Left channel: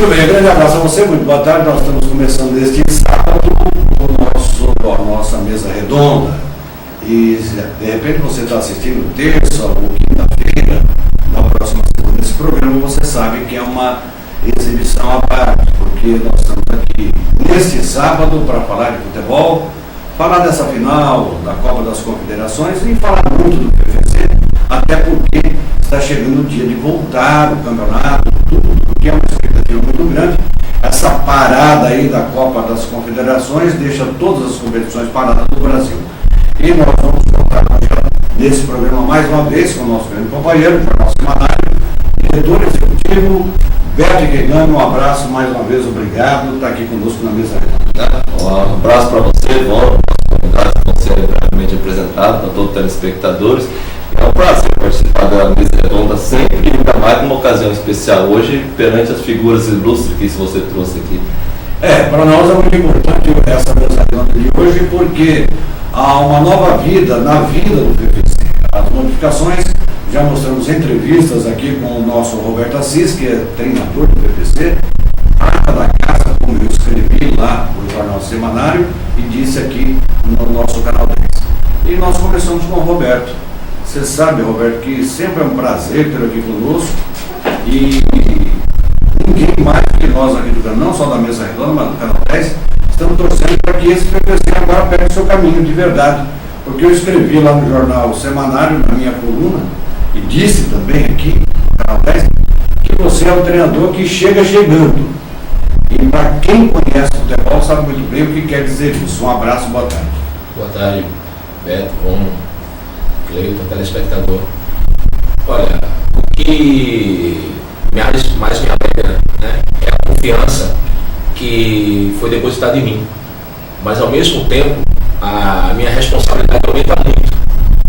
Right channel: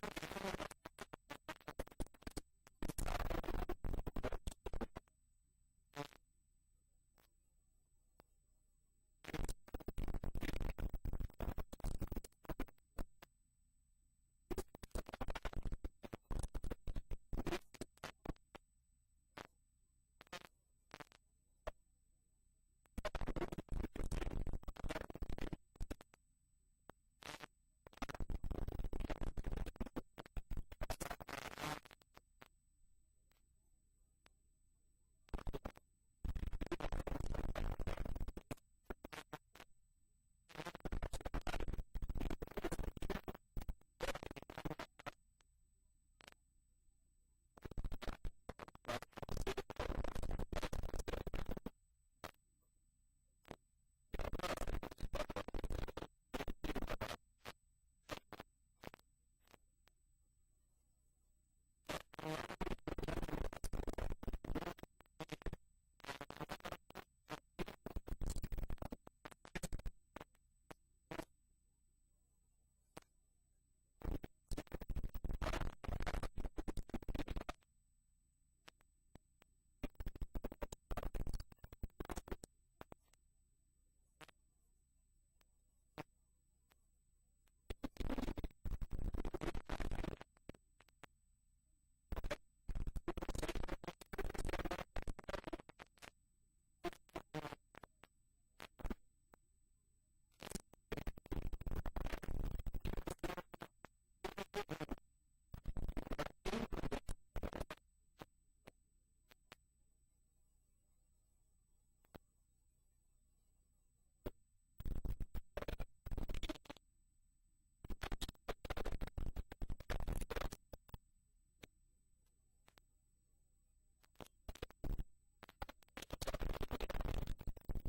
Muito bem, grande abraço a você, muito boa tarde. Nós estamos começando este sábado a nossa mesa redonda. E de repente você está assistindo terça ou quinta-feira, na próxima segunda, esse programa você sabe que é uma exibição à parte, porque nós estamos aqui neste sábado para falar de futebol, falar dessa final da Copa das Confederações e falar muito do PVC, até porque está chegando o dia de voltar o campeonato, tudo, porque é uma expectativa muito grande. Essa parada aí da Copa das Confederações deixa todas as competições paradas do Brasil. E nós vamos contar nesse programa mais uma vez com o nosso grande companheiro, o Jornal Semanário, diretor executivo, Beto Guegano. Um abraço mais uma vez, obrigado por estar aqui conosco na mesa redonda. Um abraço para você, nosso convidado que vão ser brevemente apresentado para todos os telespectadores. É um prazer participar da mesa redonda sempre, ainda mais numa ocasião especial hoje, perante as figuras ilustres que você trouxe aqui. Para nós é muito importante essa mesa redonda de hoje, porque há uma nova vida na vida do PVC. As modificações, já mostramos entrevistas aqui com o nosso Roberto Assis, que é treinador do PVC, prata da casa, como eu escrevi lá no Jornal Semanário e disse aqui no nosso canal 10. E nós começamos com o Roberto. Você sabe, Roberto, que sempre é um prazer ter aqui conosco e ninguém mais que nós aqui do canal, não só da mesa redonda, mas do canal 10, estamos torcendo para que esse PVC agora pegue o seu caminho de verdade. Porque eu escrevi lá no Jornal Semanário, na minha coluna, e disse também aqui no canal 10, que você é o treinador que chega chegando. E para quem conhece o futebol sabe muito bem o que quer dizer isso. Um abraço, boa tarde. Boa tarde, Beto, Cleiton, telespectador. Olha, o que mais me alegra, né, é a confiança que foi depositada em mim. Mas ao mesmo tempo, a minha responsabilidade aumenta muito.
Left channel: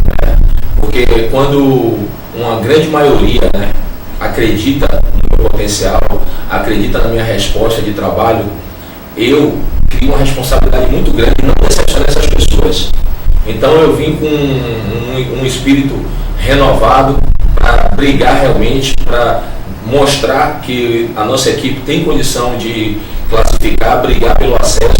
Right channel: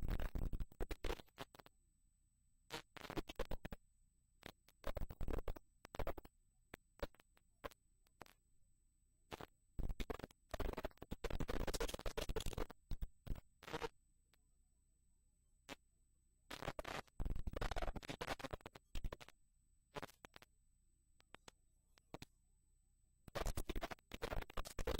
Né, porque quando uma grande maioria, né, acredita no meu potencial, acredita na minha resposta de trabalho, eu crio uma responsabilidade muito grande de não decepcionar essas pessoas. Então eu vim com um espírito renovado para brigar realmente, para mostrar que a nossa equipe tem condição de classificar, brigar pelo acesso.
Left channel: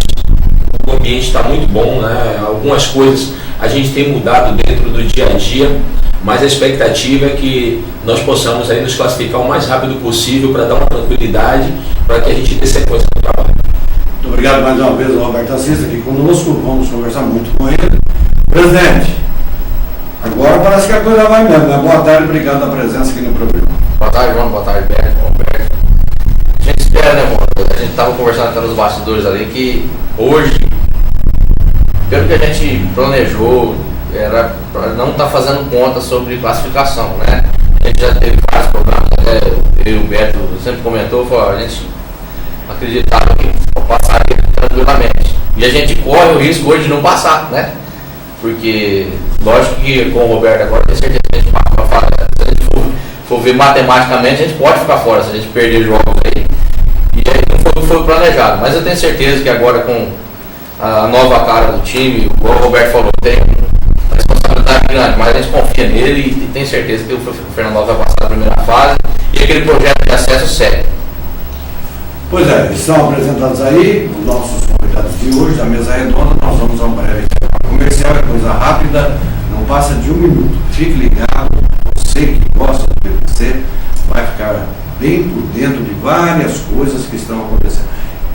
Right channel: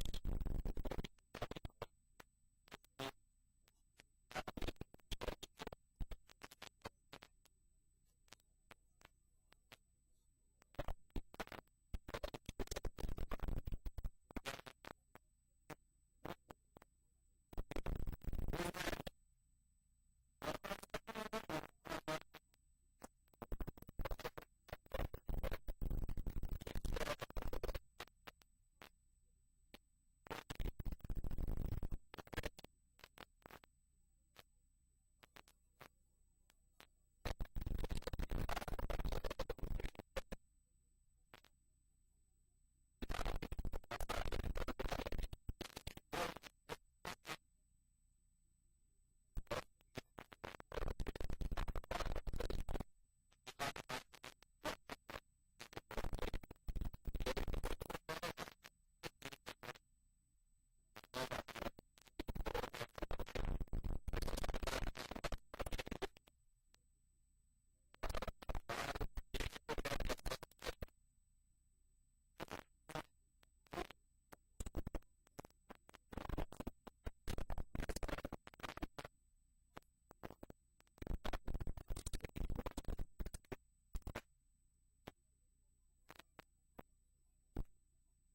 O ambiente está muito bom, né? Algumas coisas a gente tem mudado dentro do dia a dia, mas a expectativa é que nós possamos aí nos classificar o mais rápido possível para dar uma tranquilidade, para que a gente dê sequência no trabalho. Muito obrigado mais uma vez ao Roberto Assis aqui conosco, vamos conversar muito com ele. Presidente, agora parece que a coisa vai mesmo, né? Boa tarde, obrigado pela presença aqui no programa. Boa tarde, João, boa tarde, Beto, Roberto. A gente espera, né, irmão? A gente estava conversando até nos bastidores ali que hoje, pelo que a gente planejou, era para não estar fazendo conta sobre classificação, né? A gente já teve vários programas, até eu e o Beto sempre comentou, a gente acreditava que passaria tranquilamente. E a gente corre o risco hoje de não passar, né? Porque, lógico que com o Roberto agora, tem certeza que a gente passa. Se a gente for ver matematicamente, a gente pode ficar fora se a gente perder jogos aí. E aí não foi planejado. Mas eu tenho certeza que agora com a nova cara do time, igual o Roberto falou, tem uma responsabilidade grande, mas a gente confia nele e tem certeza que o Fernando vai passar a primeira fase e aquele projeto de acesso segue. Pois é, estão apresentados aí os nossos convidados de hoje, da mesa redonda. Nós vamos a um breve comercial, é coisa rápida, não passa de 1 minuto. Fique ligado, você que gosta do PVC vai ficar bem por dentro de várias coisas que estão acontecendo.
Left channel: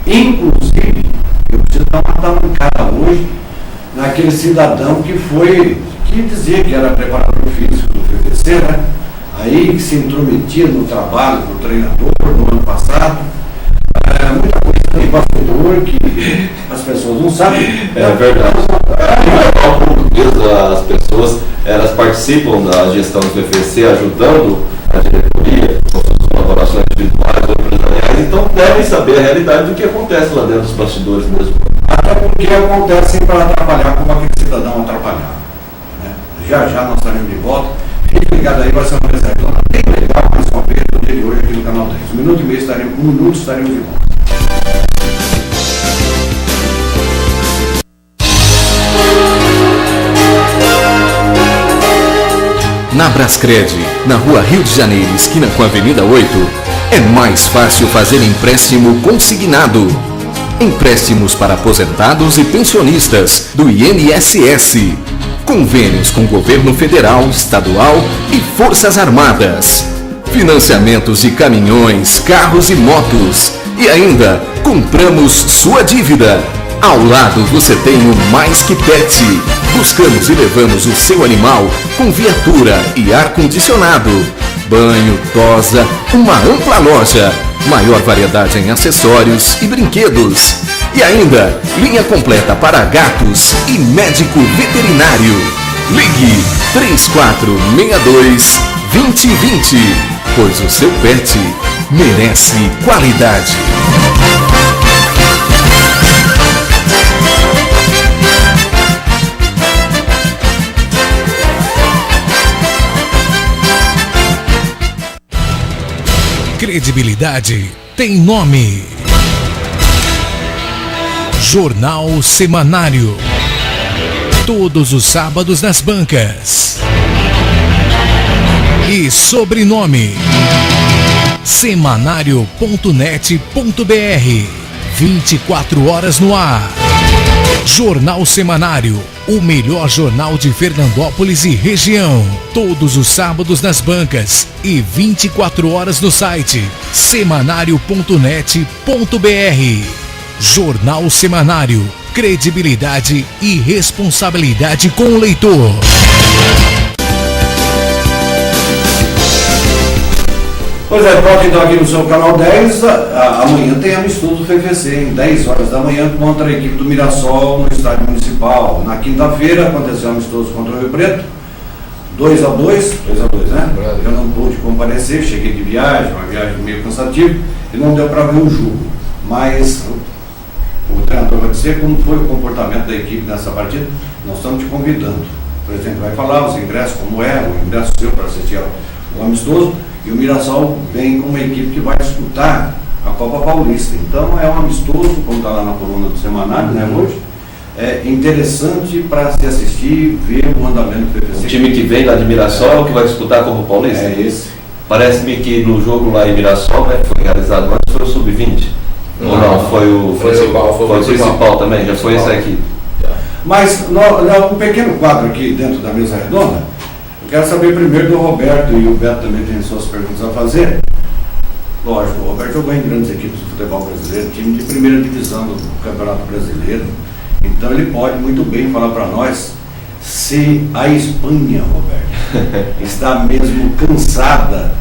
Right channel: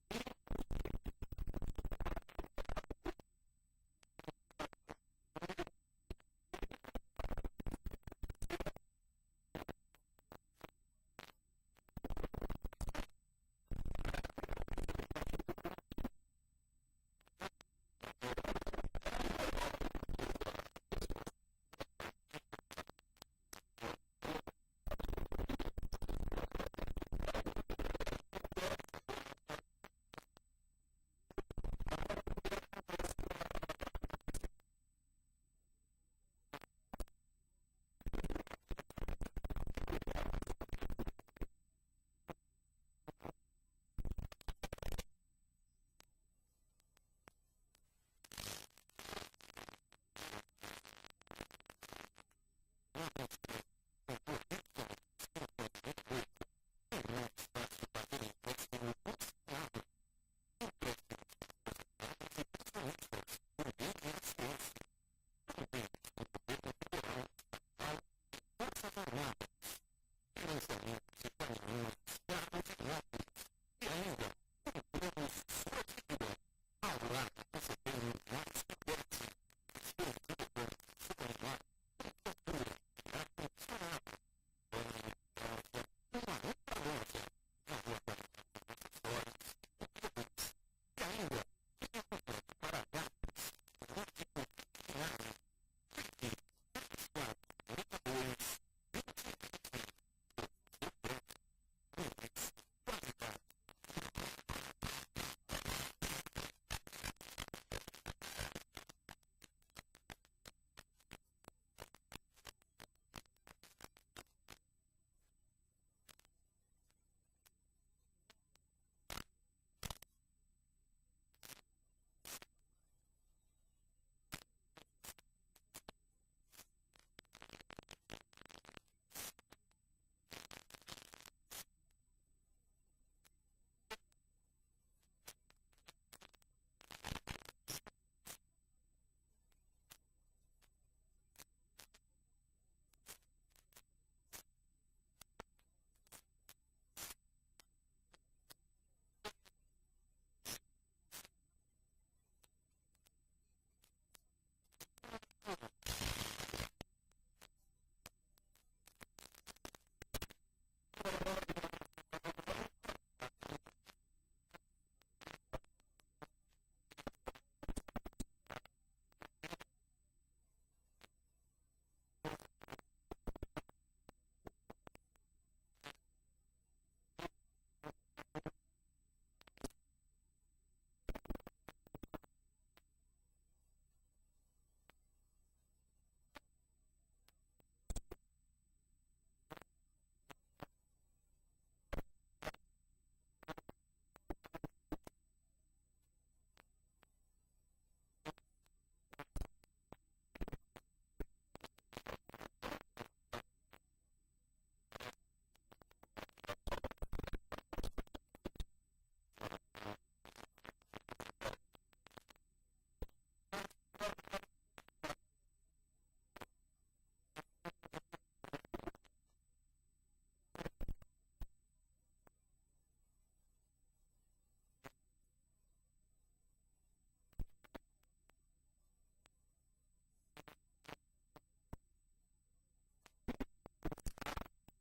Inclusive, eu preciso dar uma mancada hoje naquele cidadão que dizia que era preparador físico do PVC, né? Aí que se intrometia no trabalho do treinador no ano passado. Muita coisa de bastidor que as pessoas não sabem. É verdade. As pessoas elas participam da gestão do PVC, ajudando a diretoria com suas colaborações individuais ou empresariais, então devem saber a realidade do que acontece lá dentro dos bastidores mesmo. Até porque acontece para atrapalhar como aquele cidadão atrapalhava. Né? Já nós estaremos de volta. Fique ligado aí, vai ser uma mesa redonda bem legal mais uma vez no dia de hoje aqui no canal 10. 1 minuto e meio estaremos de volta. Na Brascred, na Rua Rio de Janeiro, esquina com a Avenida 8, É mais fácil fazer empréstimo consignado. Empréstimos para aposentados e pensionistas do INSS. Convênios com governo federal, estadual e Forças Armadas. Financiamentos de caminhões, carros e motos. E ainda, compramos sua dívida. Ao lado você tem o Mais Que Pet. Buscamos e levamos o seu animal com viatura e ar-condicionado. Banho, tosa, uma ampla loja. Maior variedade em acessórios e brinquedos. E ainda, linha completa para gatos e médico veterinário. Ligue 3462-2020, pois o seu pet merece qualidade. Credibilidade tem nome. Jornal Semanário. Todos os sábados nas bancas. E sobrenome: semanário.net.br. 24 horas no ar. Jornal Semanário, o melhor jornal de Fernandópolis e região. Todos os sábados nas bancas e 24 horas no site semanário.net.br. Jornal Semanário, credibilidade e responsabilidade com o leitor. Pois é, pronto, então aqui no seu canal 10, amanhã tem amistoso do FVC, em 10 horas da manhã, contra a equipe do Mirassol no estádio municipal. Na quinta-feira aconteceu amistoso contra o Rio Preto, 2-2, né? Eu não pude comparecer, cheguei de viagem, uma viagem meio cansativa, e não deu para ver o jogo. Mas o treinador vai dizer como foi o comportamento da equipe nessa partida. Nós estamos te convidando. O presidente vai falar os ingressos, como é, o ingresso seu para assistir ao amistoso. E o Mirassol vem com uma equipe que vai disputar a Copa Paulista. Então é um amistoso, como está lá na coluna do Semanário, né, hoje. É interessante para se assistir, ver o andamento do PPC. O time que vem lá de Mirassol, que vai disputar a Copa Paulista? É esse. Parece-me que no jogo lá em Mirassol, né, que foi realizado antes, foi o Sub-20. Ou não, foi o principal também, já foi esse aqui. Mas um pequeno quadro aqui dentro da mesa redonda. Eu quero saber primeiro do Roberto, e o Beto também tem suas perguntas a fazer. Lógico, o Roberto jogou em grandes equipes do futebol brasileiro, time de primeira divisão do Campeonato Brasileiro. Então ele pode muito bem falar para nós se a Espanha, Roberto, está mesmo cansada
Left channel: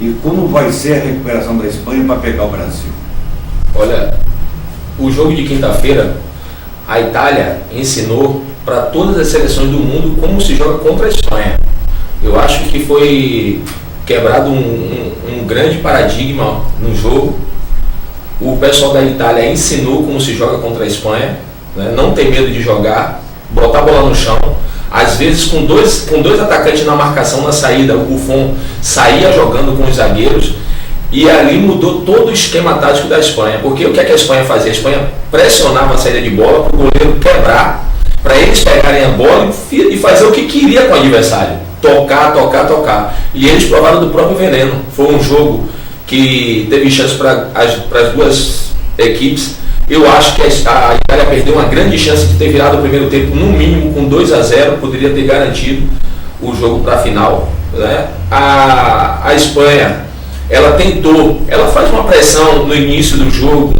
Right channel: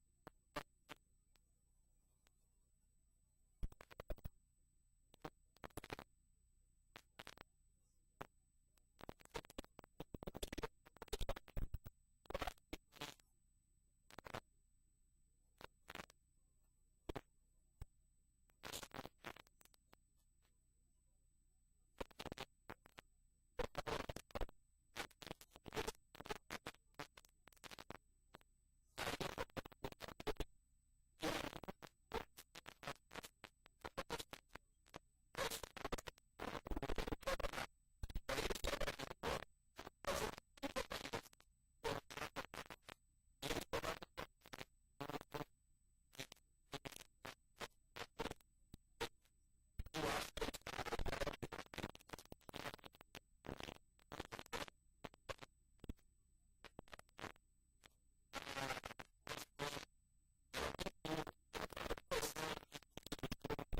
e como vai ser a recuperação da Espanha para pegar o Brasil. Olha, o jogo de quinta-feira, a Itália ensinou para todas as seleções do mundo como se joga contra a Espanha. Eu acho que foi quebrado um grande paradigma no jogo. O pessoal da Itália ensinou como se joga contra a Espanha, né? Não ter medo de jogar, botar a bola no chão. Às vezes com dois atacantes na marcação na saída, o Buffon saía jogando com os zagueiros e ali mudou todo o esquema tático da Espanha. Porque o que é que a Espanha fazia? A Espanha pressionava a saída de bola para o goleiro quebrar, para eles pegarem a bola e fazer o que queria com o adversário. Tocar. E eles provaram do próprio veneno. Foi um jogo que teve chance para as duas equipes. Eu acho que a Itália perdeu uma grande chance de ter virado o primeiro tempo, no mínimo com 2-0, poderia ter garantido o jogo para a final, né? A Espanha, ela tentou, ela faz uma pressão no início do jogo,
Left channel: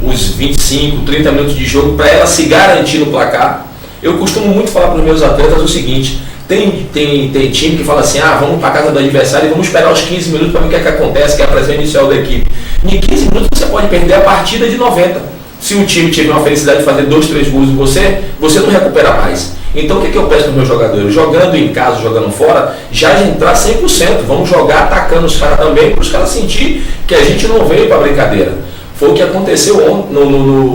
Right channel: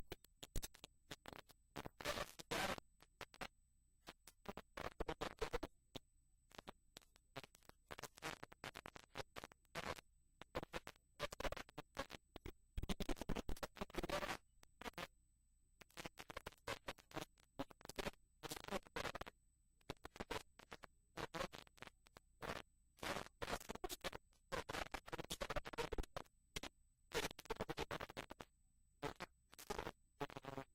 uns 25, 30 minutos de jogo, para ela se garantir no placar. Eu costumo muito falar para os meus atletas o seguinte: tem time que fala assim, vamos para a casa do adversário e vamos esperar os 15 minutos para ver o que é que acontece, que é a pressão inicial da equipe. Em 15 minutos você pode perder a partida de 90. Se o time tiver uma felicidade de fazer 2, 3 gols em você não recupera mais. Então o que eu peço para os meus jogadores? Jogando em casa, jogando fora, já entrar 100%. Vamos jogar atacando os caras também, para os caras sentir que a gente não veio para brincadeira. Foi o que aconteceu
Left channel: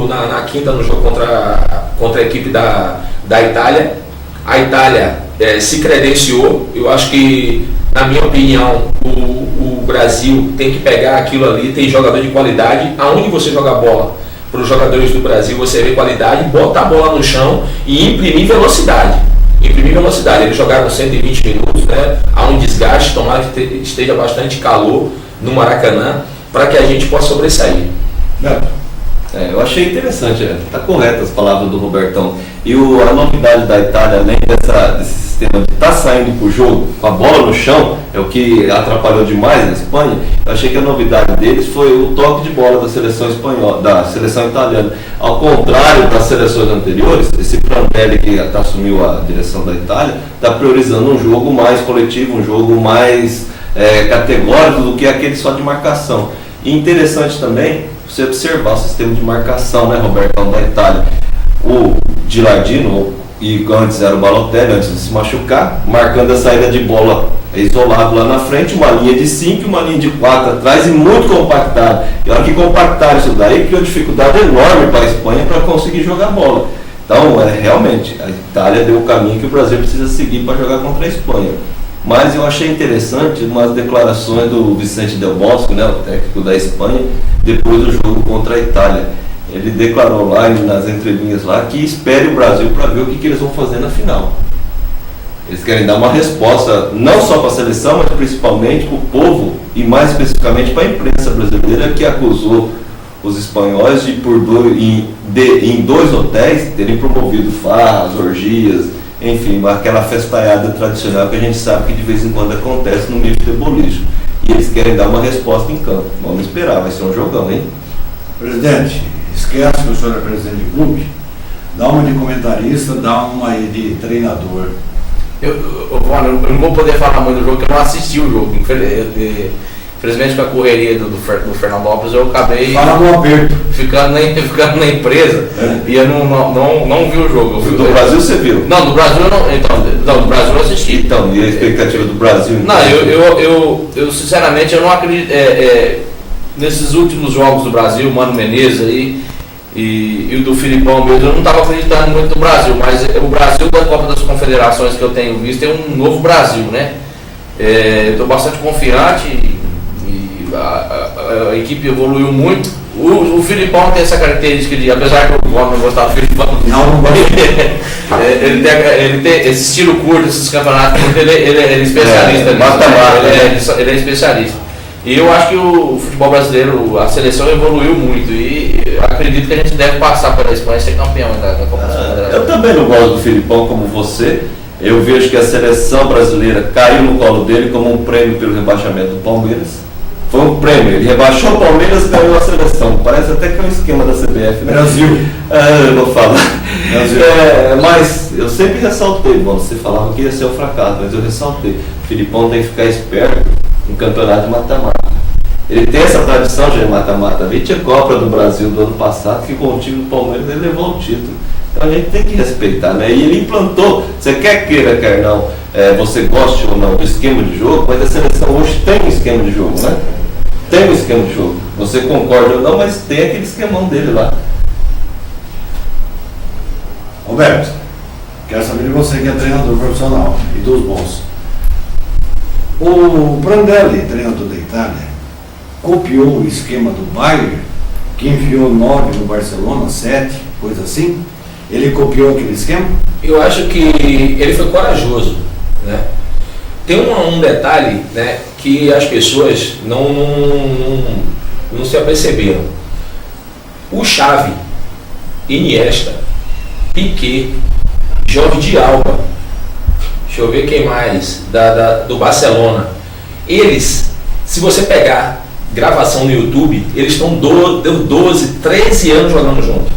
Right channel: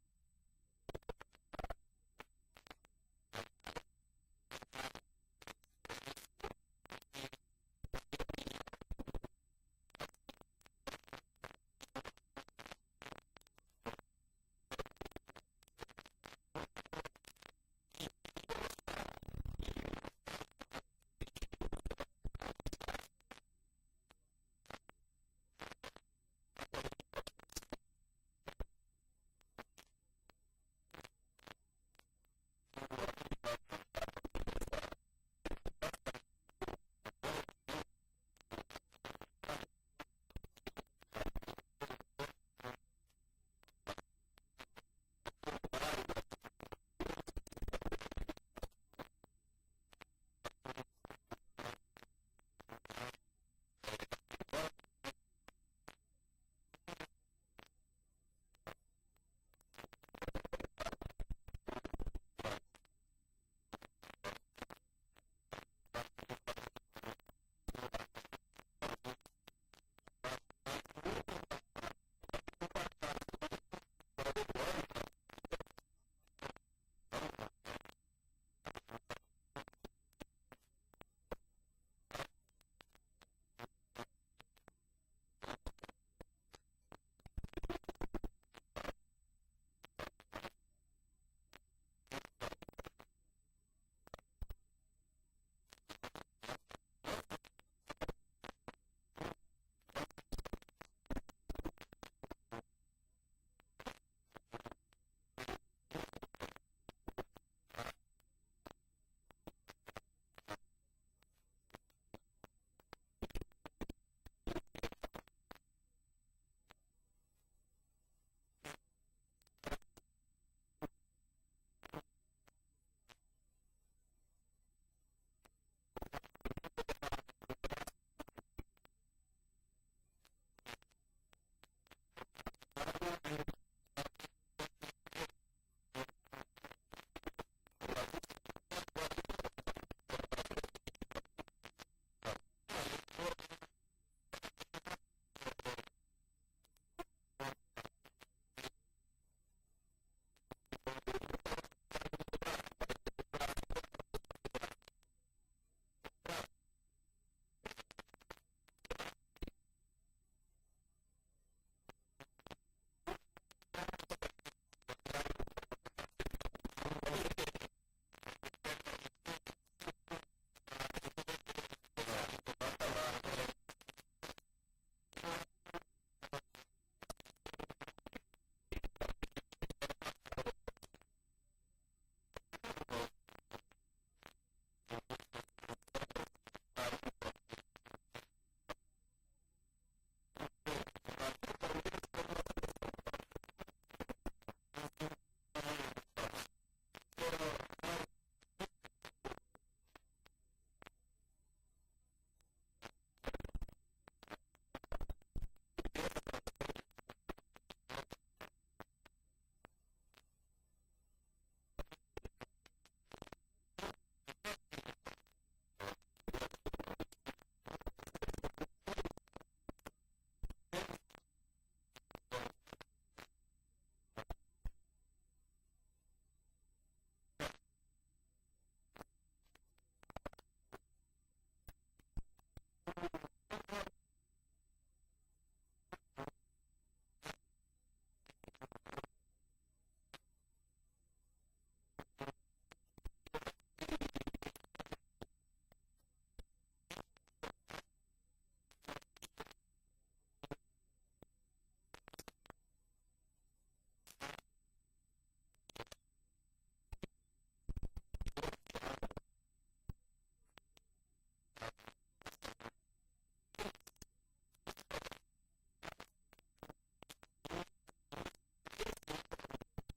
na quinta no jogo contra a equipe da Itália. A Itália se credenciou. Eu acho que, na minha opinião, o Brasil tem que pegar aquilo ali, tem jogador de qualidade. Aonde você joga a bola, para os jogadores do Brasil, você vê qualidade, botar a bola no chão e imprimir velocidade. Eles jogaram 120 minutos, né? Há um desgaste, tomara que esteja bastante calor. no Maracanã, para que a gente possa sobressair. Beto. Eu achei interessante, está correto as palavras do Robertão. E a novidade da Itália, além desse sistema de estar saindo para o jogo com a bola no chão, é o que atrapalhou demais na Espanha. Eu achei que a novidade deles foi o toque de bola da seleção espanhola, da seleção italiana. Ao contrário das seleções anteriores, esse Prandelli que assumiu a direção da Itália está priorizando um jogo mais coletivo, um jogo mais categórico do que aquele só de marcação. E interessante também você observar o sistema de marcação, né, Robertão, da Itália. O Gilardino, e antes era o Balotelli, antes de se machucar, marcando a saída de bola isolado lá na frente, uma linha de 5 e uma linha de 4 atrás e muito compactado. E a hora que compactaram isso daí, criou dificuldade enorme para a Espanha para conseguir jogar bola. Então, realmente, a Itália deu o caminho que o Brasil precisa seguir para jogar contra a Espanha. Mas eu achei interessante umas declarações do Vicente Del Bosque, né, o técnico da Espanha, depois do jogo contra a Itália. Ele declarou lá nas entrelinhas lá que espere o Brasil para ver o que eles vão fazer na final. Eles querem dar uma resposta não só para a seleção, mas principalmente para o povo e mais especificamente para a imprensa brasileira, que acusou os espanhóis de em 2 hotéis terem promovido farras, orgias, enfim, aquela festaiada tradicional que a gente sabe que de vez em quando acontece no meio futebolístico. E eles querem dar uma resposta em campo. Vamos esperar, vai ser um jogão, hein? Presidente, esquece que o senhor é presidente de clube, dá uma de comentarista, dá uma aí de treinador. Eu não vou poder falar muito do jogo, porque eu não assisti o jogo. Infelizmente, com a correria do Fernando Lopes, eu acabei ficando na empresa e eu não vi o jogo. Do Brasil você viu? Não, do Brasil eu não. Então, do Brasil eu assisti. Então, e a expectativa do Brasil? Então? Não, eu sinceramente eu não acredito. Nesses últimos jogos do Brasil, Mano Menezes aí e o do Filipão mesmo, eu não estava acreditando muito no Brasil, mas o Brasil da Copa das Confederações que eu tenho visto é um novo Brasil, né? Eu estou bastante confiante e a equipe evoluiu muito. O Filipão tem essa característica de, apesar que eu não gostava do Filipão, ele tem esse estilo curto, esses campeonatos, ele é especialista. Ele é especialista. E eu acho que o futebol brasileiro, a seleção evoluiu muito e acredito que a gente deve passar pela Espanha e ser campeão da Copa das Confederações. Eu também não gosto do Filipão como você. Eu vejo que a seleção brasileira caiu no colo dele como um prêmio pelo rebaixamento do Palmeiras. Foi um prêmio, ele rebaixou o Palmeiras e ganhou a seleção. Parece até que é um esquema da CBF, né? Brasil. Eu vou falar. Mas eu sempre ressaltei, você falava que ia ser um fracasso, mas eu ressaltei. O Filipão tem que ficar esperto no campeonato de mata-mata. Ele tem essa tradição de mata-mata. A Vice-Copa do Brasil do ano passado, que com o time do Palmeiras ele levou o título. Então a gente tem que respeitar, né? E ele implantou, você quer queira, quer não, você goste ou não do esquema de jogo, mas a seleção hoje tem um esquema de jogo, né? Tem um esquema de jogo. Você concorda ou não, mas tem aquele esquemão dele lá. Roberto, quero saber de você que é treinador profissional e dos bons. O Prandelli, treinador da Itália, copiou o esquema do Bayern, que enfiou 9 no Barcelona, 7, coisa assim. Ele copiou aquele esquema? Eu acho que ele foi corajoso, né? Tem um detalhe, né, que as pessoas não se aperceberam. O Xavi, Iniesta, Piquet, Jordi Alba, deixa eu ver quem mais, do Barcelona. Eles, se você pegar gravação no YouTube, eles estão 12, 13 anos jogando junto.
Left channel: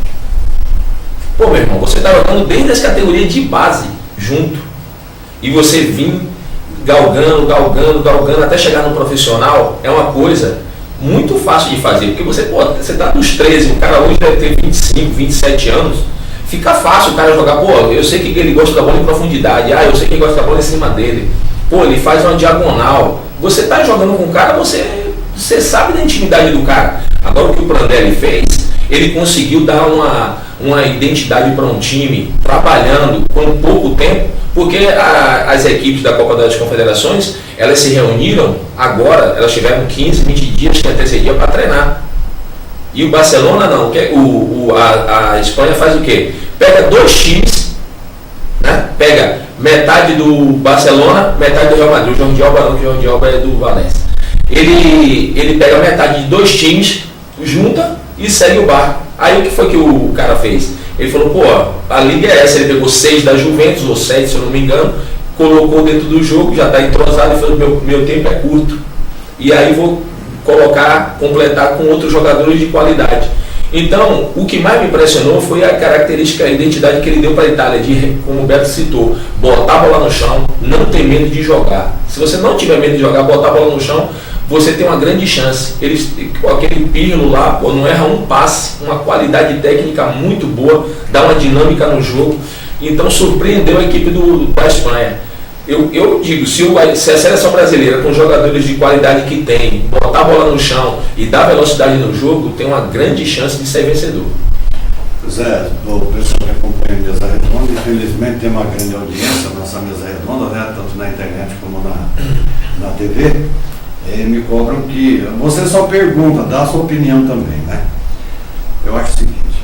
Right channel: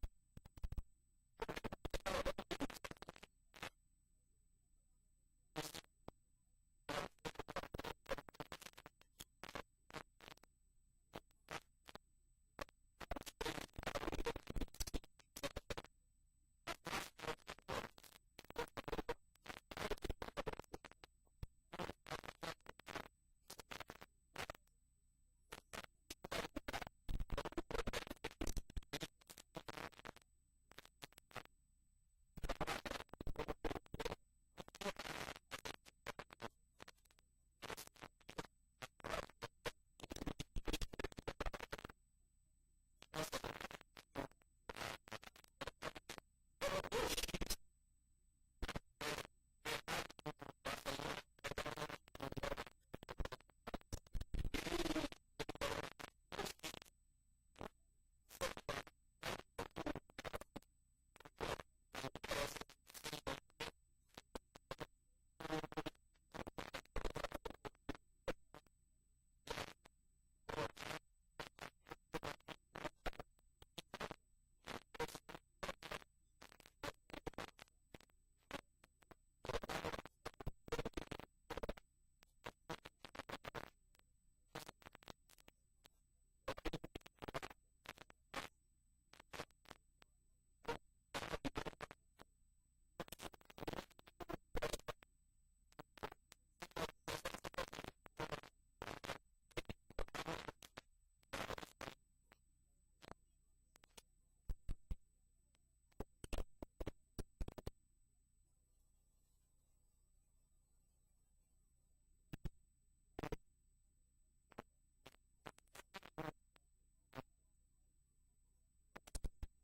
Pô, meu irmão, você está jogando desde as categorias de base junto. E você vir galgando, até chegar no profissional, é uma coisa muito fácil de fazer. Porque você está dos 13, o cara hoje deve ter 25, 27 anos. Fica fácil o cara jogar, pô, eu sei que ele gosta da bola em profundidade, eu sei que ele gosta da bola em cima dele. Pô, ele faz uma diagonal. Você está jogando com o cara, você sabe da intimidade do cara. Agora o que o Prandelli fez, ele conseguiu dar uma identidade para um time, trabalhando com pouco tempo, porque as equipes da Copa das Confederações, elas se reuniram agora, elas tiveram 15, 20 dias que antecedia para treinar. E o Barcelona não, a Espanha faz o quê? Pega 2 times, né? Pega metade do Barcelona, metade do Real Madrid. O Jordi Alba não, que o Jordi Alba é do Valência. ele pega metade de 2 times, junta e segue o barco. Aí o que foi que o cara fez? Ele falou, pô, a liga é essa, ele pegou 6 da Juventus, ou 7 se eu não me engano, colocou dentro do jogo, já está entrosado e falou, meu tempo é curto. E aí vou completar com outros jogadores de qualidade. Então, o que mais me impressionou foi a característica, a identidade que ele deu para a Itália, de, como o Beto citou, botar a bola no chão, não ter medo de jogar. Se você não tiver medo de jogar, botar a bola no chão, você tem uma grande chance. Aquele Pirlo lá, não erra um passe, uma qualidade técnica muito boa, dá uma dinâmica no jogo. Então surpreendeu a equipe da Espanha. Eu digo, se a seleção brasileira, com jogadores de qualidade que tem, botar a bola no chão e dar velocidade no jogo, tem uma grande chance de ser vencedor. Zé, o pessoal que acompanha a mesa redonda, infelizmente tem uma grande audiência nessa mesa redonda, né, tanto na internet como na TV. Me cobram que você só pergunta, dá a sua opinião também, né? Eu acho o seguinte,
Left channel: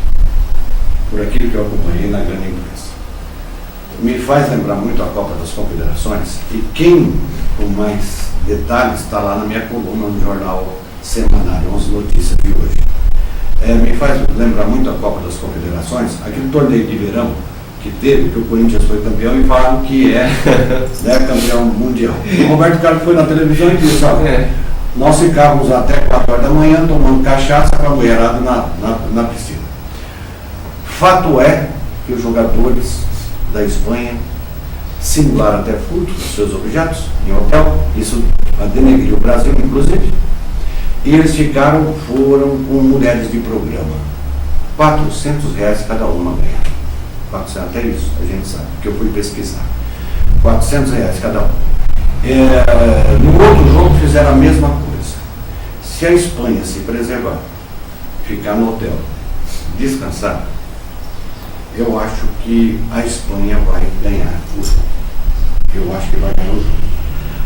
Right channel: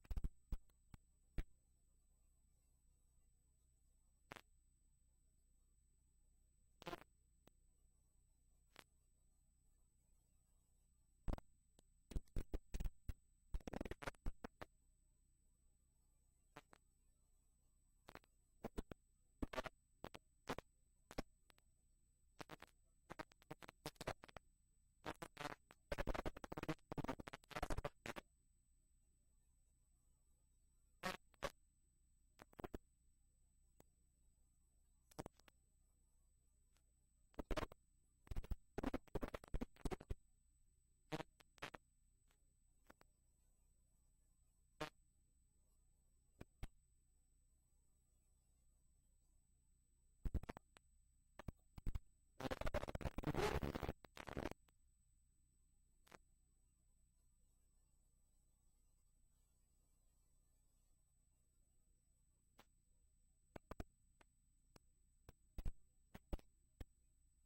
por aquilo que eu acompanhei na grande imprensa, me faz lembrar muito a Copa das Confederações, e quem com mais detalhes está lá na minha coluna no jornal semanário, 11 Notícias de hoje. Me faz lembrar muito a Copa das Confederações, aquele torneio de verão que teve, que o Corinthians foi campeão e falaram que é campeão mundial. O Roberto Carlos foi na televisão e disse, olha, nós ficávamos até 4 horas da manhã tomando cachaça com a mulherada na piscina. Fato é que os jogadores da Espanha simularam até furto dos seus objetos em hotel, isso denegriu o Brasil, inclusive, e eles foram com mulheres de programa, R$400 cada uma ganhar. 400, até isso a gente sabe, porque eu fui pesquisar. R$400 cada um. No outro jogo fizeram a mesma coisa. Se a Espanha se preservar, ficar no hotel, descansar, eu acho que a Espanha vai ganhar o jogo. Eu acho que vai ganhar o jogo.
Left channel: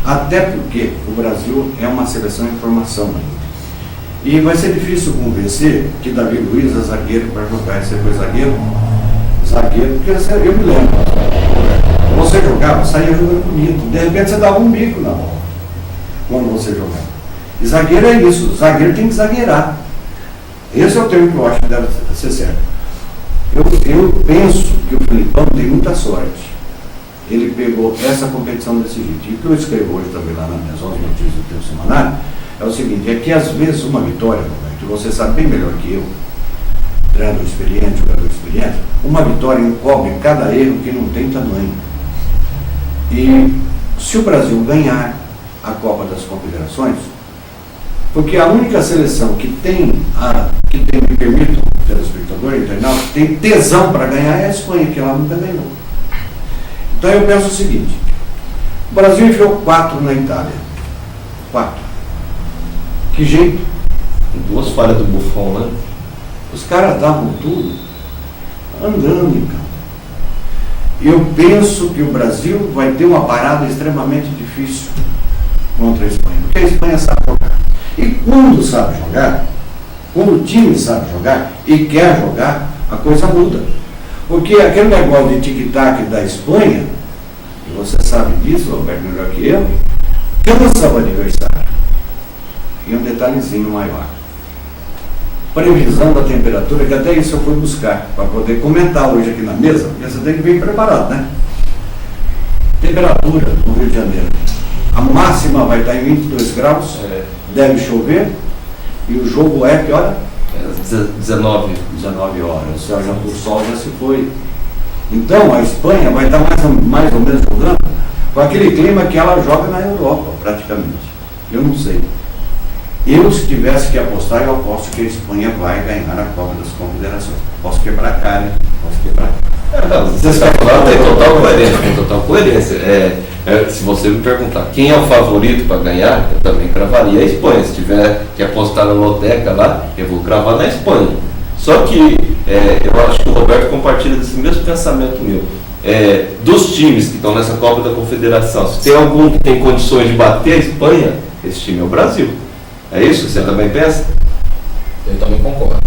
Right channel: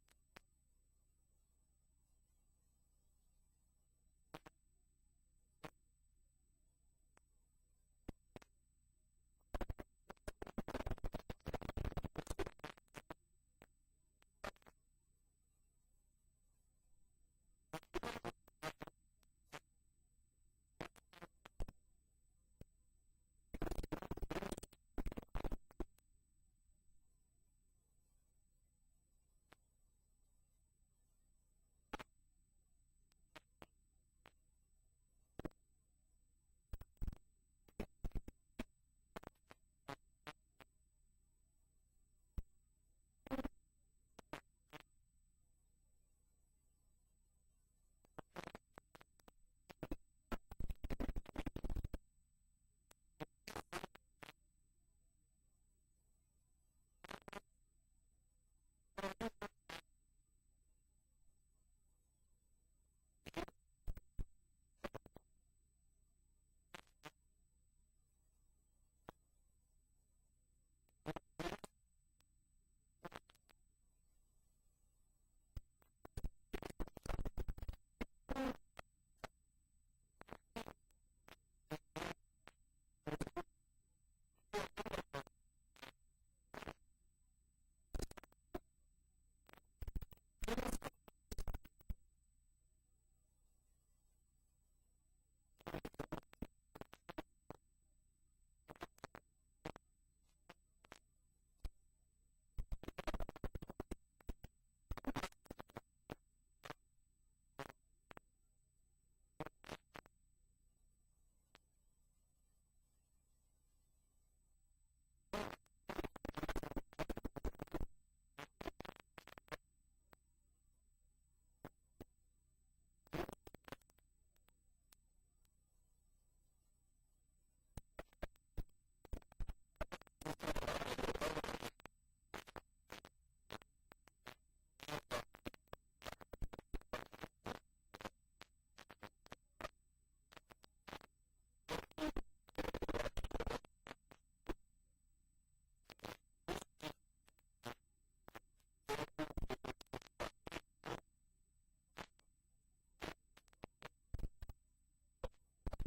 Até porque o Brasil é uma seleção em formação ainda. E vai ser difícil convencer que Davi Luiz é zagueiro para jogar. Esse foi zagueiro, porque eu me lembro. Você jogava, saía jogando bonito. De repente você dava um bico na bola quando você jogava. E zagueiro é isso, zagueiro tem que zagueirar. Esse é o termo que eu acho que deve ser certo. Eu penso que o Filipão tem muita sorte. Ele pegou essa competição desse jeito. E o que eu escrevo hoje também lá nas minhas 11 notícias do Tempo Semanário é o seguinte, é que às vezes uma vitória, que você sabe bem melhor que eu, treinador experiente, jogador experiente, uma vitória encobre cada erro que não tem tamanho. E se o Brasil ganhar a Copa das Confederações, porque a única seleção que me permite, o telespectador internauta, tem tesão para ganhar é a Espanha, que ela nunca ganhou. Então eu penso o seguinte, o Brasil enfiou 4 na Itália. 4. Que jeito? 2 falhas do Buffon, né? Os caras davam tudo andando em campo. Eu penso que o Brasil vai ter uma parada extremamente difícil contra a Espanha, porque a Espanha sabe jogar. E quando sabe jogar, quando o time sabe jogar e quer jogar, a coisa muda. Porque aquele negócio de tic-tac da Espanha, e você sabe disso, Roberto, melhor que eu, cansa o adversário. E um detalhezinho maior. Previsão da temperatura, que até isso eu fui buscar, para poder comentar hoje aqui na mesa, porque você tem que vir preparado, né? Temperatura no Rio de Janeiro. A máxima vai estar em 22 graus, deve chover, e o jogo é que hora? 19 horas, o sol já se foi. Então a Espanha vai estar mais ou menos jogando com aquele clima que ela joga na Europa, praticamente. Eu não sei. Eu, se tivesse que apostar, eu aposto que a Espanha vai ganhar a Copa das Confederações. Posso quebrar a cara, hein? Posso quebrar a cara. Você está falando, tem total coerência. Se você me perguntar quem é o favorito para ganhar, eu também cravaria a Espanha. Se tiver que apostar na loteca lá, eu vou cravar na Espanha. Só que eu acho que o Roberto compartilha desse mesmo pensamento meu. Dos times que estão nessa Copa da Confederação, se tem algum que tem condições de bater a Espanha, esse time é o Brasil. É isso? Você também pensa? Eu também concordo.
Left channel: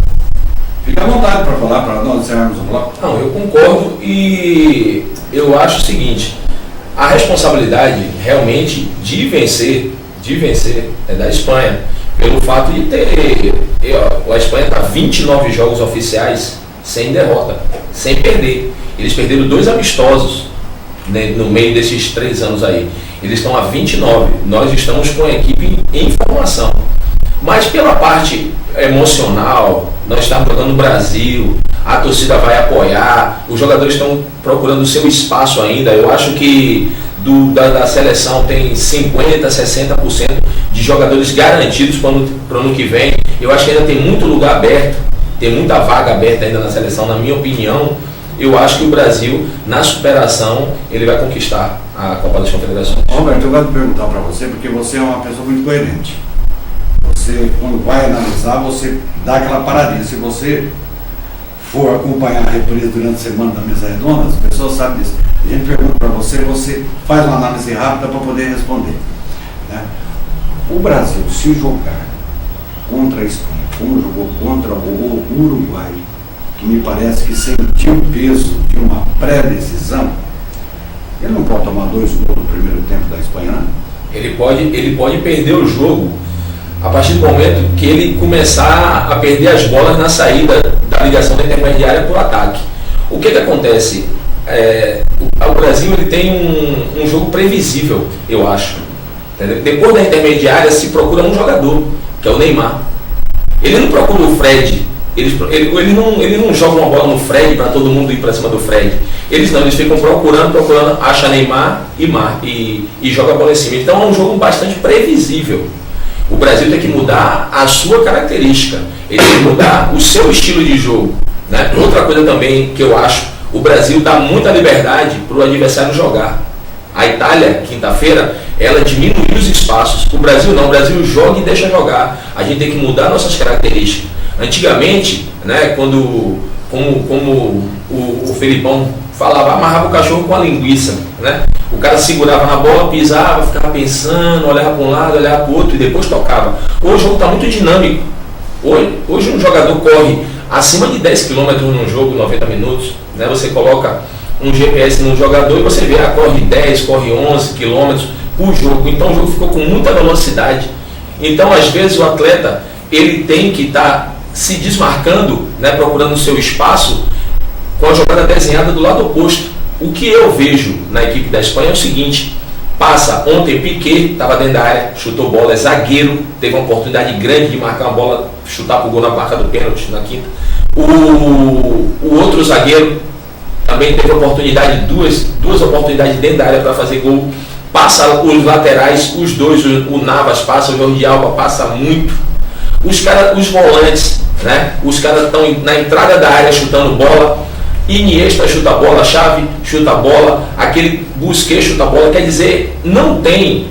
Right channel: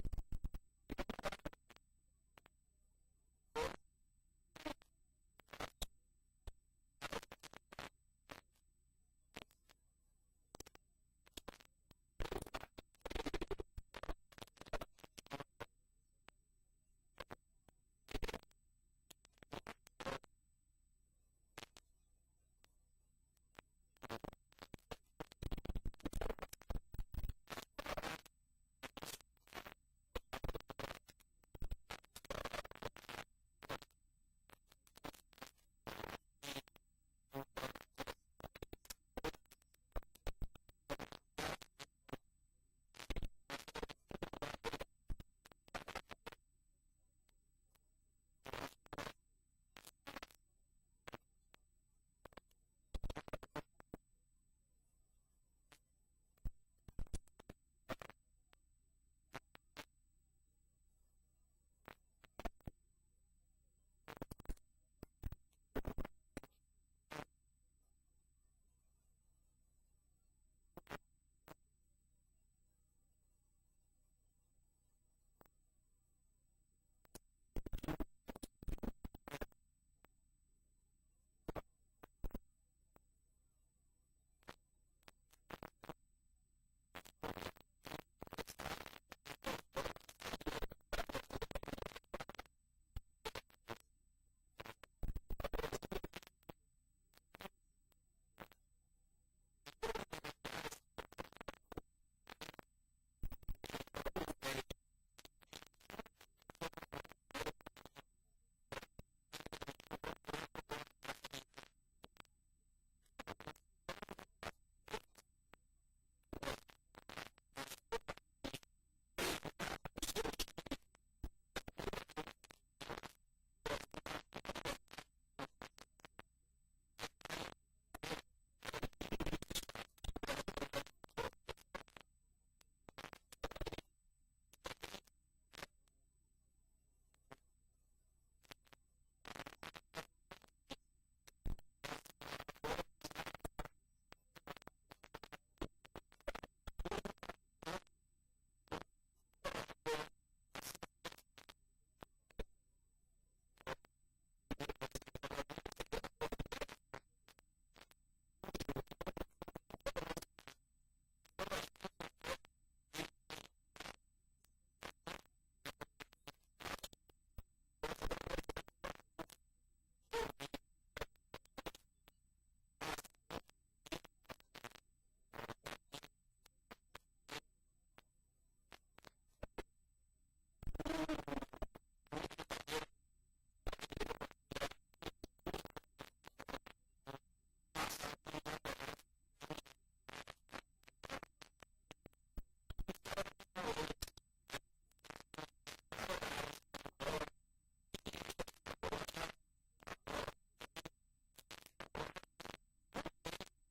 Fica à vontade para falar, para nós encerrarmos o bloco. Não, eu concordo e eu acho o seguinte, a responsabilidade realmente de vencer de vencer é da Espanha, pelo fato de ter, a Espanha está 29 jogos oficiais sem derrota, sem perder. Eles perderam 2 amistosos, né, no meio desses 3 anos aí. Eles estão a 29, nós estamos com a equipe em formação. Mas pela parte emocional, nós estamos jogando no Brasil, a torcida vai apoiar, os jogadores estão procurando o seu espaço ainda. Eu acho que da seleção tem 50%, 60% de jogadores garantidos para o ano que vem. Eu acho que ainda tem muito lugar aberto, tem muita vaga aberta ainda na seleção, na minha opinião. Eu acho que o Brasil, na superação, ele vai conquistar a Copa das Confederações. Roberto, eu gosto de perguntar para você, porque você é uma pessoa muito coerente. Você, quando vai analisar, você dá aquela paradinha. Se você for acompanhar a reprise durante a semana da mesa redonda, as pessoas sabem disso. A gente pergunta para você, você faz uma análise rápida para poder responder, né? O Brasil, se jogar contra a Espanha, como jogou contra o Uruguai, que me parece que sentiu o peso de uma pré-decisão, ele não pode tomar 2 gols no primeiro tempo da Espanha, não? Ele pode perder o jogo a partir do momento que ele começar a perder as bolas na saída da ligação da intermediária para o ataque. O que acontece? O Brasil ele tem um jogo previsível, eu acho. Entendeu? Depois da intermediária se procura um jogador, que é o Neymar. Ele não procura o Fred. Ele não joga uma bola no Fred para todo mundo ir para cima do Fred. Eles ficam procurando, acha Neymar e joga a bola em cima. Então é um jogo bastante previsível. O Brasil tem que mudar a sua característica, ele tem que mudar o seu estilo de jogo, né? Outra coisa também que eu acho, o Brasil dá muita liberdade para o adversário jogar. A Itália, quinta-feira, ela diminuiu os espaços. O Brasil não, o Brasil joga e deixa jogar. A gente tem que mudar nossas características. Antigamente, né, como o Felipão falava, amarrava o cachorro com a linguiça, né? O cara segurava na bola, pisava, ficava pensando, olhava para um lado, olhava para o outro e depois tocava. Hoje o jogo está muito dinâmico. Hoje um jogador corre acima de 10 km num jogo, 90 minutos, né? Você coloca um GPS num jogador e você vê, corre 10, corre 11 km por jogo. Então o jogo ficou com muita velocidade. Então às vezes o atleta ele tem que estar se desmarcando, né, procurando o seu espaço com a jogada desenhada do lado oposto. O que eu vejo na equipe da Espanha é o seguinte: passa ontem Piqué, estava dentro da área, chutou bola, é zagueiro, teve uma oportunidade grande de marcar uma bola, chutar para o gol na marca do pênalti na quinta. O outro zagueiro também teve oportunidade, duas oportunidades dentro da área para fazer gol. Passa os laterais, os dois, o Navas passa, o Jordi Alba passa muito. Os volantes, né? Os caras estão na entrada da área chutando bola. Iniesta chuta a bola, Xavi chuta a bola, aquele Busquets chuta a bola. Quer dizer, não tem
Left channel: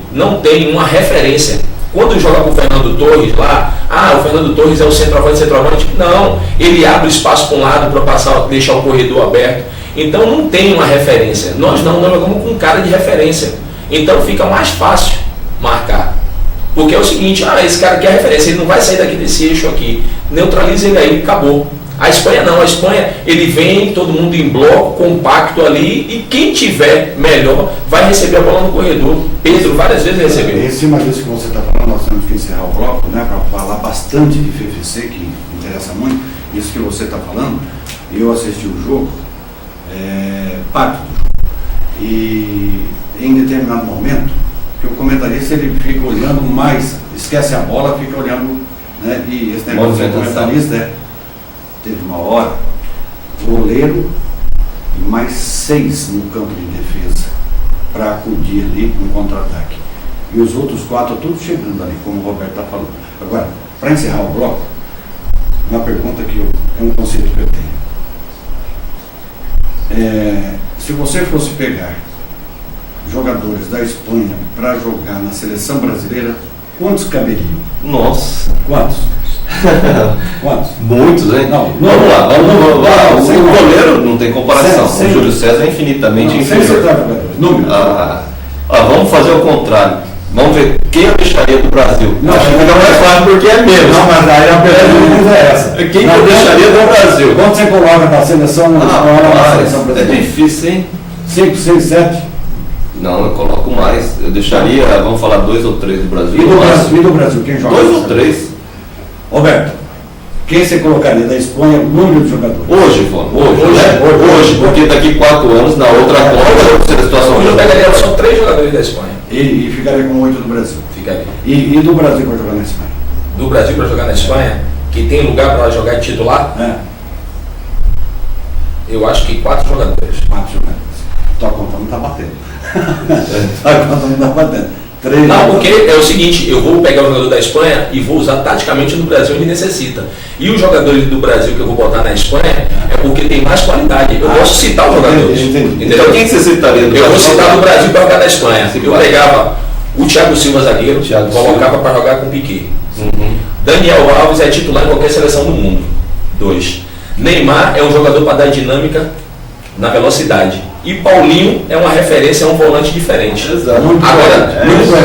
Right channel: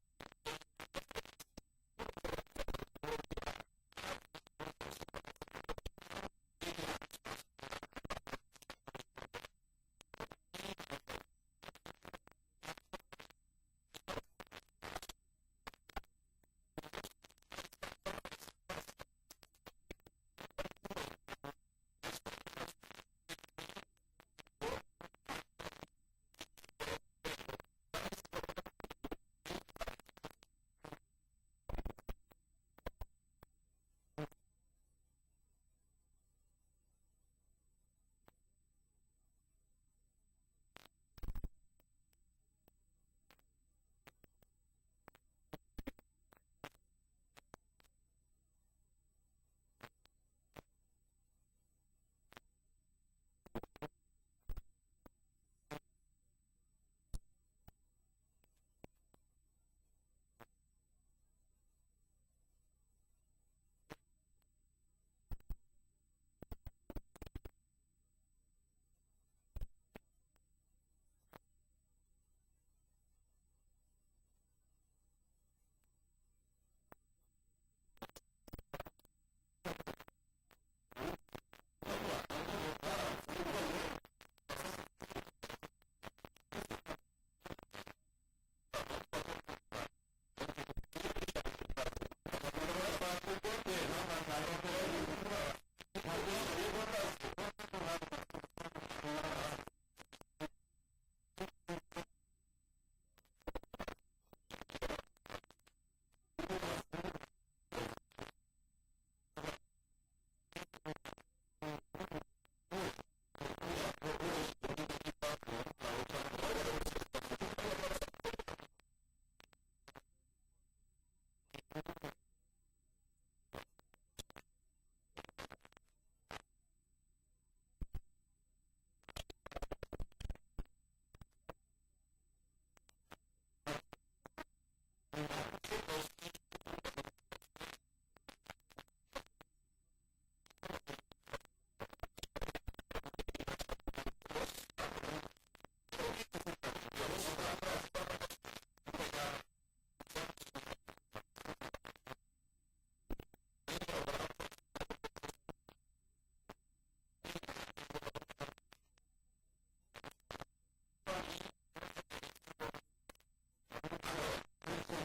uma referência. Quando joga com o Fernando Torres lá, o Fernando Torres é o centroavante. Não, ele abre espaço para um lado para passar, deixar o corredor aberto. Então não tem uma referência. Nós jogamos com cara de referência. Então fica mais fácil marcar. Porque é o seguinte, esse cara quer referência, ele não vai sair daqui desse eixo aqui. Neutraliza ele aí, acabou. A Espanha não, a Espanha ele vem, todo mundo em bloco, compacto ali, e quem tiver melhor vai receber a bola no corredor. Pedro várias vezes recebeu. Em cima disso que você está falando, nós temos que encerrar o bloco, né, para falar bastante de FFC, que interessa muito, isso que você está falando. Eu assisti o jogo, parte do jogo, e em determinado momento, que o comentarista ele fica olhando mais, esquece a bola, fica olhando, né, e esse negócio do comentarista teve uma hora, goleiro e mais 6 no campo de defesa para acudir ali no contra-ataque. E os outros 4 todos chegando ali, como o Roberto está falando. Agora, para encerrar o bloco, uma pergunta que é um conceito que eu tenho. Se você fosse pegar jogadores da Espanha para jogar na seleção brasileira, quantos caberiam? Nossa! Quantos? Quantos? Muitos, hein? Não, vamos lá. O goleiro não tem comparação. Sem o Júlio César é infinitamente inferior. Número. Vamos fazer o contrário. Vamos ver quem eu deixaria do Brasil. Não, acho que fica mais fácil porque é menos. Não, mas aí a pergunta é essa. Quem eu deixaria do Brasil? Quanto você coloca na seleção? É difícil, hein? 5, 6, 7? Não, eu coloco mais. Eu deixaria, vamos falar 2 ou 3 do Brasil. E do Brasil, quem joga? 2 ou 3. Roberto, quem você colocaria da Espanha, número de jogadores? Hoje, hoje, porque daqui 4 anos, na outra Copa, vai ser a situação. Hoje eu pegaria só 3 jogadores da Espanha. E ficaria com 8 do Brasil. Ficaria. E do Brasil para jogar na Espanha? Do Brasil para jogar na Espanha, que tem lugar para jogar de titular, eu acho que 4 jogadores. 4 jogadores. Tua conta não está batendo. Tua conta não está batendo. 3 Não, porque é o seguinte, eu vou pegar o jogador da Espanha e vou usar taticamente no Brasil onde necessita. E os jogadores do Brasil que eu vou botar na Espanha é porque tem mais qualidade. Eu posso citar os jogadores. Entendi. Entendeu? Então quem você citaria do Eu vou Brasil? citar do Brasil para jogar na Espanha. Eu pegava o Thiago Silva zagueiro, Thiago colocava para jogar com o Piquet. Uhum. Daniel Alves é titular em qualquer seleção do mundo. 2. Neymar é um jogador para dar dinâmica na velocidade. E Paulinho é uma referência a um volante diferente. Exato.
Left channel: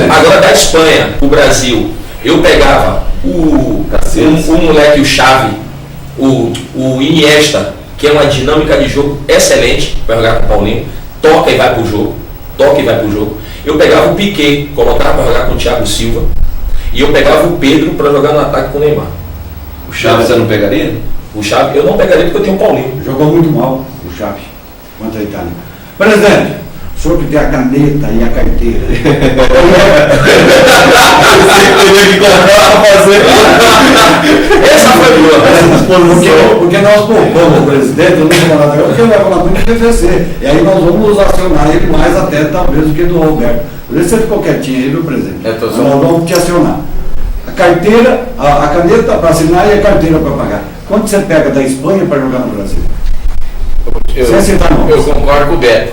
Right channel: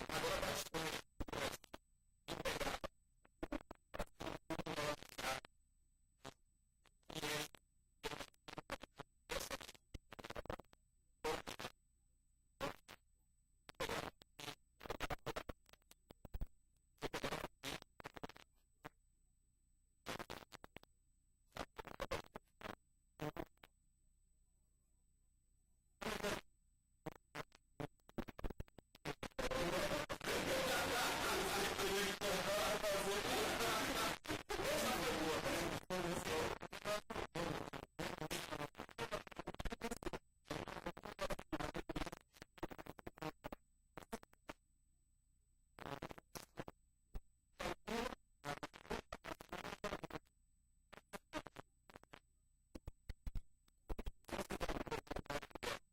Agora da Espanha, o Brasil, eu pegava o moleque, o Xavi, o Iniesta, que é uma dinâmica de jogo excelente para jogar com o Paulinho, toca e vai pro jogo. Eu pegava o Piquet, colocava para jogar com o Thiago Silva, e eu pegava o Pedro para jogar no ataque com o Neymar. O Xavi você não pegaria? O Xavi eu não pegaria porque eu tenho o Paulinho. Jogou muito mal o Xavi contra a Itália. Presidente, o senhor que tem a caneta e a carteira. Teria que comprar para fazer. Essa foi boa. Porque nós poupamos o presidente, eu não vou falar agora, porque ele vai falar muito do PVC. E aí nós vamos acionar ele mais até talvez do que do Roberto. Por isso você ficou quietinho aí, viu, presidente? Nós vamos te acionar. A carteira, a caneta para assinar e a carteira para pagar. Quanto você pega da Espanha para jogar no Brasil? Eu concordo com o Beto.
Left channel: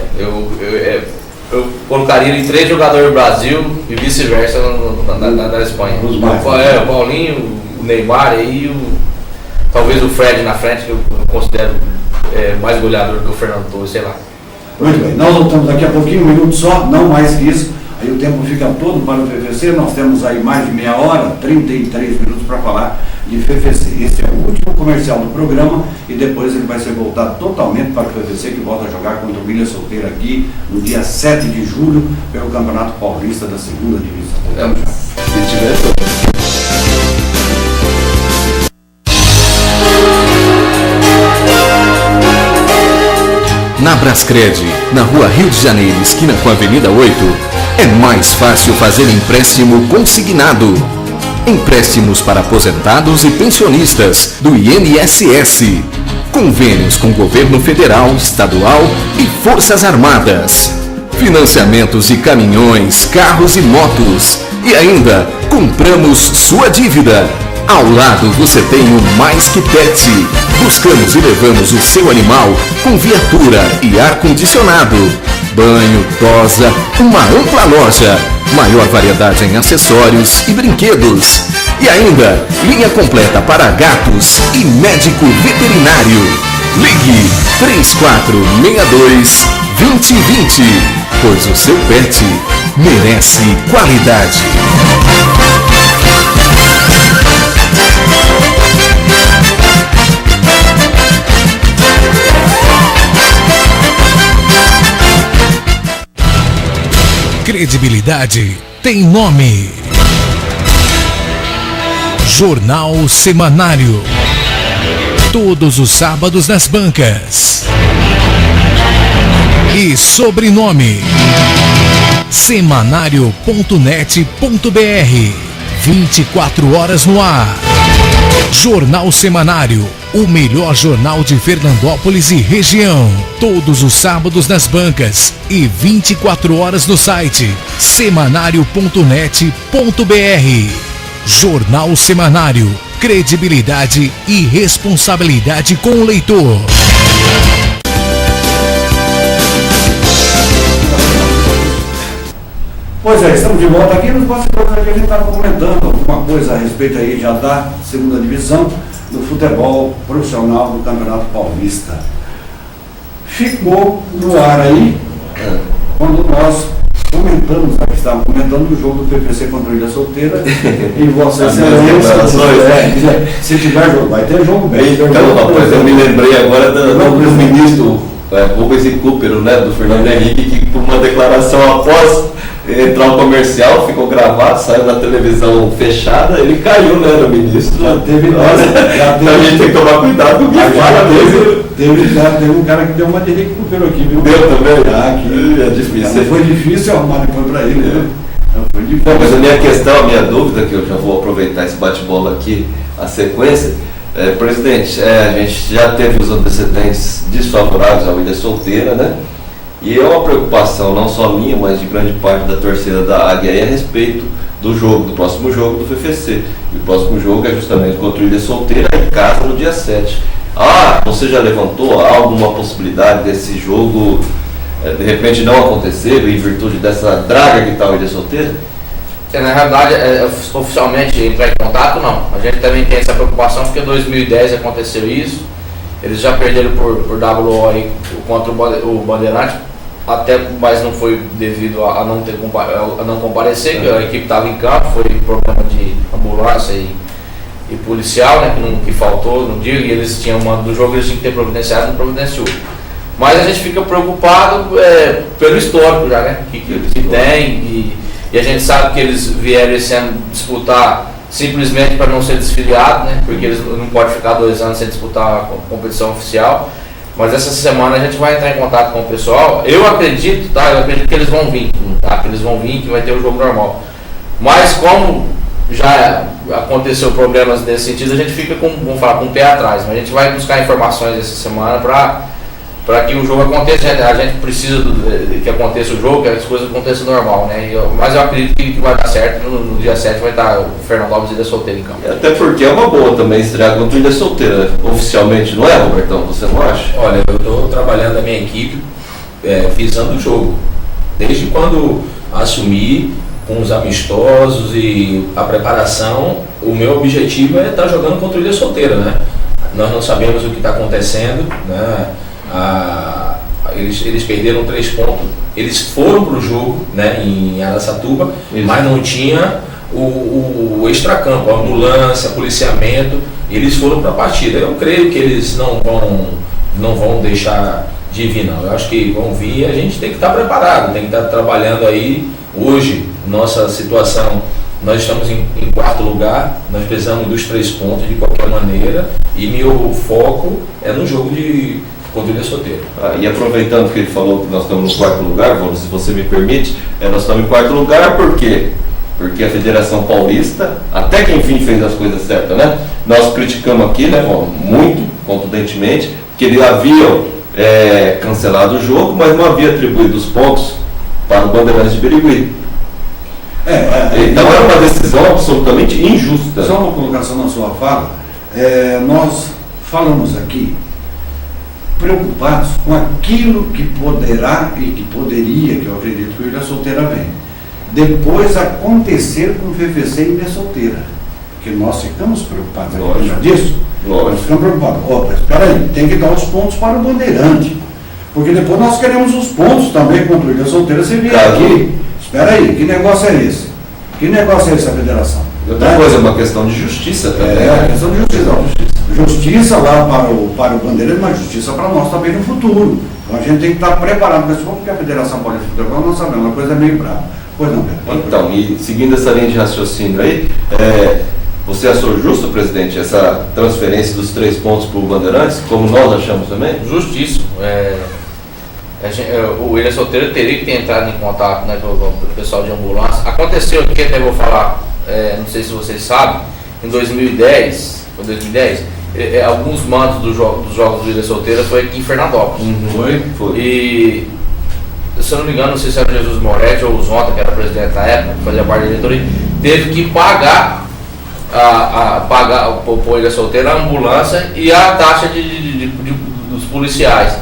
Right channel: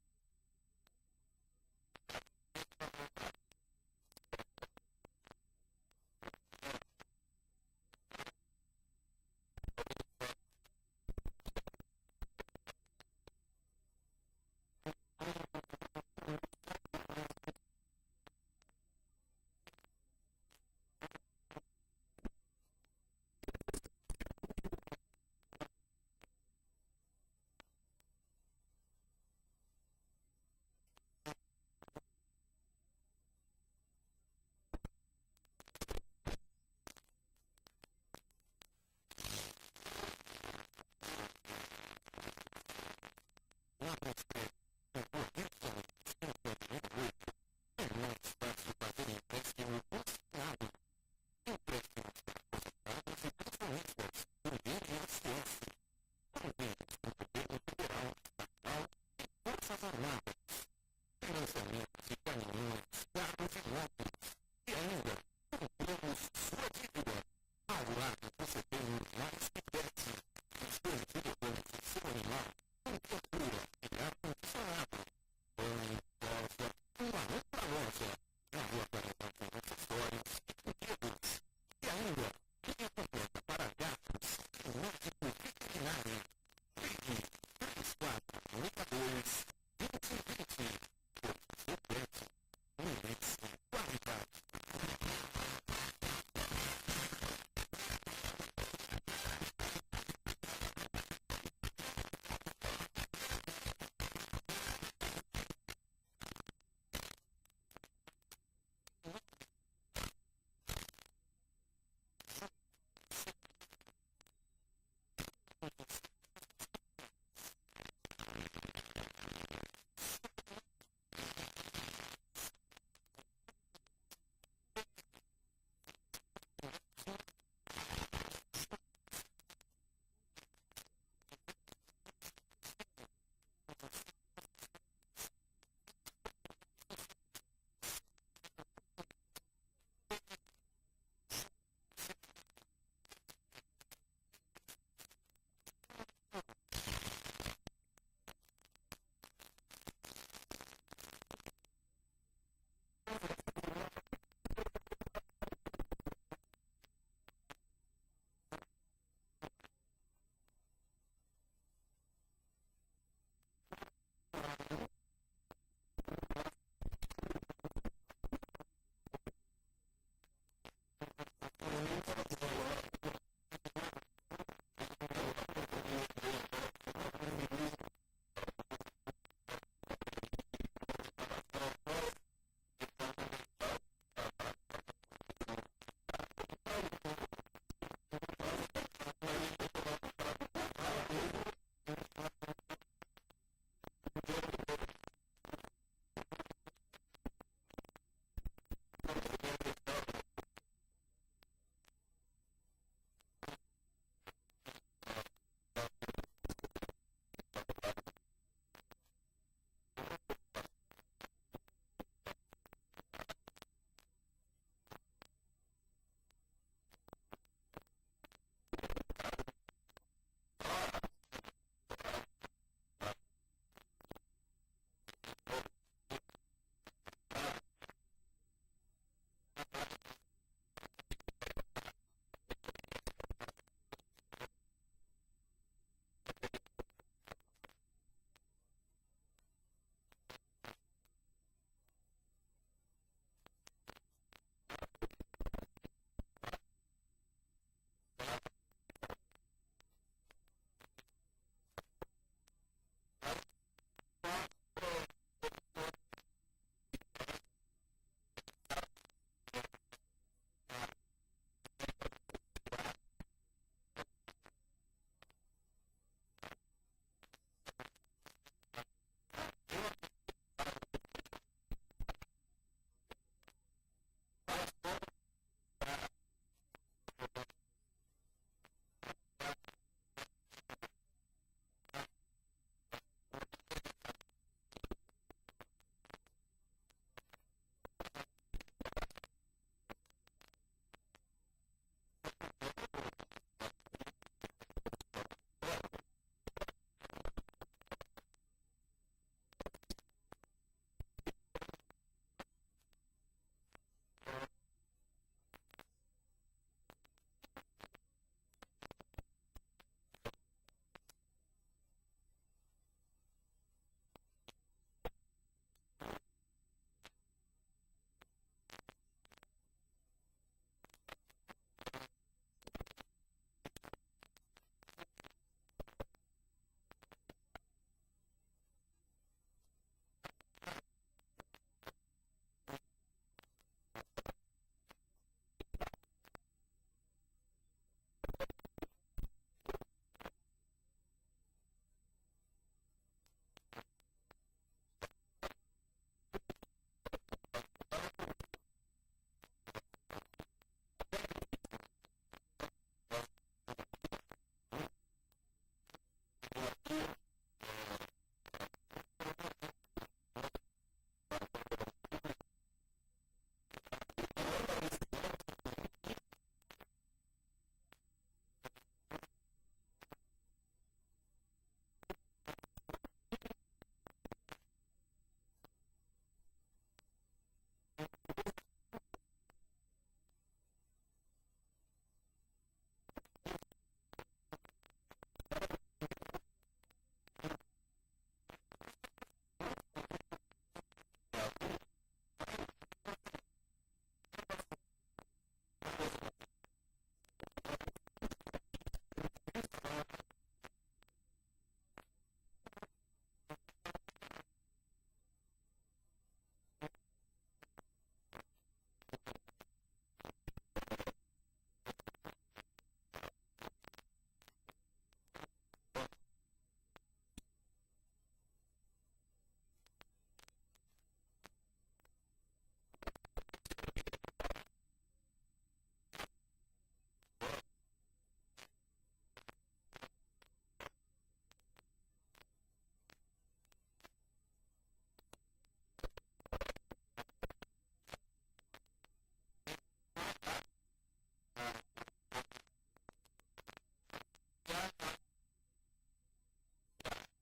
Eu colocaria em 3 jogadores do Brasil e vice-versa na Espanha. Os mais. O Paulinho, o Neymar e talvez o Fred na frente, que eu considero mais goleador que o Fernando Torres, sei lá. Muito bem, nós voltamos daqui a pouquinho, 1 minuto só, não mais que isso. Aí o tempo fica todo para o PVC, nós temos aí mais de meia hora, 33 minutos para falar de PVC. Esse é o último comercial do programa e depois ele vai ser voltado totalmente para o PVC, que volta a jogar contra o Milha Solteira aqui no dia 7 de julho pelo Campeonato Paulista da 2ª Divisão. Voltamos já. Se tiver, Na Brascred, na Rua Rio de Janeiro, esquina com a Avenida 8, é mais fácil fazer empréstimo consignado. Empréstimos para aposentados e pensionistas do INSS. Convênios com governo federal, estadual e Forças Armadas. Financiamentos de caminhões, carros e motos. E ainda, compramos sua dívida. Ao lado você tem o Mais Que Pet. Buscamos e levamos o seu animal com viatura e ar-condicionado. Banho, tosa, uma ampla loja. Maior variedade em acessórios e brinquedos. E ainda, linha completa para gatos e médico veterinário. Ligue 3462-2020, pois o seu pet merece qualidade. Credibilidade tem nome. Jornal Semanário. Todos os sábados nas bancas. E sobrenome: semanário.net.br. 24 horas no ar. Jornal Semanário, o melhor jornal de Fernandópolis e região. Todos os sábados nas bancas e 24 horas no site semanário.net.br. Jornal Semanário, credibilidade e responsabilidade com o leitor. Pois é, estamos de volta aqui nos bastidores aqui, a gente estava comentando alguma coisa a respeito aí já da 2ª divisão do futebol profissional do Campeonato Paulista. Ficou no ar aí, quando nós comentamos, aqui estávamos comentando o jogo do PPC contra o Ilha Solteira, e Vossa Excelência, se tiver jogo, vai ter jogo bem. Então, rapaz, eu me lembrei agora do ministro Rubens e Cooper, né, do Fernando Henrique, que por uma declaração após entrar no comercial, ficou gravado, saiu na televisão fechada, ele caiu, né, no ministro. Já teve Então a gente tem que tomar cuidado com o que fala mesmo. Teve um cara que deu uma de Henrique Cooper aqui, viu? Deu também? Aqui. É difícil. Foi difícil arrumar depois para ele, né? Foi difícil. Não, mas a minha questão, a minha dúvida, que eu já vou aproveitar esse bate-bola aqui, a sequência, presidente, a gente já teve os antecedentes desfavoráveis à Ilha Solteira, né? E é uma preocupação, não só minha, mas de grande parte da torcida da Águia a respeito do jogo, do próximo jogo do FFC. E o próximo jogo é justamente contra o Ilha Solteira, em casa, no dia 7. Você já levantou alguma possibilidade desse jogo de repente não acontecer em virtude dessa draga que está o Ilha Solteira? Na realidade, oficialmente entrar em contato, não. A gente também tem essa preocupação porque em 2010 aconteceu isso. Eles já perderam por WO aí contra o Bandeirante, mas não foi devido a não comparecer, que a equipe estava em campo, foi problema de ambulância e policial, né, que faltou no dia, e eles tinham do jogo, eles tinham que ter providenciado, não providenciou. Mas a gente fica preocupado pelo histórico já, né, que tem, e a gente sabe que eles vieram esse ano disputar simplesmente para não ser desfiliado, né, porque eles não podem ficar 2 anos sem disputar a competição oficial. Mas essa semana a gente vai entrar em contato com o pessoal. Eu acredito que eles vão vir, que vai ter o jogo normal. Mas como já aconteceu problemas nesse sentido, a gente fica com o pé atrás. Mas a gente vai buscar informações essa semana para que o jogo aconteça. A gente precisa que aconteça o jogo, que as coisas aconteçam normal, né? Mas eu acredito que vai dar certo. No dia 7 vai estar o Fernando Alves e Ilha Solteira em campo. Até porque é uma boa também estrear contra o Ilha Solteira, oficialmente, não é, Robertão? Você não acha? Olha, eu estou trabalhando a minha equipe visando o jogo. Desde quando assumi, com os amistosos e a preparação, o meu objetivo é estar jogando contra o Ilha Solteira, né? Nós não sabemos o que está acontecendo, né? Eles perderam 3 pontos, eles foram para o jogo, né, em Araçatuba, mas não tinha o extracampo, a ambulância, policiamento, eles foram para a partida. Eu creio que eles não vão deixar de vir, não. Eu acho que vão vir e a gente tem que estar preparado, tem que estar trabalhando aí. Hoje, nossa situação, nós estamos em 4º lugar, nós precisamos dos 3 pontos de qualquer maneira, e meu foco é no jogo contra o Ilha Solteira. E aproveitando que ele falou que nós estamos no 4º lugar, se você me permite, nós estamos em 4º lugar por quê? Porque a Federação Paulista, até que enfim fez as coisas certas, né? Nós criticamos aqui, né, muito contundentemente, que eles haviam cancelado o jogo, mas não havia atribuído os pontos para o Bandeirantes de Birigui. Então era uma decisão absolutamente injusta. Só uma colocação na sua fala. Nós falamos aqui preocupados com aquilo que poderá e que poderia, que eu acredito que o Ilha Solteira vem, depois acontecer com o FFC e Ilha Solteira. Porque nós ficamos preocupados Lógico. disso. Lógico. Nós ficamos preocupados. Espera aí, tem que dar os pontos para o Bandeirante. Porque depois nós queremos os pontos também contra o Ilha Solteira. Você vier aqui, espera aí, que negócio é esse? Que negócio é esse, a federação? Outra coisa, é uma questão de justiça também. É questão de justiça. Justiça lá para o Bandeirante, mas justiça para nós também no futuro. Então a gente tem que estar preparado para isso, porque a Federação Paulista de Futebol, nós sabemos, uma coisa meio brava. Pois não, Beto? Então, e seguindo essa linha de raciocínio aí, você achou justo, presidente, essa transferência dos 3 pontos para o Bandeirantes, como nós achamos também? Justíssimo. O Ilha Solteira teria que ter entrado em contato, né, com o pessoal de ambulância. Aconteceu aqui, até vou falar, não sei se vocês sabem, em 2010, alguns mandos dos jogos do Ilha Solteira foi aqui em Fernandópolis. Foi. E, se eu não me engano, não sei se era o Jesus Moretti ou o Zonta, que era presidente na época, que fazia parte da diretoria, teve que pagar para o Ilha Solteira a ambulância e a taxa dos policiais.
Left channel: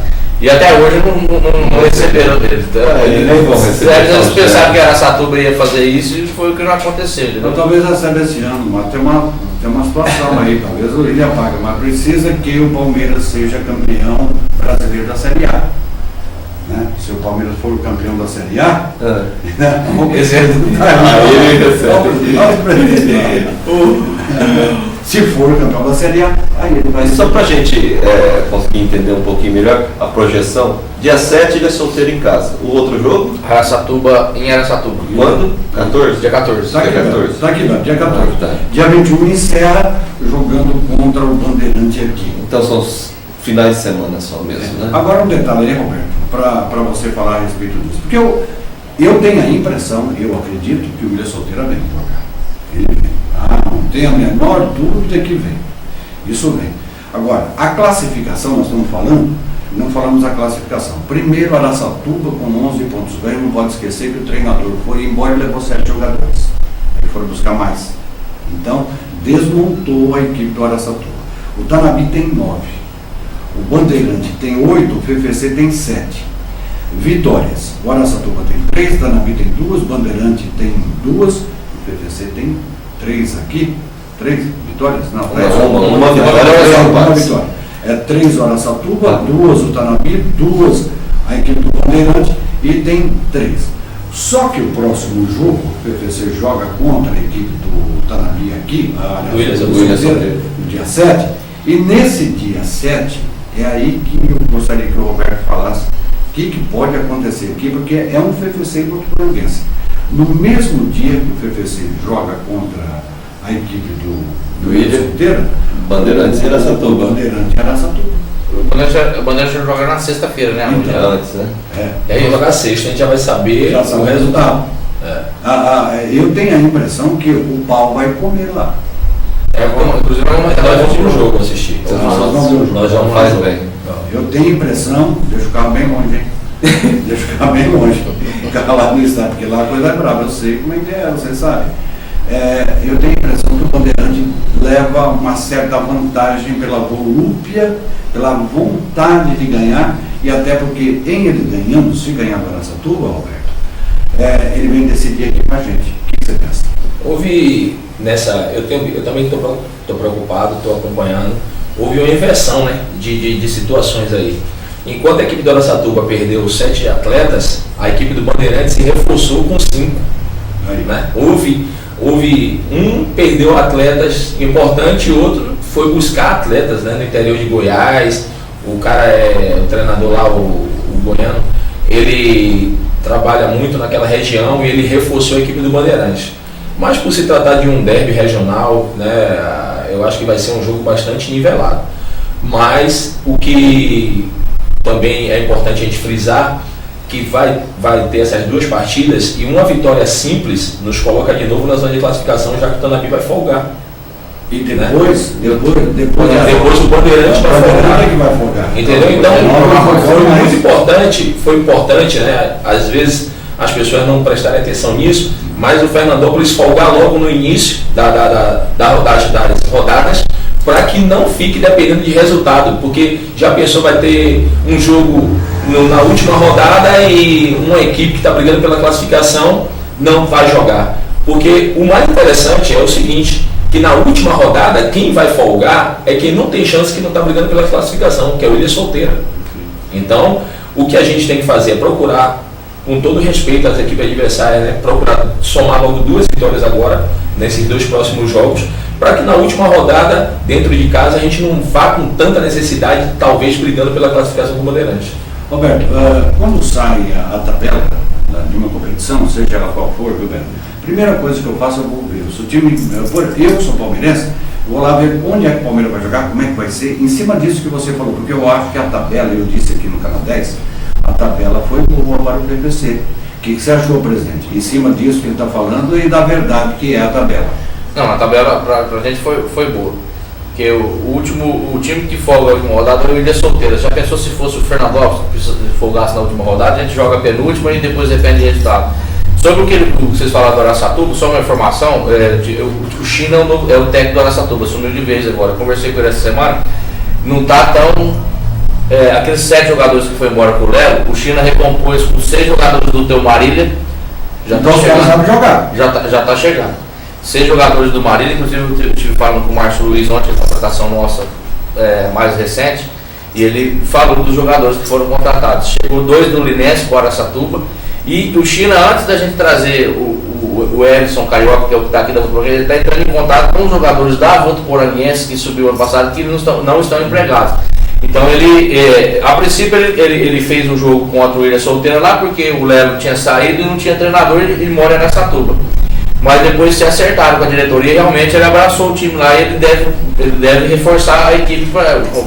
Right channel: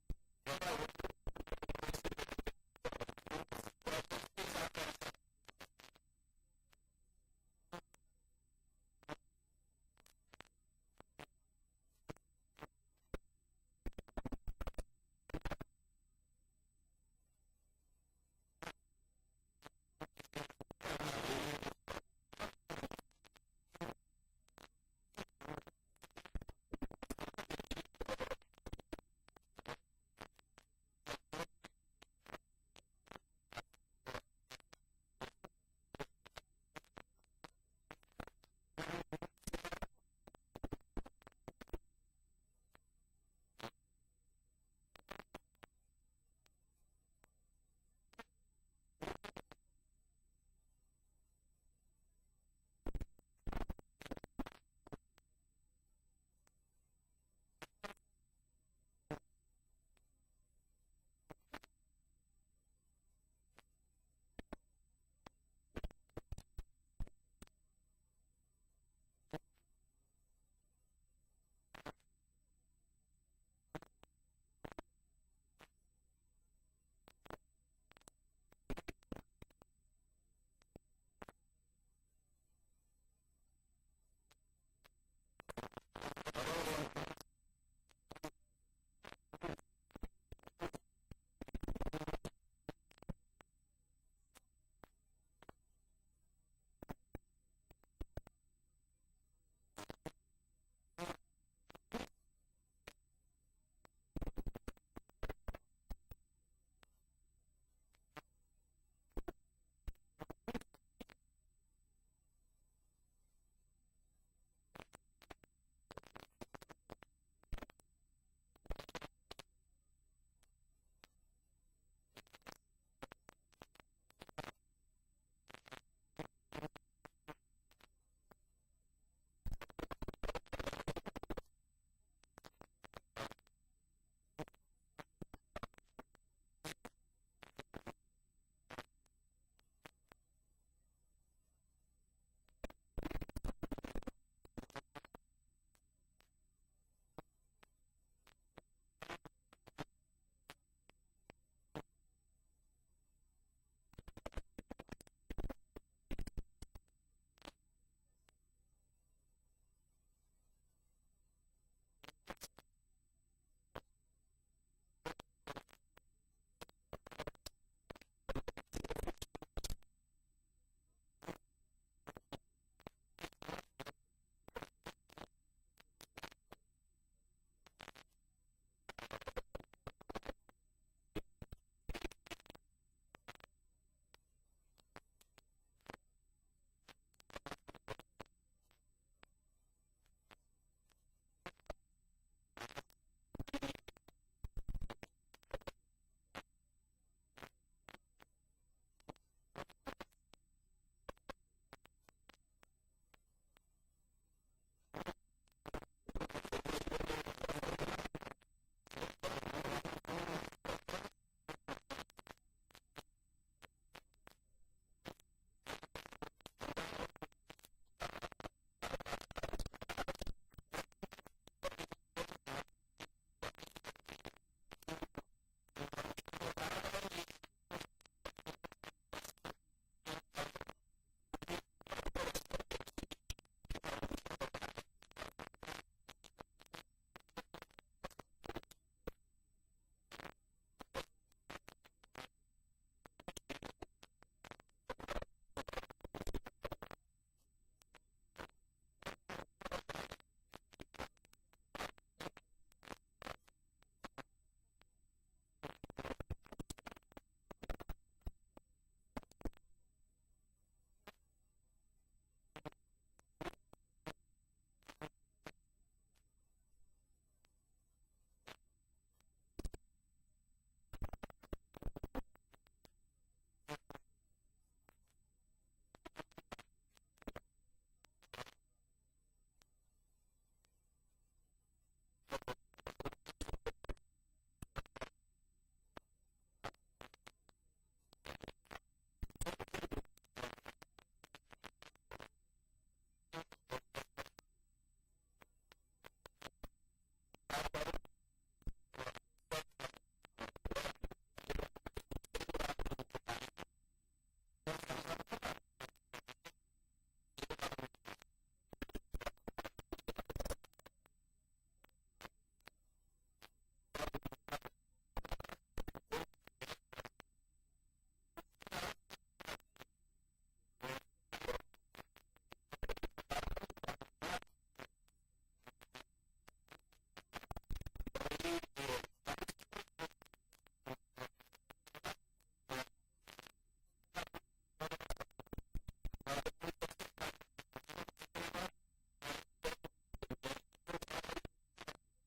E até hoje não receberam deles. Eles nem vão receber. Eles pensaram que a Araçatuba ia fazer isso e foi o que não aconteceu. Então, talvez receba esse ano, mas tem uma situação aí, talvez o Ilha paga, mas precisa que o Palmeiras seja campeão brasileiro da Série A. Né? Se o Palmeiras for o campeão da Série A, Se for campeão da Série A, aí ele vai Mas ser. só para a gente conseguir entender um pouquinho melhor a projeção, dia 7 ele é solteiro em casa. O outro jogo, Araçatuba, em Araçatuba. quando? 14? Dia 14. Tá aqui, dia 14. Beto, tá aqui, Beto, dia 14. Ah, tá. Dia 21 encerra jogando contra o Bandeirante aqui. Então são os finais de semana só mesmo, né? Agora um detalhe aí, Roberto, para você falar a respeito disso. Porque eu tenho a impressão, eu acredito que o Ilha Solteira vem jogar. Ele vem. Não tem a menor dúvida que vem. Isso vem. Agora, a classificação, nós estamos falando, não falamos a classificação. Primeiro, Araçatuba com 11 pontos ganhos, não pode esquecer que o treinador foi embora e levou 7 jogadores. Aí foram buscar mais. Então, desmontou a equipe do Araçatuba. O Tanabi tem 9. O Bandeirante tem 8, o FFC tem 7. Vitórias. O Araçatuba tem 3, o Tanabi tem 2, o Bandeirante tem 2, o FFC tem 3 aqui. 3 vitórias? Não, Uma vitória, uma vitória. É 3 o Araçatuba, 2 o Tanabi, 2 a equipe do Bandeirante e tem 3. Só que o próximo jogo, o FFC joga contra a equipe do Tanabi aqui, do Ilha Solteira, no dia 7, e nesse dia 7 é aí que eu gostaria que o Roberto falasse o que pode acontecer aqui, porque é um FFC contra o Botafoguense. No mesmo dia que o FFC joga contra a equipe do Ilha Solteira, Bandeirantes e Araçatuba. Bandeirante e Araçatuba. O Bandeirante joga na sexta-feira, né? Então. Antes, né? E aí, jogar sexta, a gente já vai saber Já sabe o resultado. Eu tenho a impressão que o pau vai comer lá. Inclusive, Nós vamos pro jogo assistir. Nós vamos faz bem. Eu tenho a impressão, deixa o carro bem longe, hein? Deixa o carro bem longe. O carro lá no estado, porque lá a coisa é brava, eu sei como é que é, você sabe. Eu tenho a impressão que o Bandeirante leva uma certa vantagem pela volúpia, pela vontade de ganhar, e até porque em ele ganhando, se ganhar para Araçatuba, Roberto, ele vem decidir aqui com a gente. O que você pensa? Houve nessa, eu também estou preocupado, estou acompanhando, houve uma inversão, né, de situações aí. Enquanto a equipe do Araçatuba perdeu 7 atletas, a equipe do Bandeirantes se reforçou com 5. Né? Houve um perdeu atletas importantes e outro foi buscar atletas, né, no interior de Goiás. O cara o treinador lá, o goiano, ele trabalha muito naquela região e ele reforçou a equipe do Bandeirantes. Mas por se tratar de um derby regional, né, eu acho que vai ser um jogo bastante nivelado. Mas o que também é importante a gente frisar, que vai ter essas 2 partidas e uma vitória simples nos coloca de novo na zona de classificação, já que o Tanabi vai folgar. E depois o Bandeirante vai folgar. Que vai folgar. Entendeu? Então, foi importante, né? Às vezes as pessoas não prestarem atenção nisso, mas o Fernandópolis folgar logo no início das rodadas, para que não fique dependendo de resultado, porque já pensou, vai ter um jogo na última rodada e uma equipe que está brigando pela classificação não vai jogar. Porque o mais interessante é o seguinte, que na última rodada quem vai folgar é quem não tem chance, que não está brigando pela classificação, que é o Ilha Solteira. Então, o que a gente tem que fazer é procurar, com todo respeito às equipes adversárias, né, procurar somar logo 2 vitórias agora, nesses 2 próximos jogos, para que na última rodada, dentro de casa, a gente não vá com tanta necessidade, talvez brigando pela classificação do Bandeirante. Roberto, quando sai a tabela de uma competição, seja ela qual for, Roberto, primeira coisa que eu faço, eu vou ver. Se o time, eu sou palmeirense, eu vou lá ver onde é que o Palmeiras vai jogar, como é que vai ser, em cima disso que você falou, porque eu acho que a tabela, eu disse aqui no Canal 10, a tabela foi boa para o PVC. O que você achou, presidente? Em cima disso que ele está falando e da verdade que é a tabela. Não, a tabela pra gente foi boa. Porque o time que folga na última rodada é o Ilha Solteira. Já pensou se fosse o Fernandópolis que folgasse na última rodada? A gente joga a penúltima e depois depende do resultado. Sobre o que vocês falaram do Araçatuba, só uma informação, o China é o técnico do Araçatuba, assumiu de vez agora. Eu conversei com ele essa semana, não está tão... aqueles 7 jogadores que foi embora pro Lelo, o China recompôs com 6 jogadores do Teu Marília. Já então está chegando. Sabe jogar. Já tá chegando. 6 jogadores do Marília, inclusive eu estive falando com o Márcio Luiz ontem, a contratação nossa mais recente, e ele falou dos jogadores que foram contratados. Chegou 2 do Linense para o Araçatuba, e o China, antes da gente trazer o o Ellison Carioca, que é o que está aqui da Votoporanguense, ele está entrando em contato com os jogadores da Votoporanguense que subiu ano passado, que não estão empregados. Então a princípio ele fez um jogo contra o Ilha Solteira lá, porque o Lelo tinha saído e não tinha treinador, ele mora em Araçatuba. Mas depois se acertaram com a diretoria e realmente ele abraçou o time lá e ele deve reforçar a equipe,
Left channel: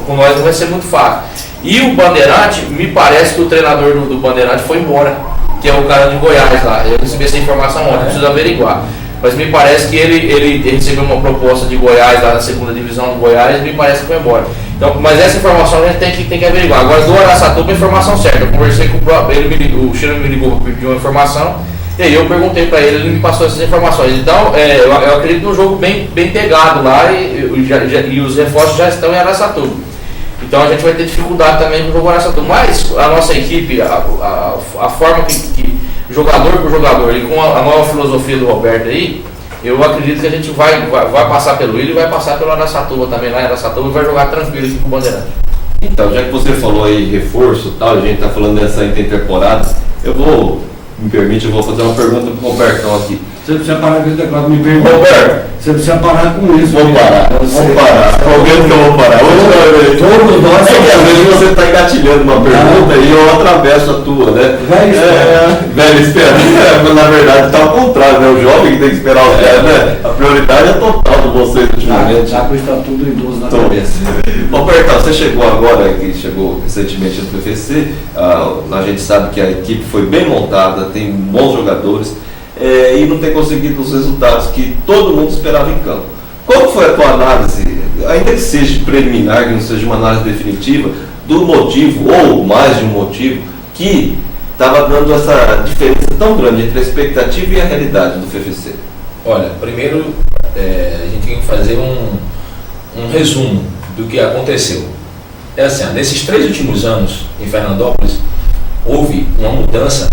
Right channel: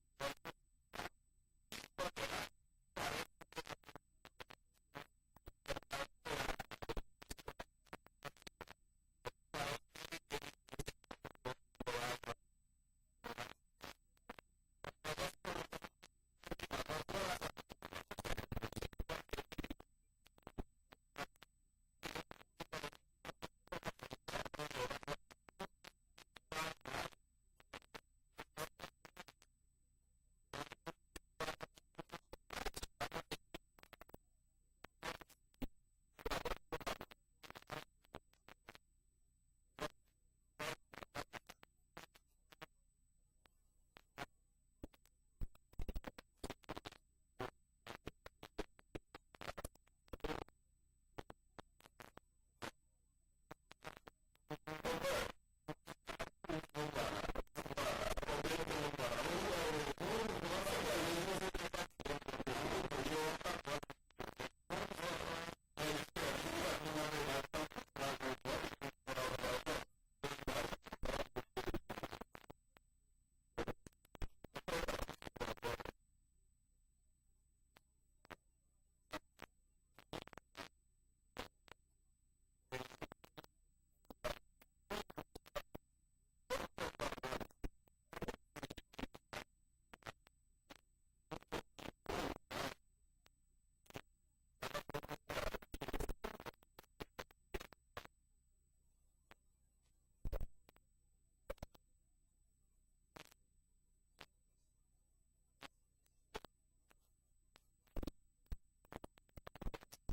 com nós não vai ser muito fácil. E o Bandeirante, me parece que o treinador do Bandeirante foi embora, que é o cara de Goiás lá. Eu recebi essa informação ontem, preciso averiguar. Mas me parece que ele recebeu uma proposta de Goiás, lá na segunda divisão do Goiás, e me parece que foi embora. Então, mas essa informação a gente tem que averiguar. Agora, do Araçatuba, a informação certa. Eu conversei com o Chino me ligou para pedir uma informação, e aí eu perguntei para ele me passou essas informações. Então, eu acredito num jogo bem pegado lá, e os reforços já estão em Araçatuba. Então a gente vai ter dificuldade também no jogo Araçatuba. Mas a nossa equipe, a forma que jogador por jogador, e com a nova filosofia do Roberto aí, eu acredito que a gente vai passar pelo Ilha e vai passar pelo Araçatuba também, lá em Araçatuba, e vai jogar tranquilo aqui com o Bandeirante. Então, já que você falou aí reforço e tal, a gente está falando dessa intertemporada, eu vou fazer uma pergunta para o Robertão aqui. Você precisa parar com esse negócio, me pergunta. Roberto, Você precisa parar com isso. vou parar. Prometo que eu vou parar. Todos nós. É que às vezes você está engatilhando uma pergunta e eu atravesso a tua, né? Velho espera. Mas na verdade está ao contrário, né? O jovem que tem que esperar os velhos, né? A prioridade é total de vocês ultimamente. Já com o estatuto idoso na cabeça. Robertão, você chegou agora, que chegou recentemente no PFC, a gente sabe que a equipe foi bem montada, tem bons jogadores, e não tem conseguido os resultados que todo mundo esperava em campo. Qual foi a tua análise, ainda que seja preliminar, que não seja uma análise definitiva, do motivo, ou mais de um motivo, que estava dando essa diferença tão grande entre a expectativa e a realidade do FFC? Olha, primeiro a gente tem que fazer um resumo do que aconteceu. É assim, nesses 3 últimos anos em Fernandópolis, houve uma mudança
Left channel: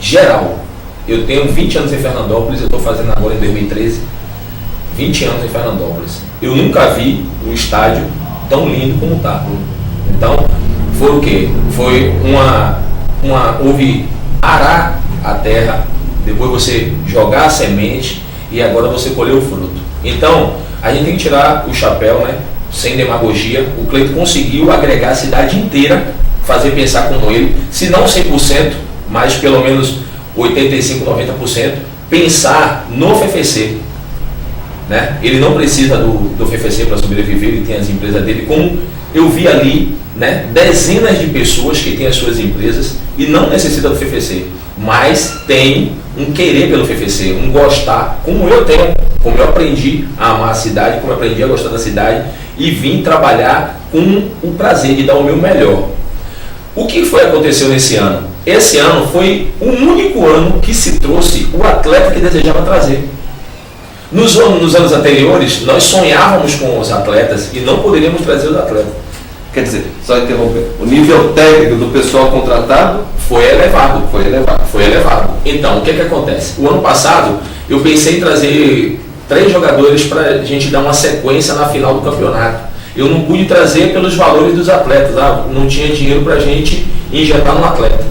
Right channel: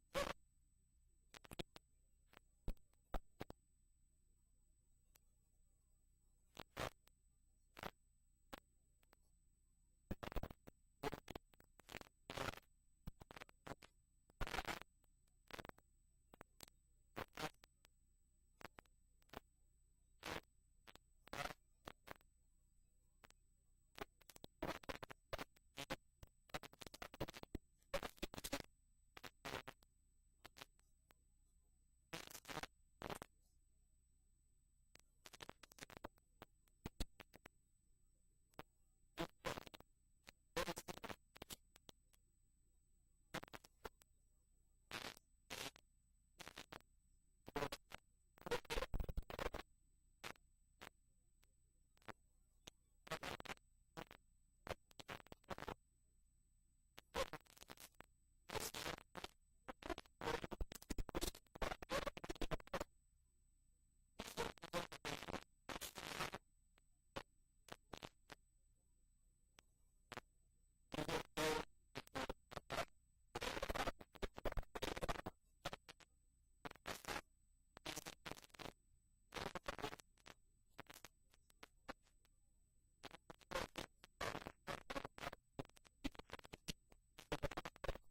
geral. Eu tenho 20 anos em Fernandópolis, eu estou fazendo agora em 2013, 20 anos em Fernandópolis. Eu nunca vi um estádio tão lindo como está. Então, foi o quê? Foi houve arar a terra, depois você jogar a semente e agora você colher o fruto. Então, a gente tem que tirar o chapéu, né? Sem demagogia. O Cleiton conseguiu agregar a cidade inteira, fazer pensar como ele, se não 100%, mas pelo menos 85%, 90%, pensar no FFC. Né? Ele não precisa do FFC para sobreviver, ele tem as empresas dele, como eu vi ali, né? Dezenas de pessoas que têm as suas empresas e não necessitam do FFC, mas tem um querer pelo FFC, um gostar, como eu tenho, como eu aprendi a amar a cidade, como eu aprendi a gostar da cidade e vim trabalhar com o prazer de dar o meu melhor. O que foi aconteceu nesse ano? Esse ano foi o único ano que se trouxe o atleta que desejava trazer. Nos anos anteriores, nós sonhávamos com os atletas e não poderíamos trazer os atletas. Quer dizer, só interromper, o nível técnico do pessoal contratado foi elevado. Então, o que acontece? O ano passado, eu pensei em trazer 3 jogadores para a gente dar uma sequência na final do campeonato. Eu não pude trazer pelos valores dos atletas, não tinha dinheiro para a gente injetar no atleta.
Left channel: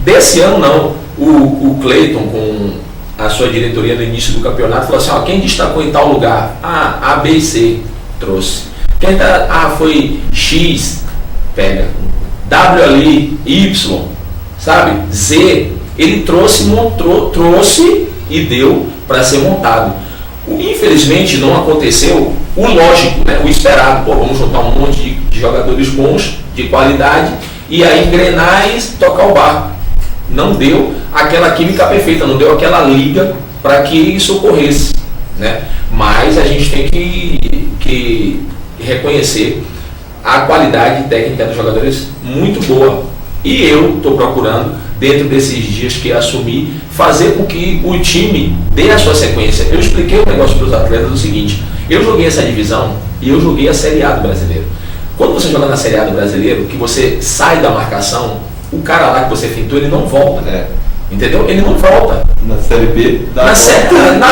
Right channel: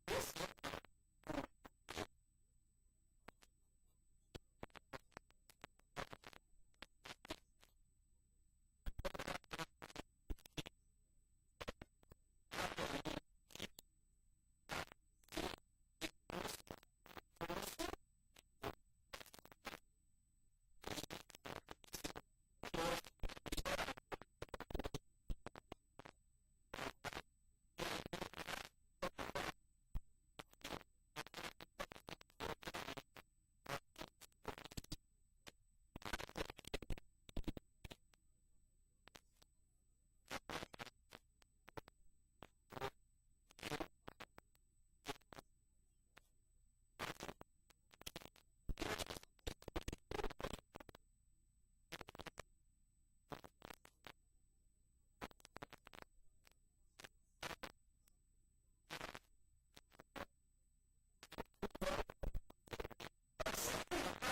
Desse ano, não. O Cleiton, com a sua diretoria no início do campeonato, falou assim, quem destacou em tal lugar? A, B e C, trouxe. Quem foi X, pega. W ali, Y, sabe? Z, ele trouxe e deu para ser montado. Infelizmente não aconteceu o lógico, né? O esperado. Vamos juntar um monte de jogadores bons, de qualidade, e aí engrenar e tocar o barco. Não deu aquela química perfeita, não deu aquela liga para que isso ocorresse, né? Mas a gente tem que reconhecer a qualidade técnica dos jogadores muito boa. E eu estou procurando, dentro desses dias que assumi, fazer com que o time dê a sua sequência. Eu expliquei o negócio para os atletas do seguinte: eu joguei essa divisão e eu joguei a Série A do Brasileiro. Quando você joga na Série A do Brasileiro, que você sai da marcação, o cara lá que você fintou, ele não volta. Entendeu? Ele não volta. Na Série B, na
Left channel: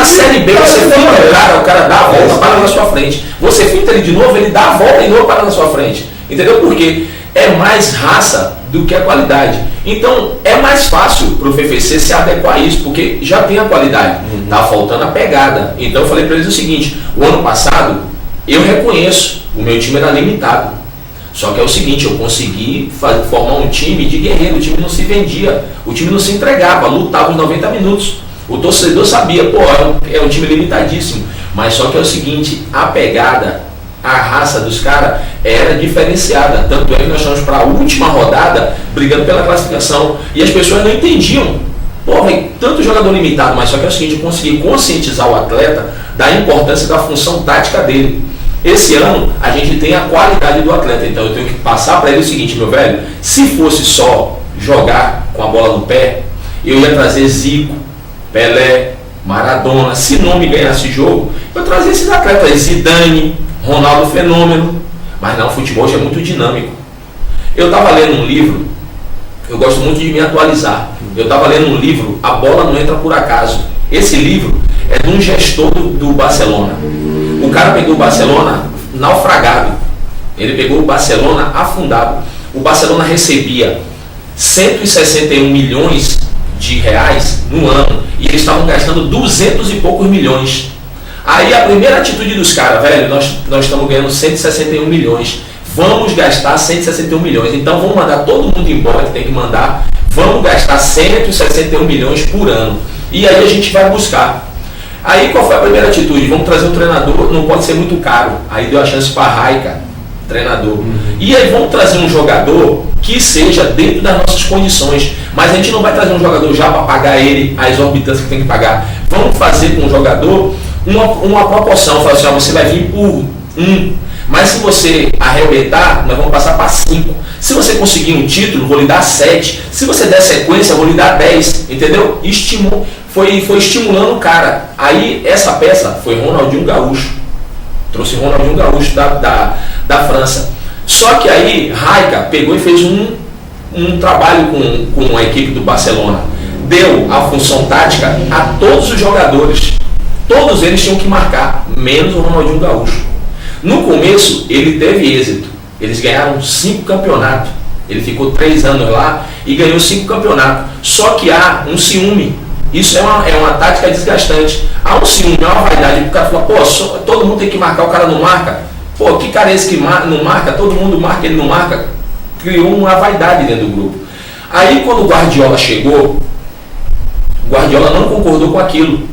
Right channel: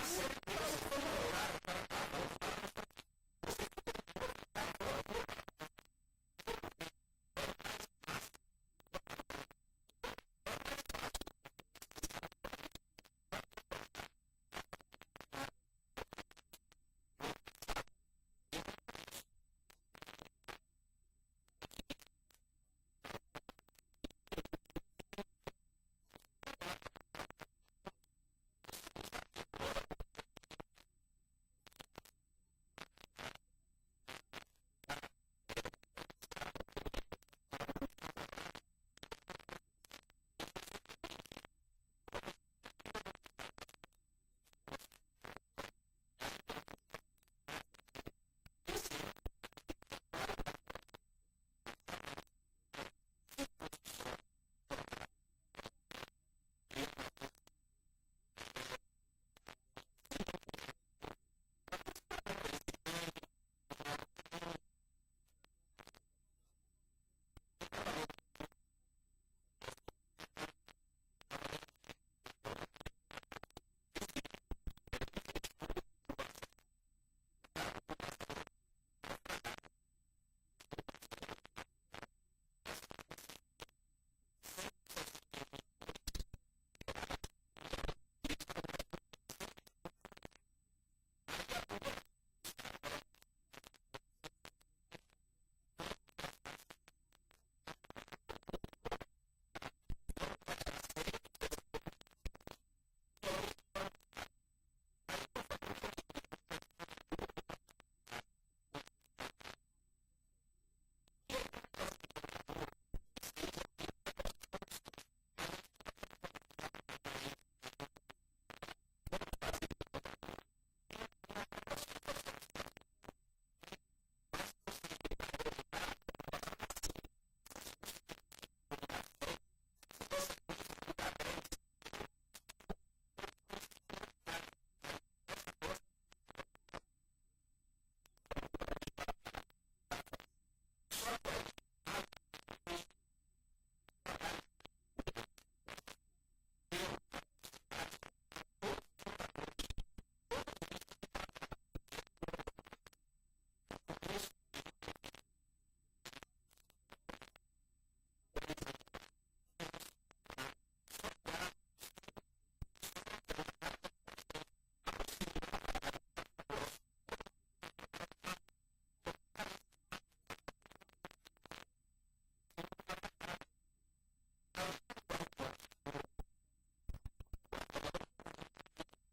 Série B você finta o cara dá a volta, para na sua frente. Você finta ele de novo, ele dá a volta e não para na sua frente. Entendeu? Porque é mais raça do que a qualidade. Então é mais fácil para o FFC se adequar a isso, porque já tem a qualidade, tá faltando a pegada. Então eu falei para eles o seguinte: o ano passado eu reconheço, o meu time era limitado, só que é o seguinte, eu consegui formar um time de guerreiro, o time não se vendia, o time não se entregava, lutava os 90 minutos. O torcedor sabia, pô, é um time limitadíssimo, mas só que é o seguinte, a pegada, a raça dos caras era diferenciada, tanto é que nós estamos para a última rodada brigando pela classificação, e as pessoas não entendiam, pô, véio, tanto jogador limitado, mas só que é o seguinte, eu consegui conscientizar o atleta da importância da função tática dele. Esse ano a gente tem a qualidade do atleta, então eu tenho que passar para ele o seguinte, meu velho, se fosse só jogar com a bola no pé, eu ia trazer Zico, Pelé, Maradona, se não me ganhasse jogo, eu trazia esses atletas, Zidane, Ronaldo Fenômeno, mas não, o futebol hoje é muito dinâmico. Eu estava lendo um livro, eu gosto muito de me atualizar, eu estava lendo um livro, A Bola Não Entra Por Acaso. Esse livro é de um gestor do Barcelona. O cara pegou o Barcelona naufragado, ele pegou o Barcelona afundado. O Barcelona recebia 161 milhões de reais no ano e eles estavam gastando 200 e poucos milhões. Aí a primeira atitude dos caras, velho, nós estamos ganhando 161 milhões, vamos gastar 161 milhões, então vamos mandar todo mundo embora que tem que mandar, vamos gastar 161 milhões por ano, e aí a gente vai buscar. Aí qual foi a primeira atitude? Vamos trazer um treinador, não pode ser muito caro, aí deu a chance para Raika, treinador. E aí vamos trazer um jogador que seja dentro das nossas condições, mas a gente não vai trazer um jogador já para pagar ele a exorbitância que tem que pagar. Vamos fazer com o jogador uma proporção, falar assim, ó, você vai vir por 1, mas se você arrebentar, nós vamos passar para 5. Se você conseguir um título, vou lhe dar 7. Se você der sequência, vou lhe dar 10. Entendeu? Foi estimulando o cara. Aí essa peça foi Ronaldinho Gaúcho. Trouxe Ronaldinho Gaúcho da França. Só que aí Raika pegou e fez um trabalho com a equipe do Barcelona. Deu a função tática a todos os jogadores. Todos eles tinham que marcar, menos o Ronaldinho Gaúcho. No começo ele teve êxito. Eles ganharam 5 campeonatos. Ele ficou 3 anos lá e ganhou 5 campeonatos. Só que há um ciúme. Isso é uma tática desgastante. Há um ciúme, é uma vaidade. O cara fala, pô, todo mundo tem que marcar, o cara não marca. Pô, que cara é esse que não marca? Todo mundo marca, ele não marca. Criou uma vaidade dentro do grupo. Aí quando o Guardiola chegou, o Guardiola não concordou com aquilo.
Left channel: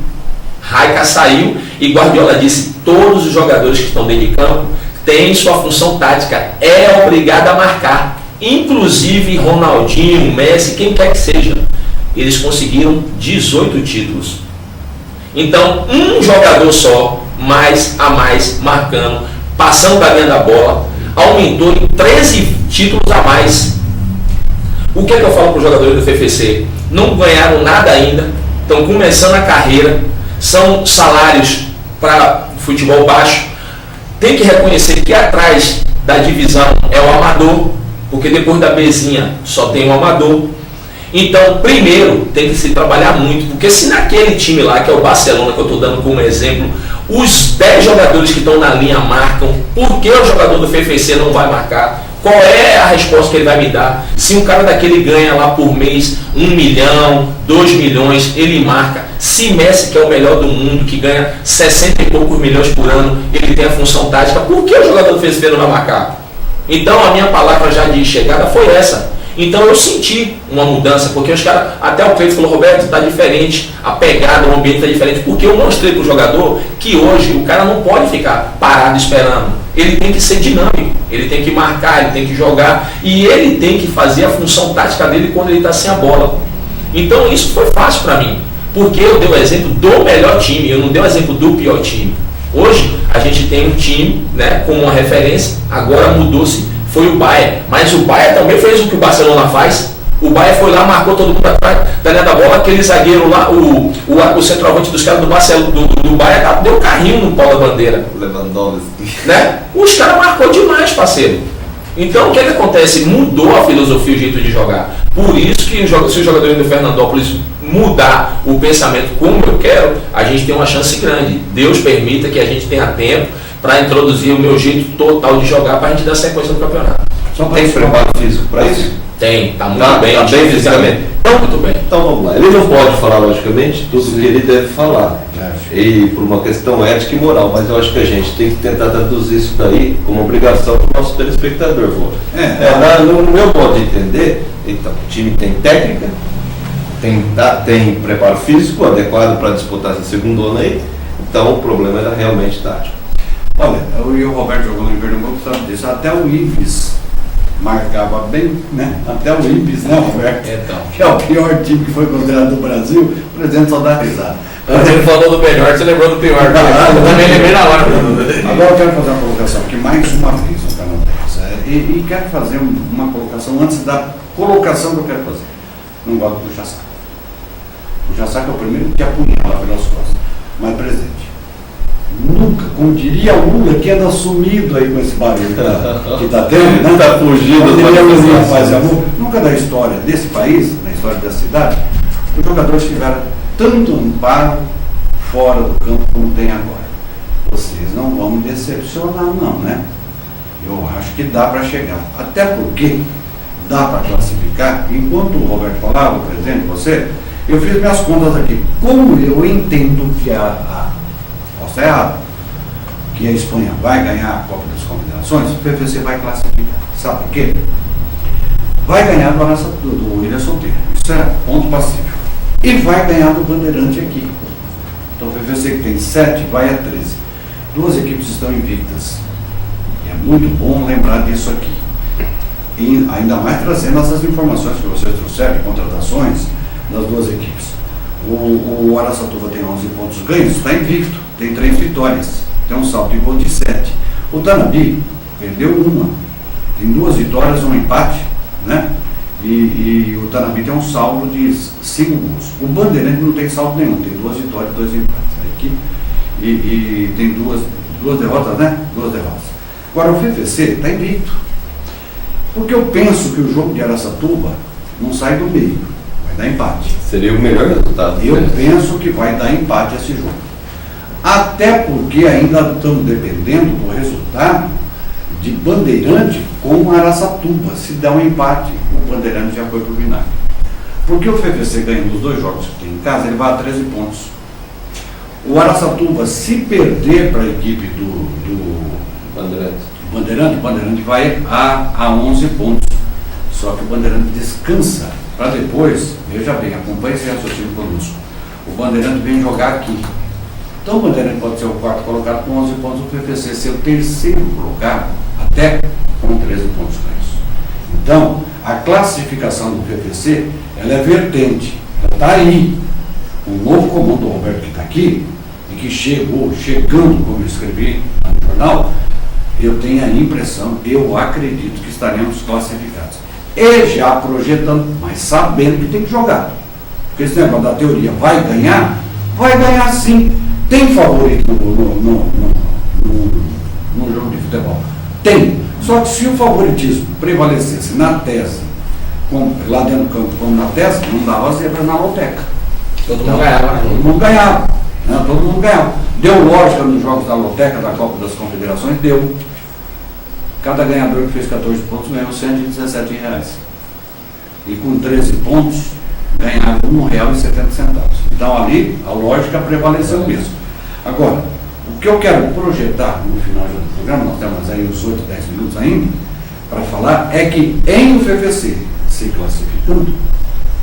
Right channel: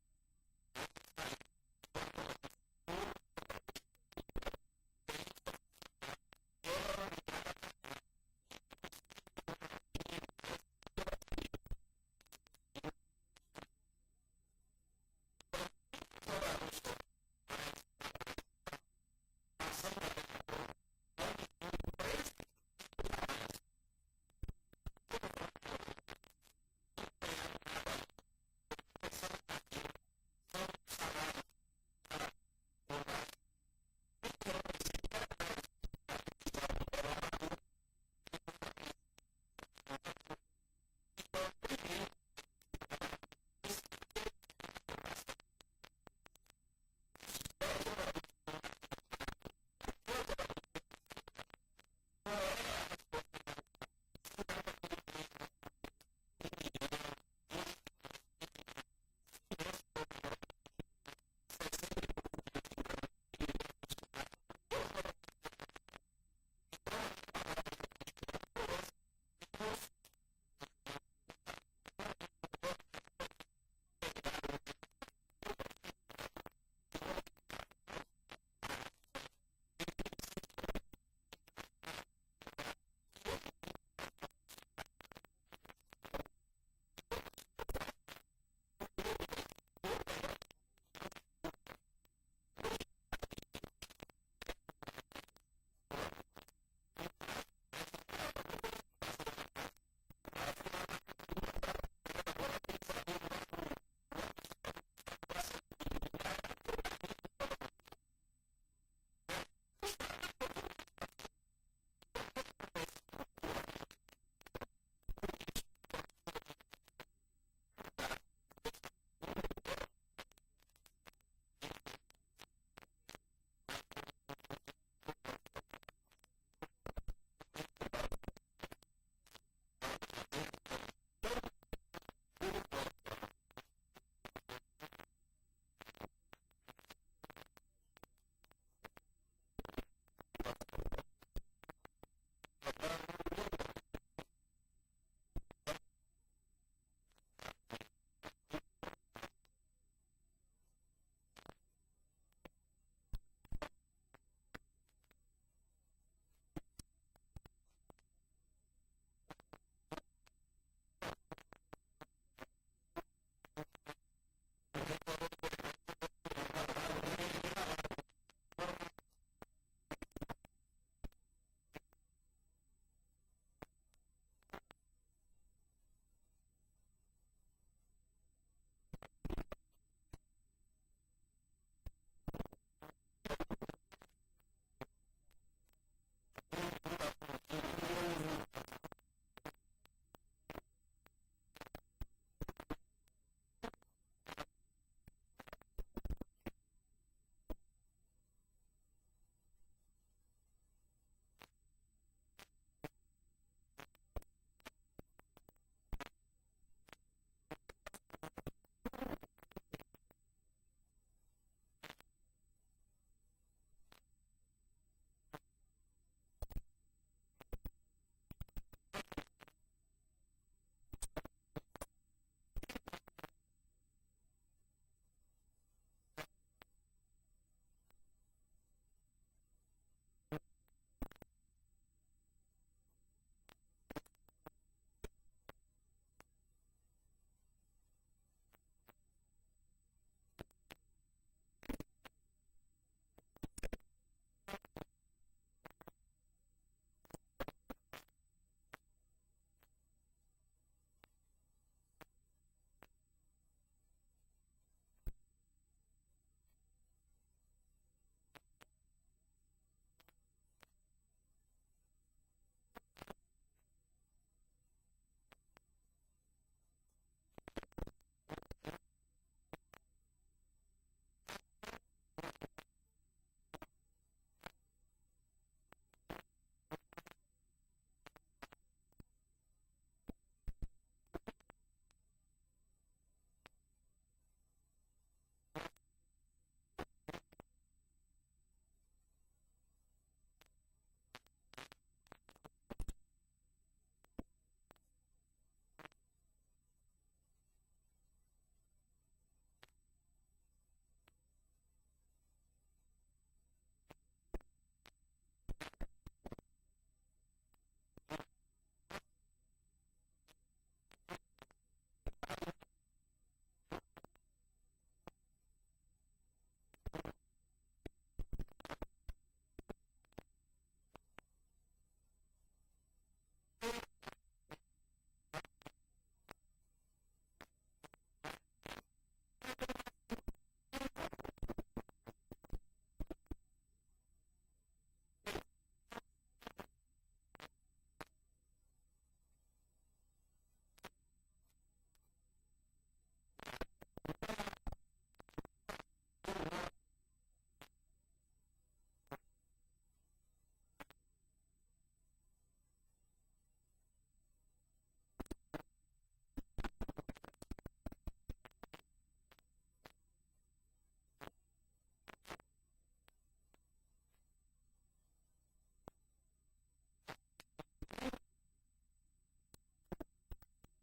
Raika saiu e Guardiola disse, todos os jogadores que estão dentro de campo têm sua função tática, é obrigado a marcar. Inclusive Ronaldinho, Messi, quem quer que seja. Eles conseguiram 18 títulos. Então, um jogador só, mais a mais, marcando, passando da linha da bola, aumentou em 13 títulos a mais. O que é que eu falo para os jogadores do FFC? Não ganharam nada ainda, estão começando a carreira, são salários para futebol baixo. Tem que reconhecer que atrás da divisão é o amador, porque depois da Bzinha só tem o amador. Então, primeiro, tem que se trabalhar muito, porque se naquele time lá, que é o Barcelona, que eu estou dando como exemplo, os 10 jogadores que estão na linha marcam, por que o jogador do FFC não vai marcar? Qual é a resposta que ele vai me dar? Se um cara daquele ganha lá por mês 1 milhão, 2 milhões, ele marca. Se Messi, que é o melhor do mundo, que ganha 60 e poucos milhões por ano, ele tem a função tática, por que o jogador do FFC não vai marcar? Então, a minha palavra já de chegada foi essa. Então eu senti uma mudança, porque os caras, até o Cleiton falou, Roberto, está diferente, a pegada, o ambiente está diferente, porque eu mostrei para o jogador que hoje o cara não pode ficar parado esperando, ele tem que ser dinâmico, ele tem que marcar, ele tem que jogar, e ele tem que fazer a função tática dele quando ele está sem a bola. Então isso foi fácil para mim, porque eu dei o exemplo do melhor time, eu não dei o exemplo do pior time. Hoje a gente tem um time, né, como uma referência, agora mudou-se. Foi o Bayern, mas o Bayern também fez o que o Barcelona faz. O Bayern foi lá, marcou todo mundo atrás da linha da bola, aquele zagueiro lá, o centroavante dos caras do Barcelona, do Bayern, deu carrinho no pau da bandeira. Lewandowski. Né? Os caras marcou demais, parceiro. Então o que acontece? Mudou a filosofia, o jeito de jogar. Por isso que se os jogadores do Fernandópolis mudar o pensamento como eu quero, a gente tem uma chance grande. Deus permita que a gente tenha tempo para introduzir o meu jeito total de jogar para a gente dar sequência no campeonato. Só tem preparo físico para isso? Tem, tá muito Tá bem. bem fisicamente. Então, muito bem. Então vamos lá. Ele não pode falar, logicamente, tudo que ele deve falar. É. E por uma questão ética e moral, mas eu acho que a gente tem que tentar traduzir isso daí como obrigação para o nosso telespectador. No meu modo de entender, então, o time tem técnica, tem preparo físico adequado para disputar essa segundona aí, então o problema era realmente tático. Olha, eu e o Roberto jogando em Pernambuco, sabe disso, até o Ibis marcava bem, né? Até o Ibis, né, Roberto? Então. Que é o pior time que foi considerado do Brasil, o presidente só dá risada. Quando ele falou do melhor, você lembrou do pior. Eu também lembrei na hora. Agora eu quero fazer uma colocação aqui, mais uma vez no canal 10. E quero fazer uma colocação antes da colocação que eu quero fazer. Não gosto do puxa-saco. Puxa-saco é o primeiro que apunhala pelas costas. Mas, presidente, nunca, como diria o Lula, que anda sumido aí com esse barulho que está tendo, né? Está fugindo Como das diria o Lula, manifestações. paz e amor. Nunca da história desse país, na história da cidade, os jogadores tiveram tanto amparo fora do campo como tem agora. Vocês não vão me decepcionar não, né? Eu acho que dá para chegar. Até porque dá para classificar. Enquanto o Roberto falava, presidente, você, eu fiz minhas contas aqui. Como eu entendo que posso estar errado, que a Espanha vai ganhar a Copa das Confederações, o PVC vai classificar. Sabe por quê? Vai ganhar do Ilha Solteira. Isso é ponto passível. E vai ganhar do Bandeirante aqui. Então o PVC que tem 7 vai a 13. Duas equipes estão invictas. E é muito bom lembrar disso aqui. E ainda mais trazendo essas informações que vocês trouxeram, contratações das duas equipes. O Araçatuba tem 11 pontos ganhos, está invicto, tem 3 vitórias, tem um saldo de gol de 7. O Tanabi perdeu uma, tem 2 vitórias, um empate, né? E o Tanabi tem um saldo de 5 gols. O Bandeirante não tem saldo nenhum, tem 2 vitórias e 2 empates. Aqui, e tem duas derrotas, né? 2 derrotas. Agora o FVC está invicto. Porque eu penso que o jogo de Araçatuba não sai do meio, vai dar empate. Seria o melhor resultado. Eu penso que vai dar empate esse jogo. Até porque ainda estamos dependendo do resultado de Bandeirante com Araçatuba. Se der um empate, o Bandeirante já foi para o vinagre. Porque o FVC ganhando os 2 jogos que tem em casa, ele vai a 13 pontos. O Araçatuba, se perder para a equipe do Bandeirante, o Bandeirante vai a 11 pontos. Só que o Bandeirante descansa para depois, veja bem, acompanhe esse raciocínio conosco. O Bandeirante vem jogar aqui. Então o Bandeirante pode ser o 4º colocado com 11 pontos, o PVC ser o 3º colocado, até com 13 pontos ganhos. Então, a classificação do PVC, ela é vertente, ela está aí. O novo comando do Roberto que está aqui, e que chegando, como eu escrevi no jornal, eu tenho a impressão, eu acredito que estaremos classificados. E já projetando, mas sabendo que tem que jogar. Porque esse negócio da teoria vai ganhar sim. Tem favorito no jogo de futebol? Tem. Só que se o favoritismo prevalecesse na tese, lá dentro do campo como na tese, não dava zebra na loteca. Todo mundo ganhava. Todo mundo ganhava. Né? Todo mundo ganhava. Deu lógica nos jogos da loteca, da Copa das Confederações? Deu. Cada ganhador que fez 14 pontos ganhou R$117. E com 13 pontos, ganhava R$1,70. Então ali, a lógica prevaleceu mesmo. Agora, o que eu quero projetar no final do programa, nós temos aí uns 8, 10 minutos ainda, para falar, é que em o FVC se classificando,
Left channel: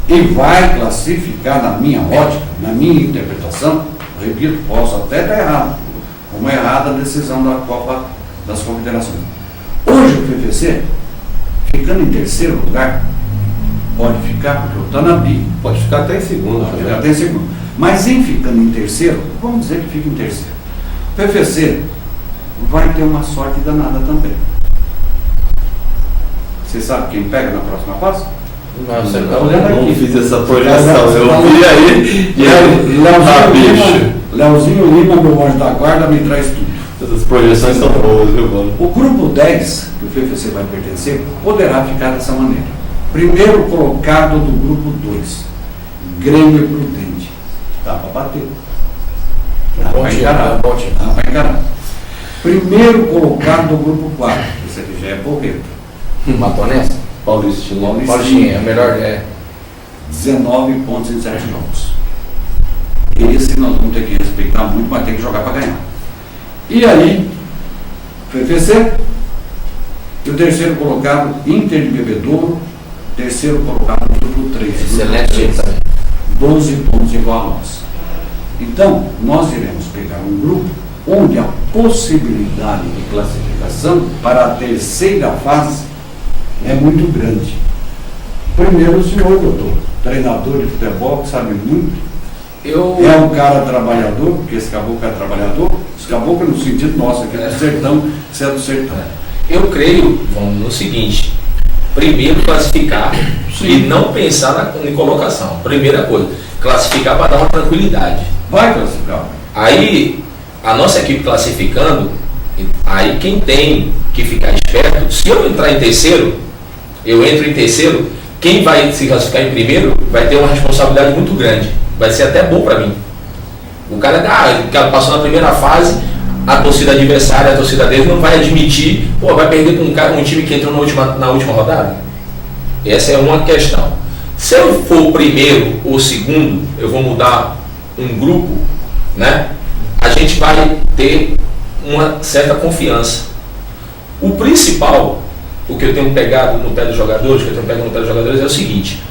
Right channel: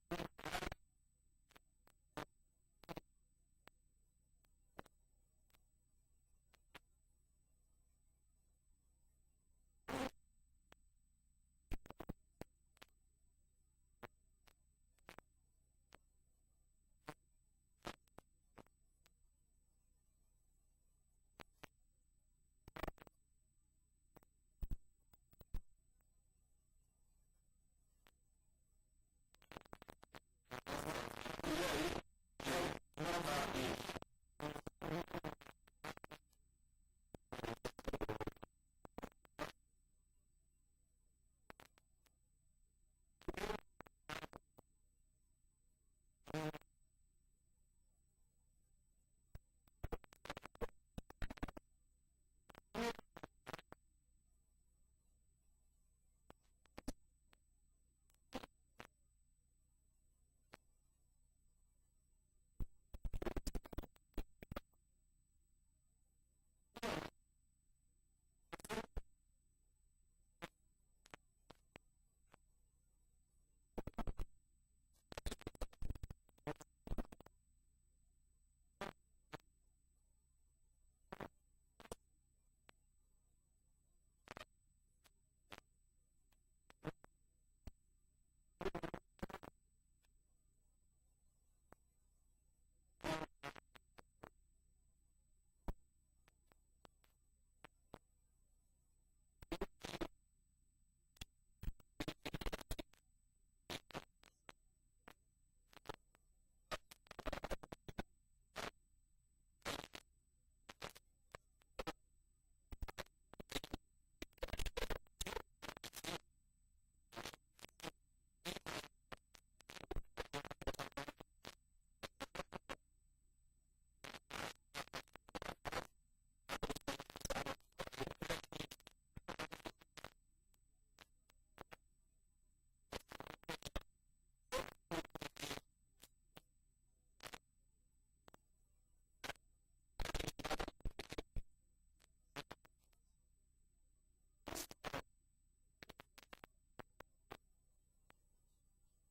e vai classificar na minha ótica, na minha interpretação, repito, posso até estar errado, como é errada a decisão da Copa das Confederações. Hoje o PVC, ficando em 3º lugar, pode ficar, porque o Tanabi Pode ficar até em segundo. pode ficar até em segundo. Mas em ficando em 3º, vamos dizer que fica em 3º. O PVC vai ter uma sorte danada também. Você sabe quem pega na próxima fase? Não, você Tá não. olhando Não aqui. fiz essa projeção, eu vi aí. Leozinho Lima, meu anjo da guarda, me traz tudo. Essas projeções são boas, viu, mano? O grupo 10, que o PVC vai pertencer, poderá ficar dessa maneira. Primeiro colocado do grupo 2, Grêmio Prudente. Dá para bater. Dá para encarar. Dá para encarar. Primeiro colocado do grupo 4, esse aqui já é porreta. Matou nessa? Paulistinha, é melhor. 19 pontos em 7 jogos. Esse nós vamos ter que respeitar muito, mas tem que jogar para ganhar. E aí, FFC, e o terceiro colocado, Inter de Bebedouro, terceiro colocado, Grupo 3. Excelente time também. 12 pontos igual a nós. Então, nós iremos pegar um grupo onde a possibilidade de classificação para a terceira fase é muito grande. Primeiro, o senhor, doutor, treinador de futebol, que sabe muito, é um cara trabalhador, porque esse caboclo é trabalhador, esse caboclo no sentido nosso aqui do sertão, você é do sertão. Eu creio, vamos no seguinte, primeiro classificar e não pensar em colocação. Primeira coisa, classificar para dar uma tranquilidade. Vai classificar. Aí, a nossa equipe classificando, aí quem tem que ficar esperto, se eu entrar em terceiro, eu entro em terceiro, quem vai se classificar em primeiro vai ter uma responsabilidade muito grande. Vai ser até bom para mim. O cara passou na primeira fase, a torcida adversária, a torcida dele não vai admitir, vai perder com um time que entrou na última rodada. Essa é uma questão. Se eu for o primeiro ou segundo, eu vou mudar um grupo, né? A gente vai ter uma certa confiança. O principal, o que eu tenho pegado no pé dos jogadores, é o seguinte,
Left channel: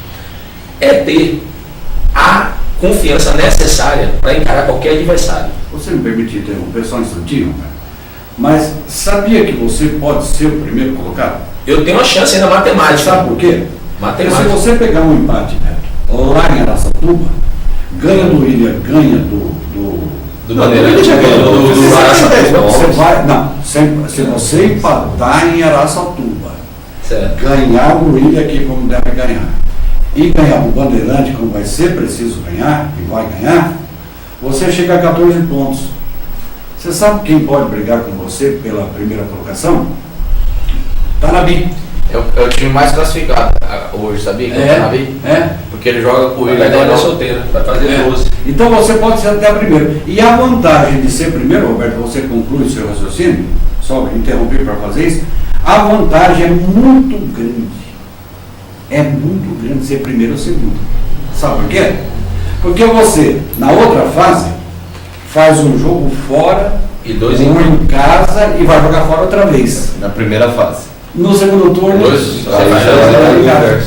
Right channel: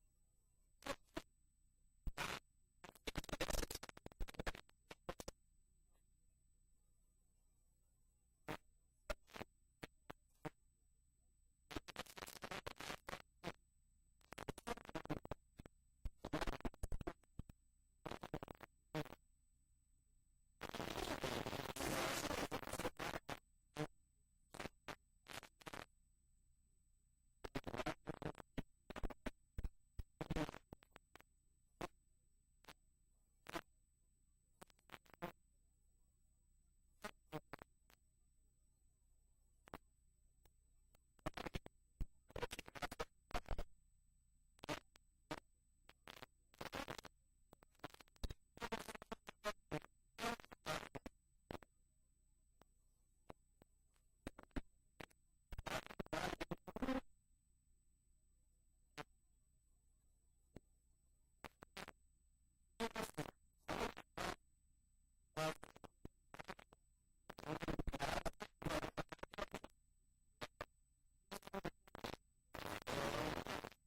é ter a confiança necessária para encarar qualquer adversário. Você me permite interromper só um instantinho, cara? Mas sabia que você pode ser o primeiro colocado? Eu tenho uma chance ainda matemática. Sabe por quê? Matemática. Porque se você pegar um empate, Neto, lá em Araçatuba, ganha do William, ganha do Bandeirante, do Araçatuba. Você vai, não, se você empatar em Araçatuba, certo, ganhar o William aqui como deve ganhar, e ganhar o Bandeirante, como vai ser preciso ganhar, e vai ganhar, você chega a 14 pontos. Você sabe quem pode brigar com você pela primeira colocação? Tanabi. É o time mais classificado hoje, sabia? Que é o Tanabi? Porque ele joga com o William. Vai solteira, vai fazer 12. Então você pode ser até primeiro. E a vantagem de ser primeiro, Roberto, você conclui o seu raciocínio, só interromper para fazer isso, a vantagem é muito grande. É muito grande ser primeiro ou segundo. Sabe por quê? Porque você, na outra fase, faz um jogo fora, e dois em casa e vai jogar fora outra vez. Na primeira fase. No segundo turno, você vai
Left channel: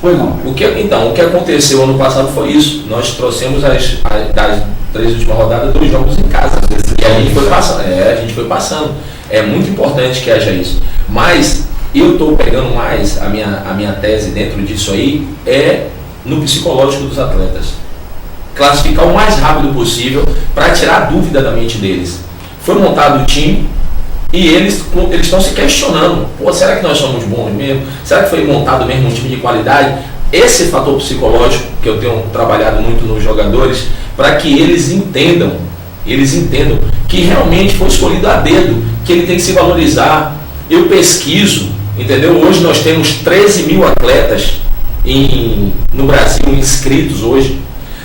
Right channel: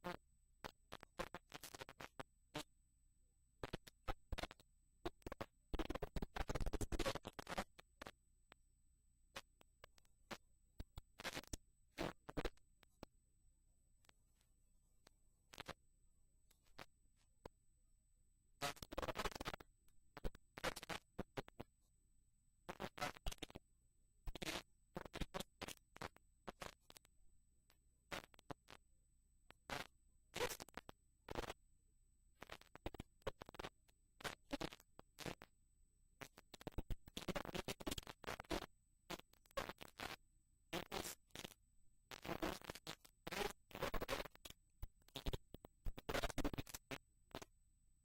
Pois não. O que aconteceu ano passado foi isso. Nós trouxemos das 3 últimas rodadas 2 jogos em casa. E a gente foi passando. A gente foi passando. É muito importante que haja isso. Mas eu estou pegando mais a minha tese dentro disso aí é no psicológico dos atletas. Classificar o mais rápido possível para tirar a dúvida da mente deles. Foi montado o time e eles estão se questionando. Será que nós somos bons mesmo? Será que foi montado mesmo um time de qualidade? Esse fator psicológico que eu tenho trabalhado muito nos jogadores, para que eles entendam que realmente foi escolhido a dedo, que ele tem que se valorizar. Eu pesquiso, entendeu? Hoje nós temos 13 mil atletas no Brasil inscritos hoje.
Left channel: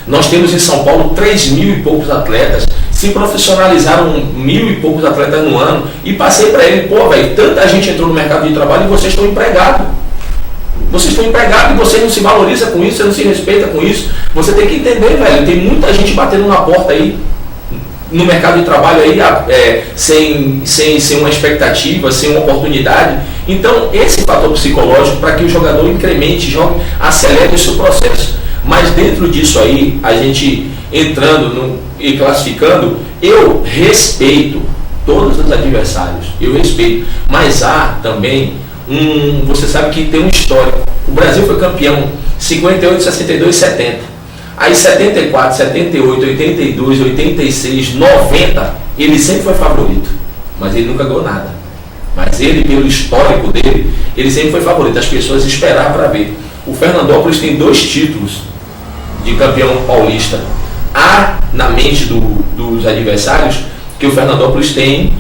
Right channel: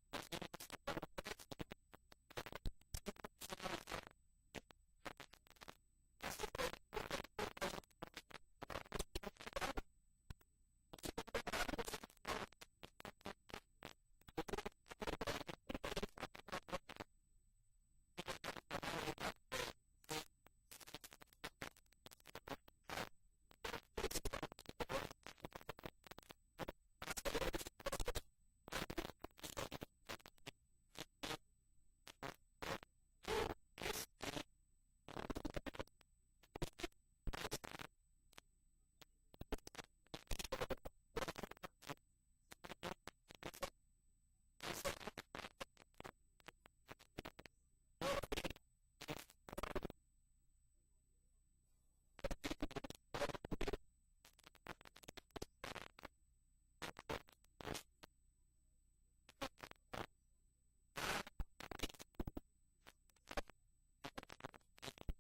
Nós temos em São Paulo 3 mil e poucos atletas. Se profissionalizaram 1.000 e poucos atletas no ano. E passei para ele, tanta gente entrou no mercado de trabalho e vocês estão empregados. Vocês estão empregados e você não se valoriza com isso, você não se respeita com isso. Você tem que entender, velho, tem muita gente batendo na porta aí, no mercado de trabalho aí, sem uma expectativa, sem uma oportunidade. Então, esse fator psicológico para que o jogador incremente, jogue, acelere o seu processo. Mas dentro disso aí, a gente entrando e classificando, eu respeito todos os adversários, eu respeito. Mas há também você sabe que tem um histórico. O Brasil foi campeão 58, 62, 70. Aí 74, 78, 82, 86, 90, ele sempre foi favorito. Mas ele nunca ganhou nada. Mas ele, pelo histórico dele, ele sempre foi favorito. As pessoas esperavam para ver. O Fernandópolis tem 2 títulos de campeão paulista. Há na mente dos adversários que o Fernandópolis tem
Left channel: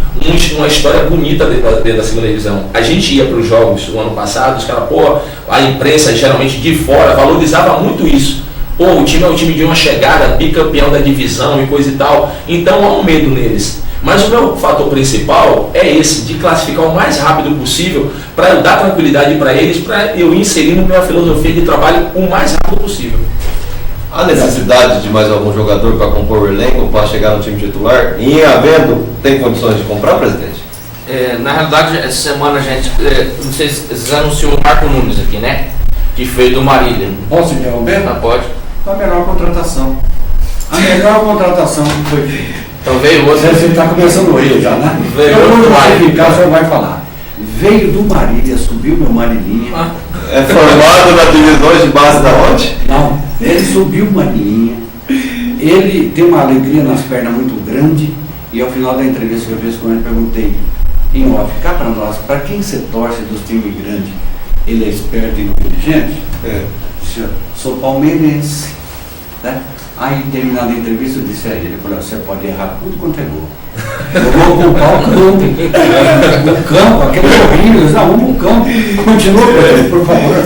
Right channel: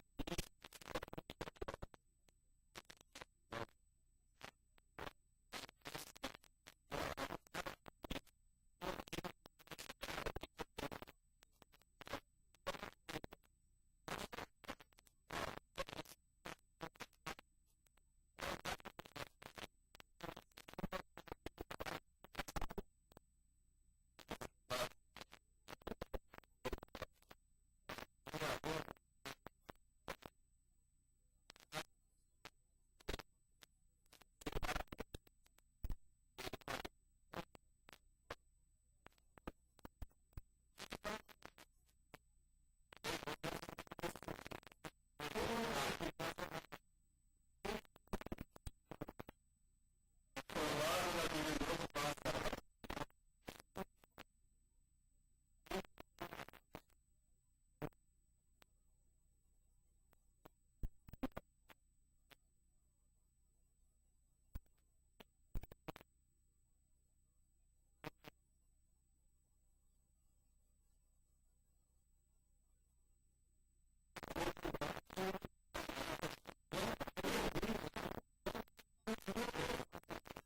uma história bonita dentro da segunda divisão. A gente ia para os jogos o ano passado, os caras, a imprensa geralmente de fora valorizava muito isso. O time é um time de uma chegada, bicampeão da divisão e coisa e tal. Então há um medo neles. Mas o meu fator principal é esse, de classificar o mais rápido possível, para eu dar tranquilidade para eles, para eu inserir na minha filosofia de trabalho o mais rápido possível. Há necessidade de mais algum jogador para compor o elenco, para chegar no time titular? E, havendo, tem condições de comprar, presidente? Na realidade, essa semana a gente, não sei se vocês anunciou o Marco Nunes aqui, né? Que veio do Marília. Posso interromper? Pode. A melhor contratação. A melhor contratação que foi feita. Então veio outro. Você está começando a rir já, né? Veio Eu outro vou Marília. justificar, o senhor vai falar. Veio do Marília, subiu meu Marilinha. É formado na divisão de base da onde? Não, ele subiu uma linha, ele tem uma alegria nas pernas muito grande, e ao final da entrevista que eu fiz com ele, perguntei, em off, cá para nós, para quem você torce dos times grandes? Ele é esperto e inteligente? Disse, sou palmeirense. Né? Aí, terminada a entrevista, eu disse a ele, você pode errar tudo quanto é gol. Eu vou ocupar o campo. O campo, aquele horrível, vamos pro campo. Continua, por favor.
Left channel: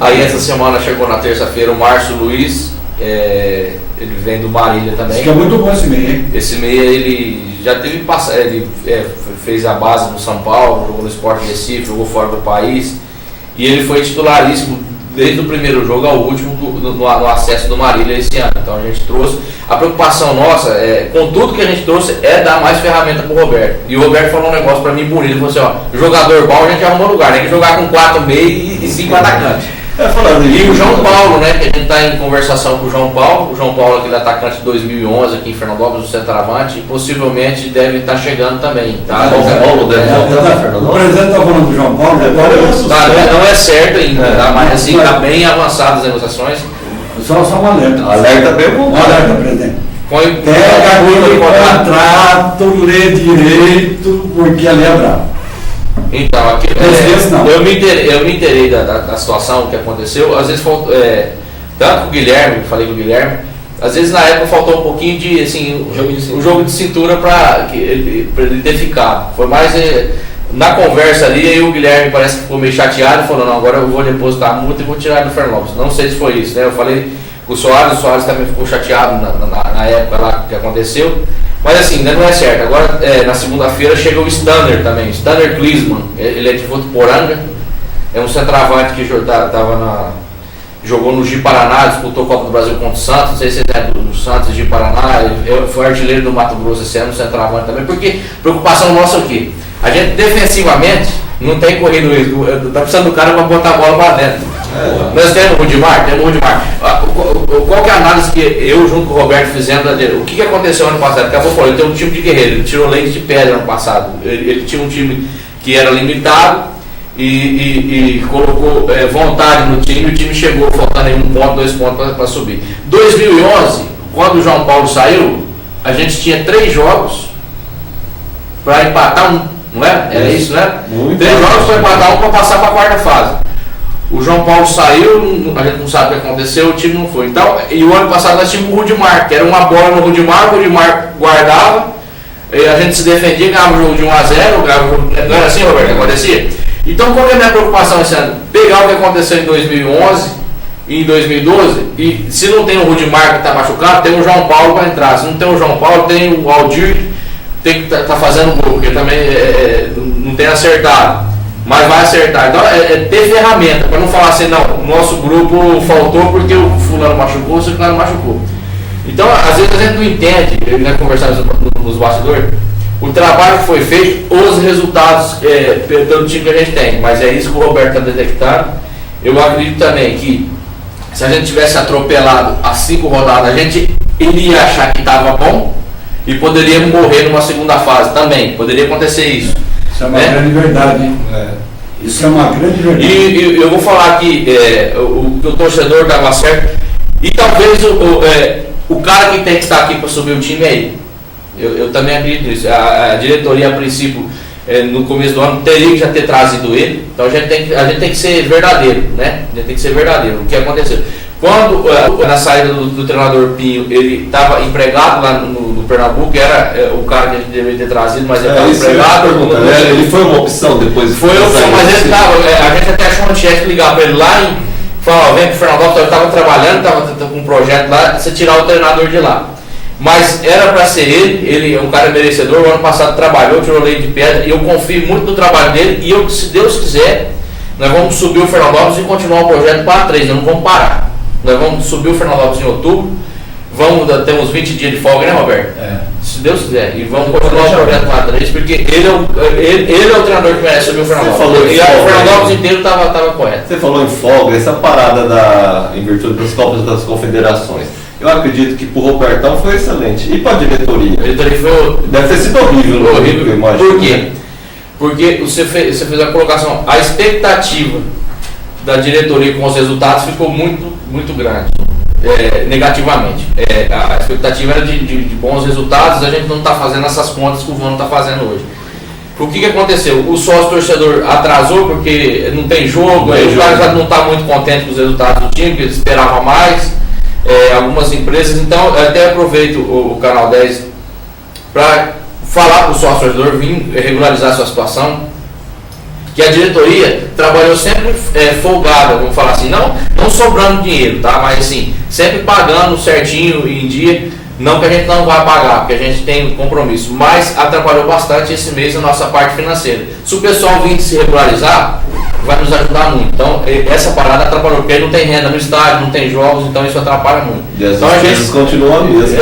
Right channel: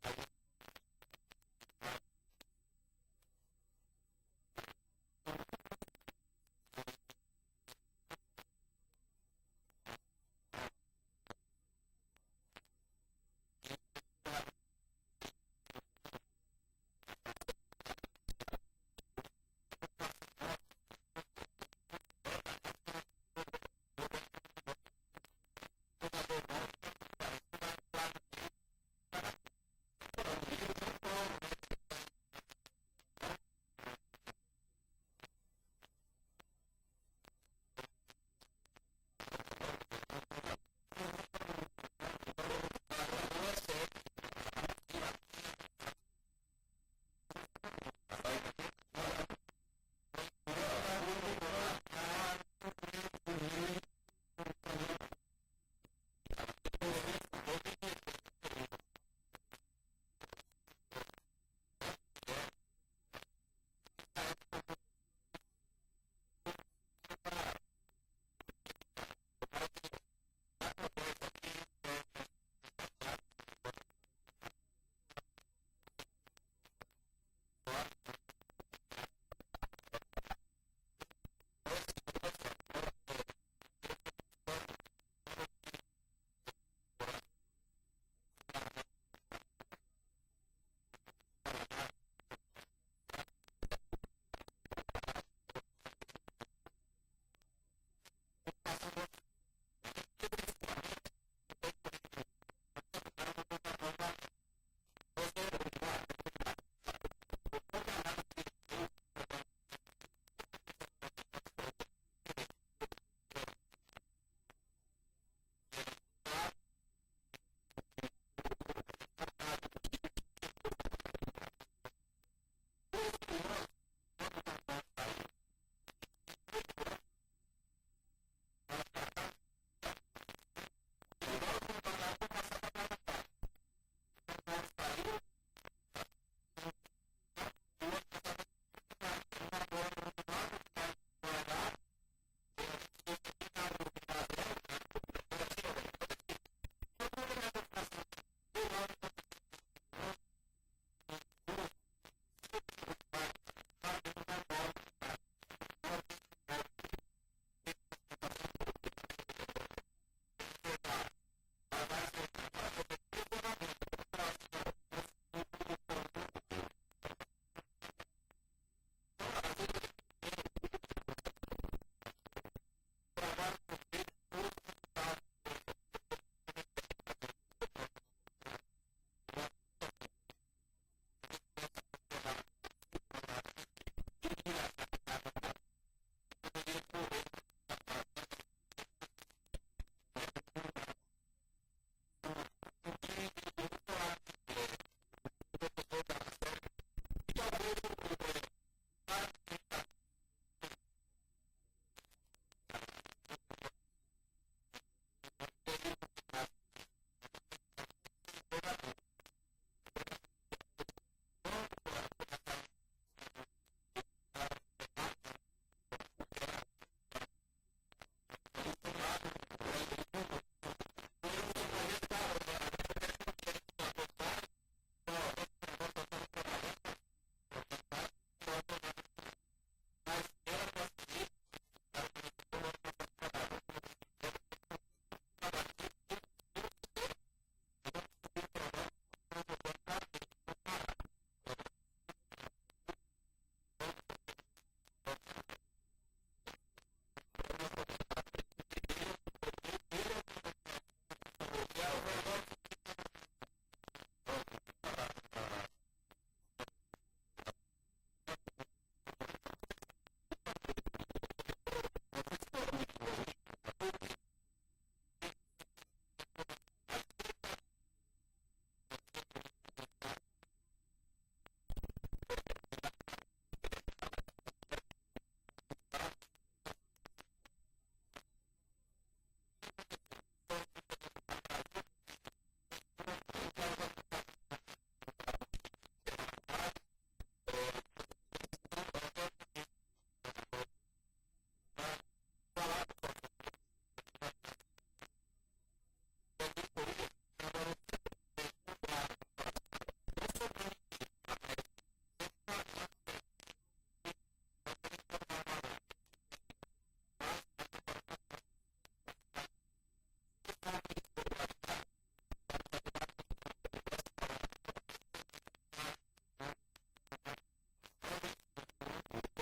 Aí essa semana chegou na terça-feira o Márcio Luiz, ele vem do Marília também. Acho que é muito bom esse meio, hein? Esse meia ele já teve ele fez a base no São Paulo, jogou no Sport Recife, jogou fora do país, e ele foi titularíssimo desde o primeiro jogo ao último no acesso do Marília esse ano. Então a gente trouxe, a preocupação nossa, com tudo que a gente trouxe, é dar mais ferramenta pro Roberto. E o Roberto falou um negócio pra mim bonito, ele falou assim, jogador bom a gente arrumou lugar, tem que jogar com 4 meios e 5 atacantes. E o João Paulo, né, que a gente está em conversação com o João Paulo, aquele atacante de 2011 aqui em Fernandópolis, o centroavante, possivelmente deve estar chegando também. Tá? João Paulo deve voltar para Fernandópolis. O presidente está falando do João Paulo, não é certo ainda, tá? Mas assim, está bem avançadas as negociações. Só um alerta. Alerta bem bom. Alerta, presidente. Pega aquele contrato, lê direito, porque ali é bravo. Então, aqui, eu me inteirei da situação que aconteceu. Às vezes faltou, tanto com o Guilherme, falei com o Guilherme, às vezes na época faltou um pouquinho de, assim, um jogo de cintura para ele ter ficado. Foi mais na conversa ali, aí o Guilherme parece que ficou meio chateado e falou, não, agora eu vou depositar a multa e vou tirar do Fernandópolis. Não sei se foi isso, né? Eu falei com o Soares também ficou chateado na época lá que aconteceu. Mas assim, ainda não é certo. Agora, na segunda-feira, chega o Stanner também. Stanner Klinsmann, ele é de Votuporanga, é um centroavante que jogou no Gi Paraná, disputou a Copa do Brasil contra o Santos, não sei se é do Santos, Gi Paraná, ele foi artilheiro do Mato Grosso esse ano, centroavante também, porque preocupação nossa é o quê? A gente defensivamente não tem corrido risco, tá precisando do cara para botar a bola para dentro. Nós temos o Rudimar. Qual que é a análise que eu junto com o Roberto fizemos? O que aconteceu ano passado? Acabou falando, ele tem um time de guerreiro, ele tirou leite de pedra ano passado. Ele tinha um time que era limitado e colocou vontade no time, e o time chegou faltando 1 ponto, 2 pontos para subir. 2011, quando o João Paulo saiu, a gente tinha 3 jogos para empatar um, não é? Era isso, né? 3 jogos para empatar um para passar para a quarta fase. O João Paulo saiu, a gente não sabe o que aconteceu, o time não foi. Então, e o ano passado nós tínhamos o Rudimar, que era uma bola no Rudimar, o Rudimar guardava, a gente se defendia, ganhava o jogo de 1 a 0, não era assim, Roberto, que acontecia? Então, qual é a minha preocupação esse ano? Pegar o que aconteceu em 2011 e em 2012, e se não tem o Rudimar que está machucado, tem o João Paulo para entrar. Se não tem o João Paulo, tem o Aldir, tem que tá fazendo gol, porque também não tem acertado. Mas vai acertar. Então ter ferramenta, para não falar assim, não, o nosso grupo faltou porque o fulano machucou, o fulano machucou. Então, às vezes a gente não entende, nós conversamos nos bastidores, o trabalho que foi feito, os resultados pelo time que a gente tem. Mas é isso que o Roberto está detectando. Eu acredito também que se a gente tivesse atropelado as 5 rodadas, a gente iria achar que estava bom e poderia morrer numa segunda fase também. Poderia acontecer isso. Isso é uma grande verdade, hein? Isso é uma grande verdade. E eu vou falar que o torcedor estava certo. E talvez o cara que tem que estar aqui para subir o time é ele. Eu também acredito nisso. A diretoria, a princípio, no começo do ano, teria que já ter trazido ele. Então a gente tem que ser verdadeiro, né? A gente tem que ser verdadeiro. O que aconteceu? Quando, na saída do treinador Pinho, ele estava empregado lá no Pernambuco, era o cara que a gente deveria ter trazido, mas ele estava empregado. Ele foi uma opção depois. Foi uma opção, mas ele estava. A gente até achou um chefe ligar para ele lá e falar: vem pro Fernandópolis, eu estava trabalhando, estava com um projeto lá, você tirar o treinador de lá. Mas era para ser ele é um cara merecedor, o ano passado trabalhou, tirou leite de pedra, e eu confio muito no trabalho dele, e eu, se Deus quiser, nós vamos subir o Fernandópolis e continuar o projeto para 3, nós não vamos parar. Nós vamos subir o Fernandópolis em outubro, temos 20 dias de folga, né, Roberto? Se Deus quiser, e vamos continuar o projeto para 3, porque ele é o treinador que merece subir o Fernandópolis. E o Fernandópolis inteiro estava correto. Você falou em folga, essa parada em virtude das Copas das Confederações. Eu acredito que pro Robertão foi excelente. E para a diretoria? A diretoria foi... Deve ter sido horrível. Horrível. Imagino, por quê? Né? Porque você fez a colocação, a expectativa da diretoria com os resultados ficou muito grande, negativamente. A expectativa era de bons resultados, a gente não está fazendo essas contas que o Vano está fazendo hoje. O que aconteceu? O sócio torcedor atrasou porque não tem jogo, aí o cara já não está muito contente com os resultados do time, que ele esperava mais. Algumas empresas, então eu até aproveito o Canal 10 para falar para o sócio torcedor vir regularizar a sua situação, que a diretoria trabalhou sempre folgada, vamos falar assim, não sobrando dinheiro, tá? Mas assim, sempre pagando certinho em dia, não que a gente não vai pagar, porque a gente tem compromisso, mas atrapalhou bastante esse mês a nossa parte financeira. Se o pessoal vir se regularizar, vai nos ajudar muito. Então, essa parada atrapalhou, porque não tem renda no estádio, não tem jogos, então isso atrapalha muito. E as então, despesas continuam a mesma.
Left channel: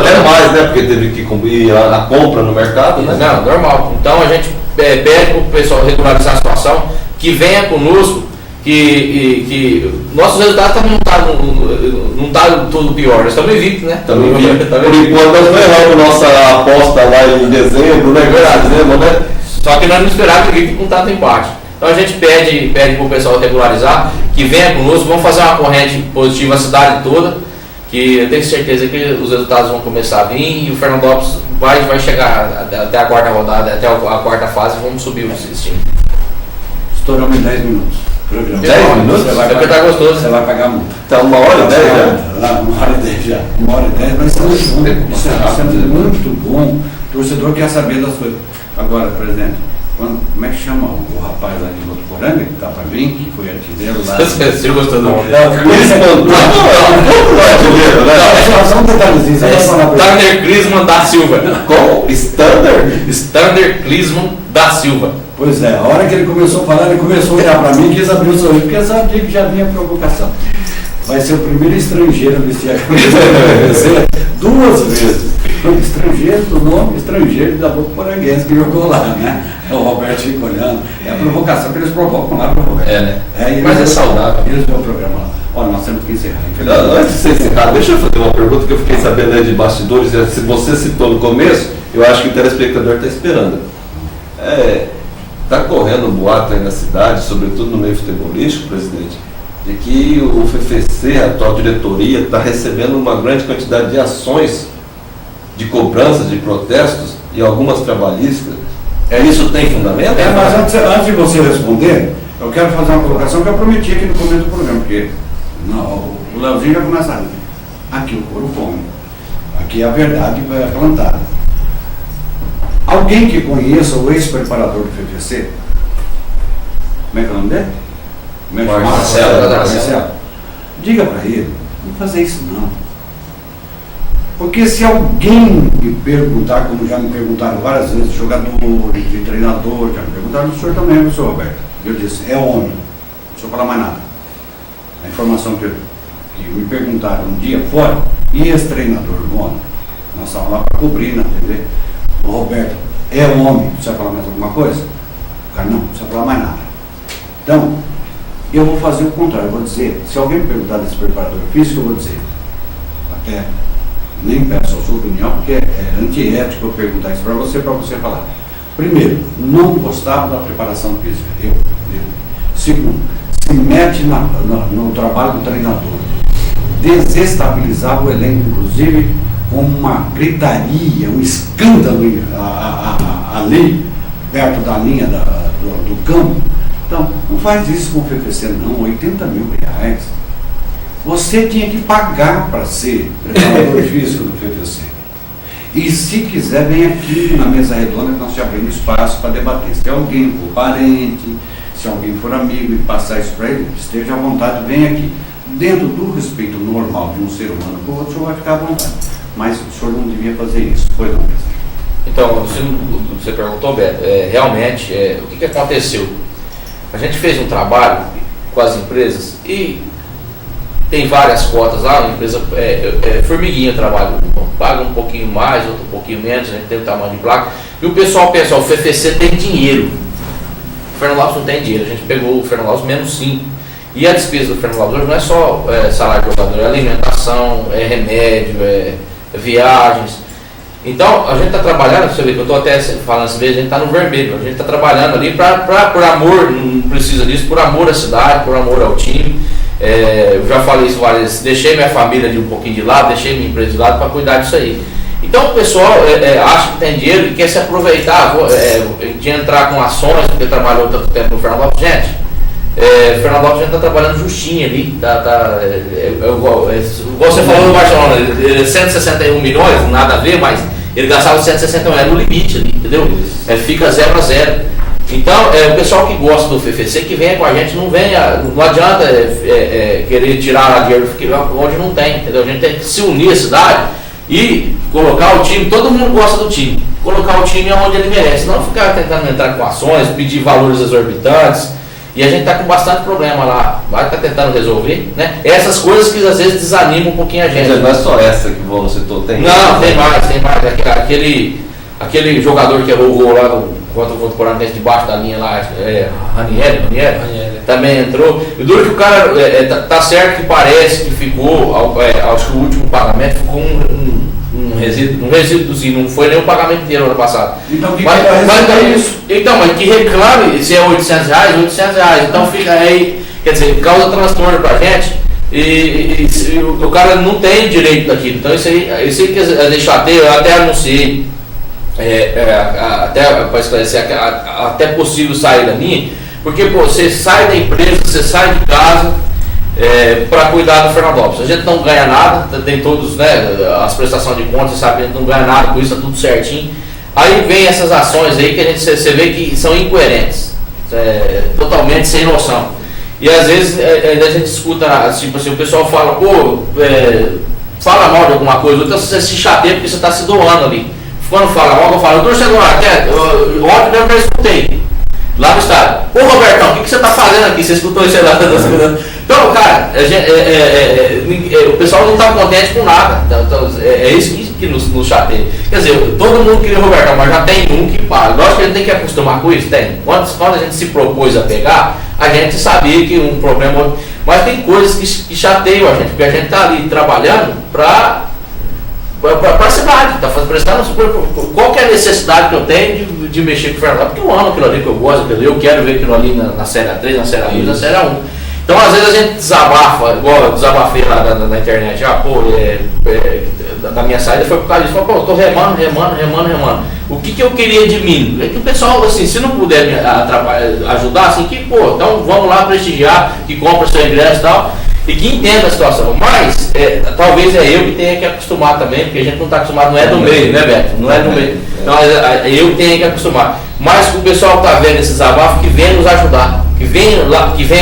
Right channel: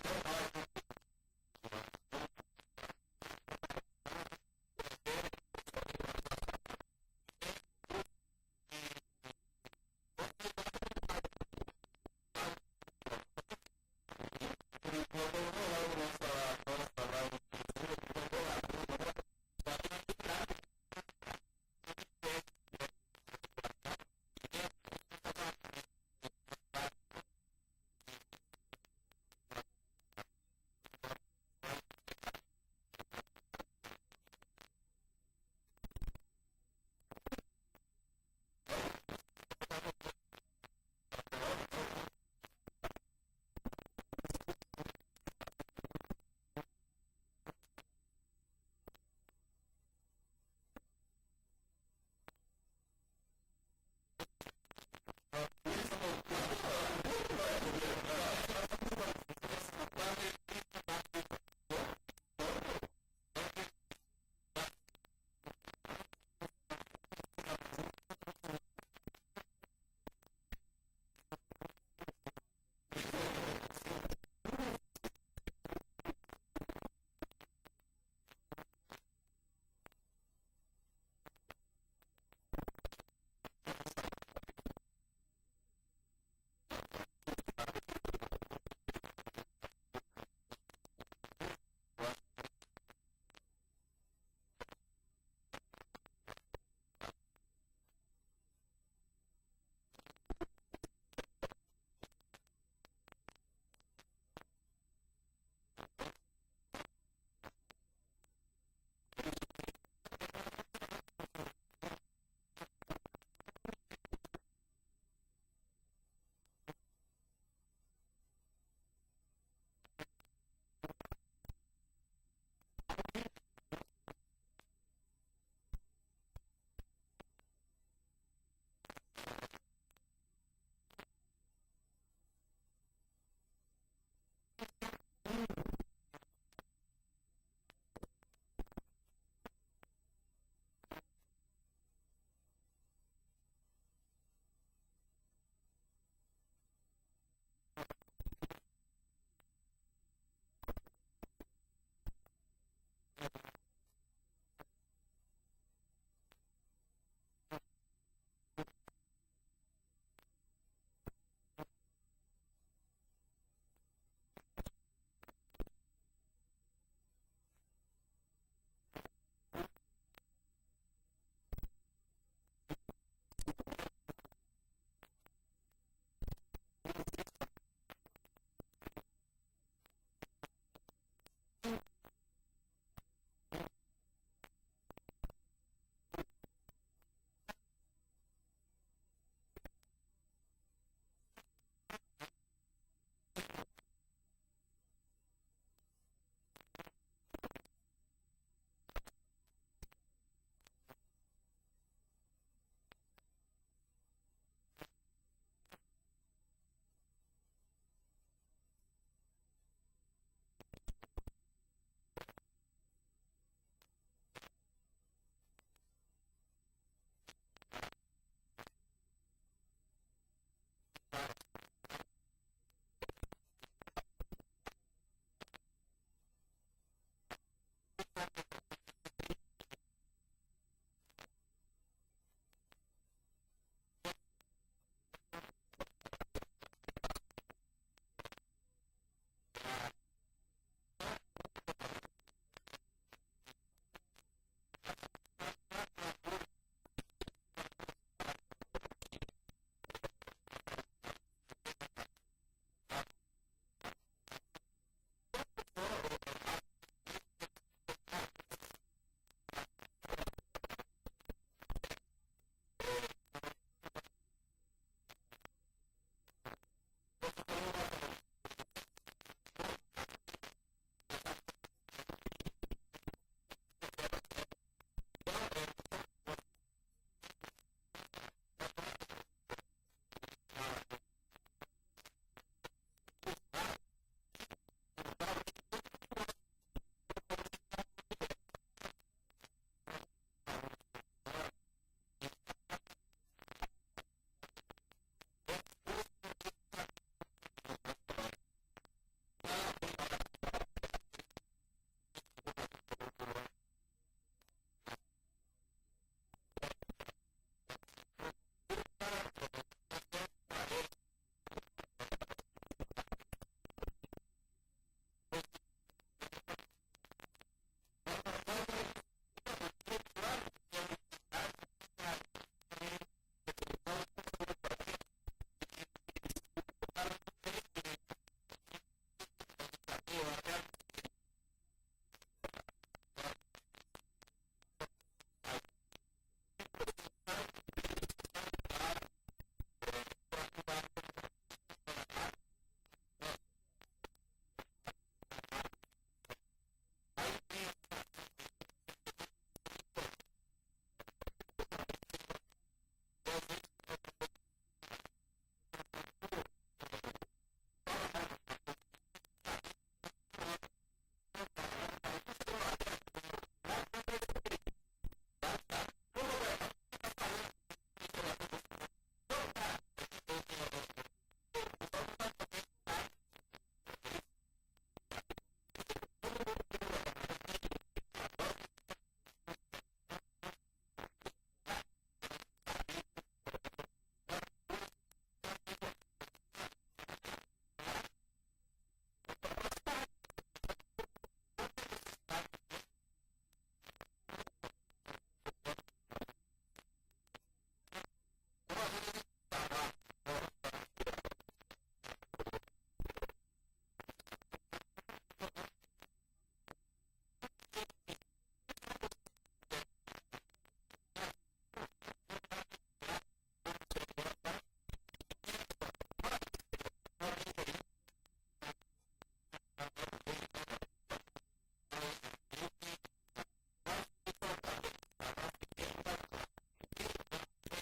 Até mais, né? Porque teve que cumprir a compra no mercado, né? Não, normal. Então, a gente pede para o pessoal regularizar a situação, que venha conosco, que nossos resultados também não tá tudo pior. Nós estamos invictos, né? Por enquanto, nós não erramos nossa aposta lá em dezembro, né? Né? Só que nós não esperávamos que com tanto empate. Então a gente pede para o pessoal regularizar, que venha conosco, vamos fazer uma corrente positiva a cidade toda, que eu tenho certeza que os resultados vão começar a vir e o Fernandópolis vai chegar até a quarta rodada, até a quarta fase, e vamos subir esse time. Estouramos em 10 minutos. 10 minutos? Tá gostoso. Você vai pagar muito. Tá 1 hora e 10 já? 1 hora e 10 já. 1 hora e 10, mas isso é muito bom. O torcedor quer saber das coisas. Agora, presidente, como é que chama o rapaz lá de Votuporanga, que está para vir, que foi artilheiro lá? Você gostou do Só um detalhezinho. Stander Clisman da Silva. Qual? Stander Clisman da Silva. Pois é, a hora que ele começou a falar, ele começou a olhar para mim e quis abrir o sorriso, porque sabia que já vinha provocação. Vai ser o primeiro estrangeiro a vestir a camisa 2 vezes. Estrangeiro do nome estrangeiro da Votuporanguense que jogou lá, né? O Roberto fica olhando. É a provocação que eles provocam lá para o Roberto. Né? Mas é saudável. Eles vão o programa lá. Olha, nós temos que encerrar. Antes de você encerrar, deixa eu fazer uma pergunta que eu fiquei sabendo aí de bastidores. Se você citou no começo, eu acho que o telespectador está esperando. Está correndo um boato aí na cidade, sobretudo no meio futebolístico, presidente, de que o FFC, a atual diretoria, está recebendo uma grande quantidade de ações de cobranças, de protestos e algumas trabalhistas. Isso tem fundamento? Mas antes de você responder, eu quero fazer uma colocação que eu prometi aqui no começo do programa, porque o Leozinho já começa a... Aqui o couro come. Aqui a verdade é plantada. Alguém que conheça o ex-preparador do FFC, como é que é o nome dele? Marcelo. Diga para ele, não fazer isso não. Porque se alguém me perguntar, como já me perguntaram várias vezes, jogador, de treinador, já me perguntaram, o senhor também, o senhor Roberto. Eu disse, é homem, não precisa falar mais nada. A informação que me perguntaram um dia fora, e esse treinador do homem, nós estávamos lá para cobrir na TV. O Roberto é homem, precisa falar mais alguma coisa? O cara, não precisa falar mais nada. Então, eu vou fazer o contrário, eu vou dizer, se alguém me perguntar desse preparador físico, eu vou dizer, até nem peço a sua opinião, porque é antiético eu perguntar isso para você falar. Primeiro, não gostava da preparação física, eu. Segundo, se mete no trabalho do treinador, desestabilizava o elenco, inclusive, com uma gritaria, um escândalo ali, perto da linha do campo. Então, não faz isso com o FFC não, 80 mil reais. Você tinha que pagar para ser preparador físico do FFC. E se quiser, vem aqui na mesa redonda que nós te abrimos espaço para debater. Se alguém for parente, se alguém for amigo e passar isso para ele, esteja à vontade, vem aqui. Dentro do respeito normal de um ser humano com o outro, o senhor vai ficar à vontade. mas o senhor não devia fazer isso, pois não, presidente? Então, você perguntou, Beto, realmente, o que aconteceu? A gente fez um trabalho com as empresas e tem várias cotas lá, a empresa formiguinha o trabalho, paga um pouquinho mais, outro um pouquinho menos, a gente tem o tamanho de placa, e o pessoal pensa, o FFC tem dinheiro, o Fernando Lopes não tem dinheiro, a gente pegou o Fernando Lopes menos 5, e a despesa do Fernando Lopes hoje não é só salário de jogador, é alimentação, é remédio, é viagens. Então, a gente está trabalhando, você vê que eu estou até falando às vezes, a gente está no vermelho, a gente está trabalhando ali por amor, não precisa disso, por amor à cidade, por amor ao time. Eu já falei isso várias vezes, deixei minha família de um pouquinho de lado, deixei minha empresa de lado para cuidar disso aí. Então o pessoal acha que tem dinheiro e quer se aproveitar de entrar com ações, porque trabalhou tanto tempo no Fernando Lopes. Gente, Fernando Lopes já está trabalhando justinho ali, igual você falou no Barcelona, 161 milhões, nada a ver, mas ele gastava 161, era no limite ali, entendeu? Fica 0 a 0. Então, o pessoal que gosta do FFC, que venha com a gente, não adianta querer tirar dinheiro onde não tem, entendeu? A gente tem que se unir à cidade e colocar o time, todo mundo gosta do time, colocar o time onde ele merece, não ficar tentando entrar com ações, pedir valores exorbitantes. E a gente está com bastante problema lá, vai estar tentando resolver, né? Essas coisas que às vezes desanimam um pouquinho a gente. Mas não é só essa que o citou, tem? Não, tem mais. Aquele jogador que errou o gol lá contra o Corinthians debaixo da linha lá, Ranieri, também entrou. E duro que o cara, tá certo que parece que ficou, acho que o último pagamento ficou um resíduozinho, não foi nem o pagamento inteiro ano passado. Então, mas que reclame, se é R$800, R$800. Então fica aí, quer dizer, causa transtorno pra gente e o cara não tem direito daquilo. Então isso aí que deixar eu até anunciei, até para esclarecer, até possível sair da linha, porque você sai da empresa, você sai de casa para cuidar do Fernando Lopes. A gente não ganha nada, tem todos, né, as prestações de contas, você sabe que a gente não ganha nada com isso, tá tudo certinho. Aí vem essas ações aí que você vê que são incoerentes, totalmente sem noção. E às vezes a gente escuta, tipo assim, o pessoal fala, fala mal de alguma coisa, então você se chateia porque você está se doando ali. Quando fala mal, eu falo, torcedor, ontem mesmo eu escutei lá no estádio. Ô Robertão, o que você está fazendo aqui? Você escutou isso lá? Então, cara, o pessoal não está contente com nada. Então, é isso que nos chateia. Quer dizer, todo mundo queria o Robertão, mas já tem um que para. Lógico que a gente tem que acostumar com isso, tem. Quando a gente se propôs a pegar, a gente sabia que um problema. Mas tem coisas que chateiam a gente, porque a gente está ali trabalhando para a cidade, está prestando qual que é a necessidade que eu tenho de mexer com o Fernando, porque eu amo aquilo ali, que eu gosto, eu quero ver aquilo ali na Série A3, na Série A2, na Série A1. Então às vezes a gente desabafa, igual eu desabafei lá na internet, da minha saída foi por causa disso, eu estou remando. O que eu queria de mim? É que o pessoal, assim, se não puder me ajudar, assim, então vamos lá prestigiar, que compra seu ingresso e tal, e que entenda a situação. Mas talvez eu que tenha que acostumar também, porque a gente não está acostumado, não é do meio, né, Beto? Não é do meio. Então eu que tenho que acostumar. Mas o pessoal está vendo esses desabafos, que venha nos ajudar, que venha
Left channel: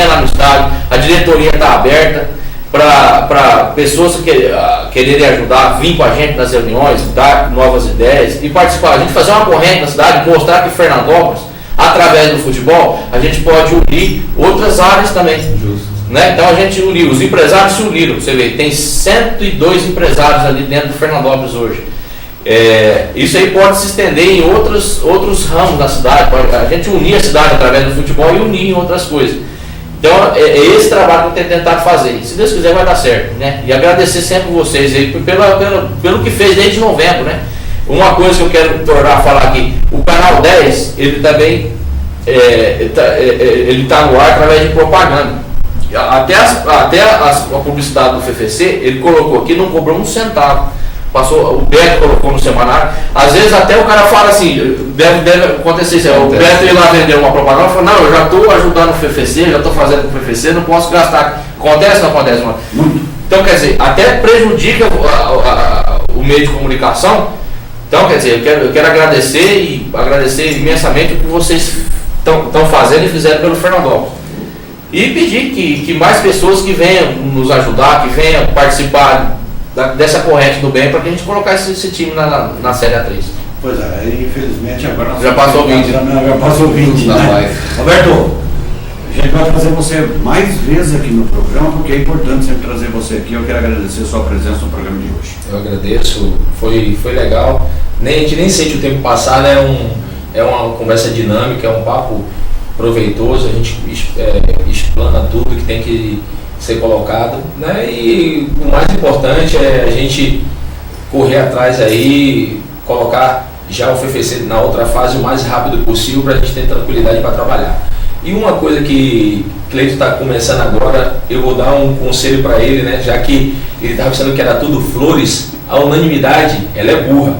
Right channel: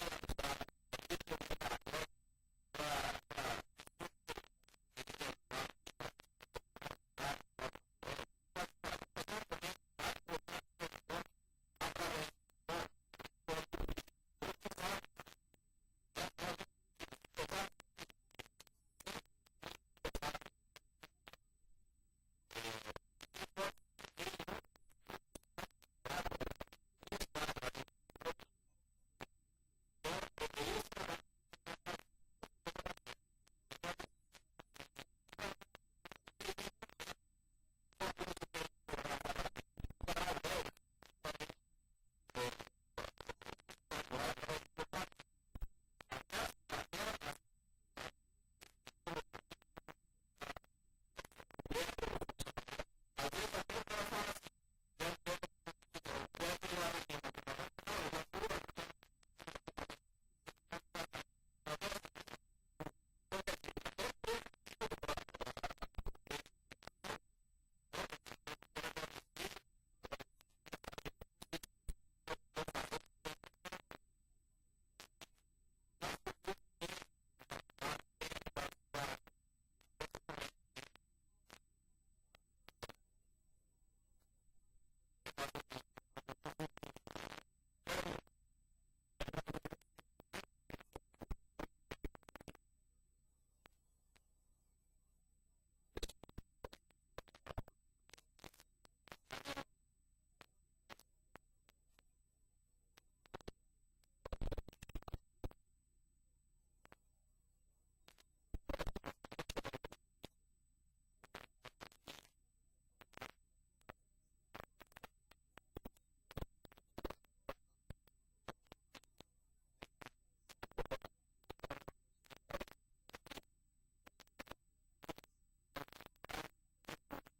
lá no estádio, a diretoria está aberta para pessoas que quererem ajudar, vir com a gente nas reuniões, dar novas ideias e participar. A gente fazer uma corrente na cidade, mostrar que Fernandópolis, através do futebol, a gente pode unir outras áreas também. Justo. Né? Então a gente uniu, os empresários se uniram, você vê, tem 102 empresários ali dentro do Fernandópolis hoje. Isso aí pode se estender em outros ramos da cidade, a gente unir a cidade através do futebol e unir em outras coisas. Então é esse trabalho que eu tenho tentado fazer, se Deus quiser vai dar certo, né? E agradecer sempre vocês aí pelo que fez desde novembro, né? Uma coisa que eu quero tornar a falar aqui, o canal 10, ele também ele está no ar através de propaganda. Até a publicidade do FFC, ele colocou aqui, não cobrou um centavo. O Beto colocou no semanário. Às vezes até o cara fala assim, deve acontecer isso. O Beto ia lá vender uma propaganda e falou, não, eu já estou ajudando o FFC, já estou fazendo o FFC, não posso gastar. Acontece ou não acontece? Então, quer dizer, até prejudica o meio de comunicação. Então, quer dizer, eu quero agradecer imensamente o que vocês estão fazendo e fizeram pelo Fernandópolis. E pedir que mais pessoas que venham nos ajudar, que venham participar dessa corrente do bem para que a gente colocasse esse time na Série A3. Pois é, infelizmente agora nós Já passou 20. Já passou 20, Não, né? mas- Roberto, a gente vai trazer você mais vezes aqui no programa, porque é importante sempre trazer você aqui. Eu quero agradecer a sua presença no programa de hoje. Eu agradeço, foi legal. A gente nem sente o tempo passar, né? É uma conversa dinâmica, é um papo proveitoso, a gente explana tudo que tem que ser colocado, né? E o mais importante é a gente correr atrás aí, colocar já o FFC na outra fase o mais rápido possível para a gente ter tranquilidade para trabalhar. E uma coisa que Cleito está começando agora, eu vou dar um conselho para ele, né? Já que ele estava pensando que era tudo flores, a unanimidade ela é burra.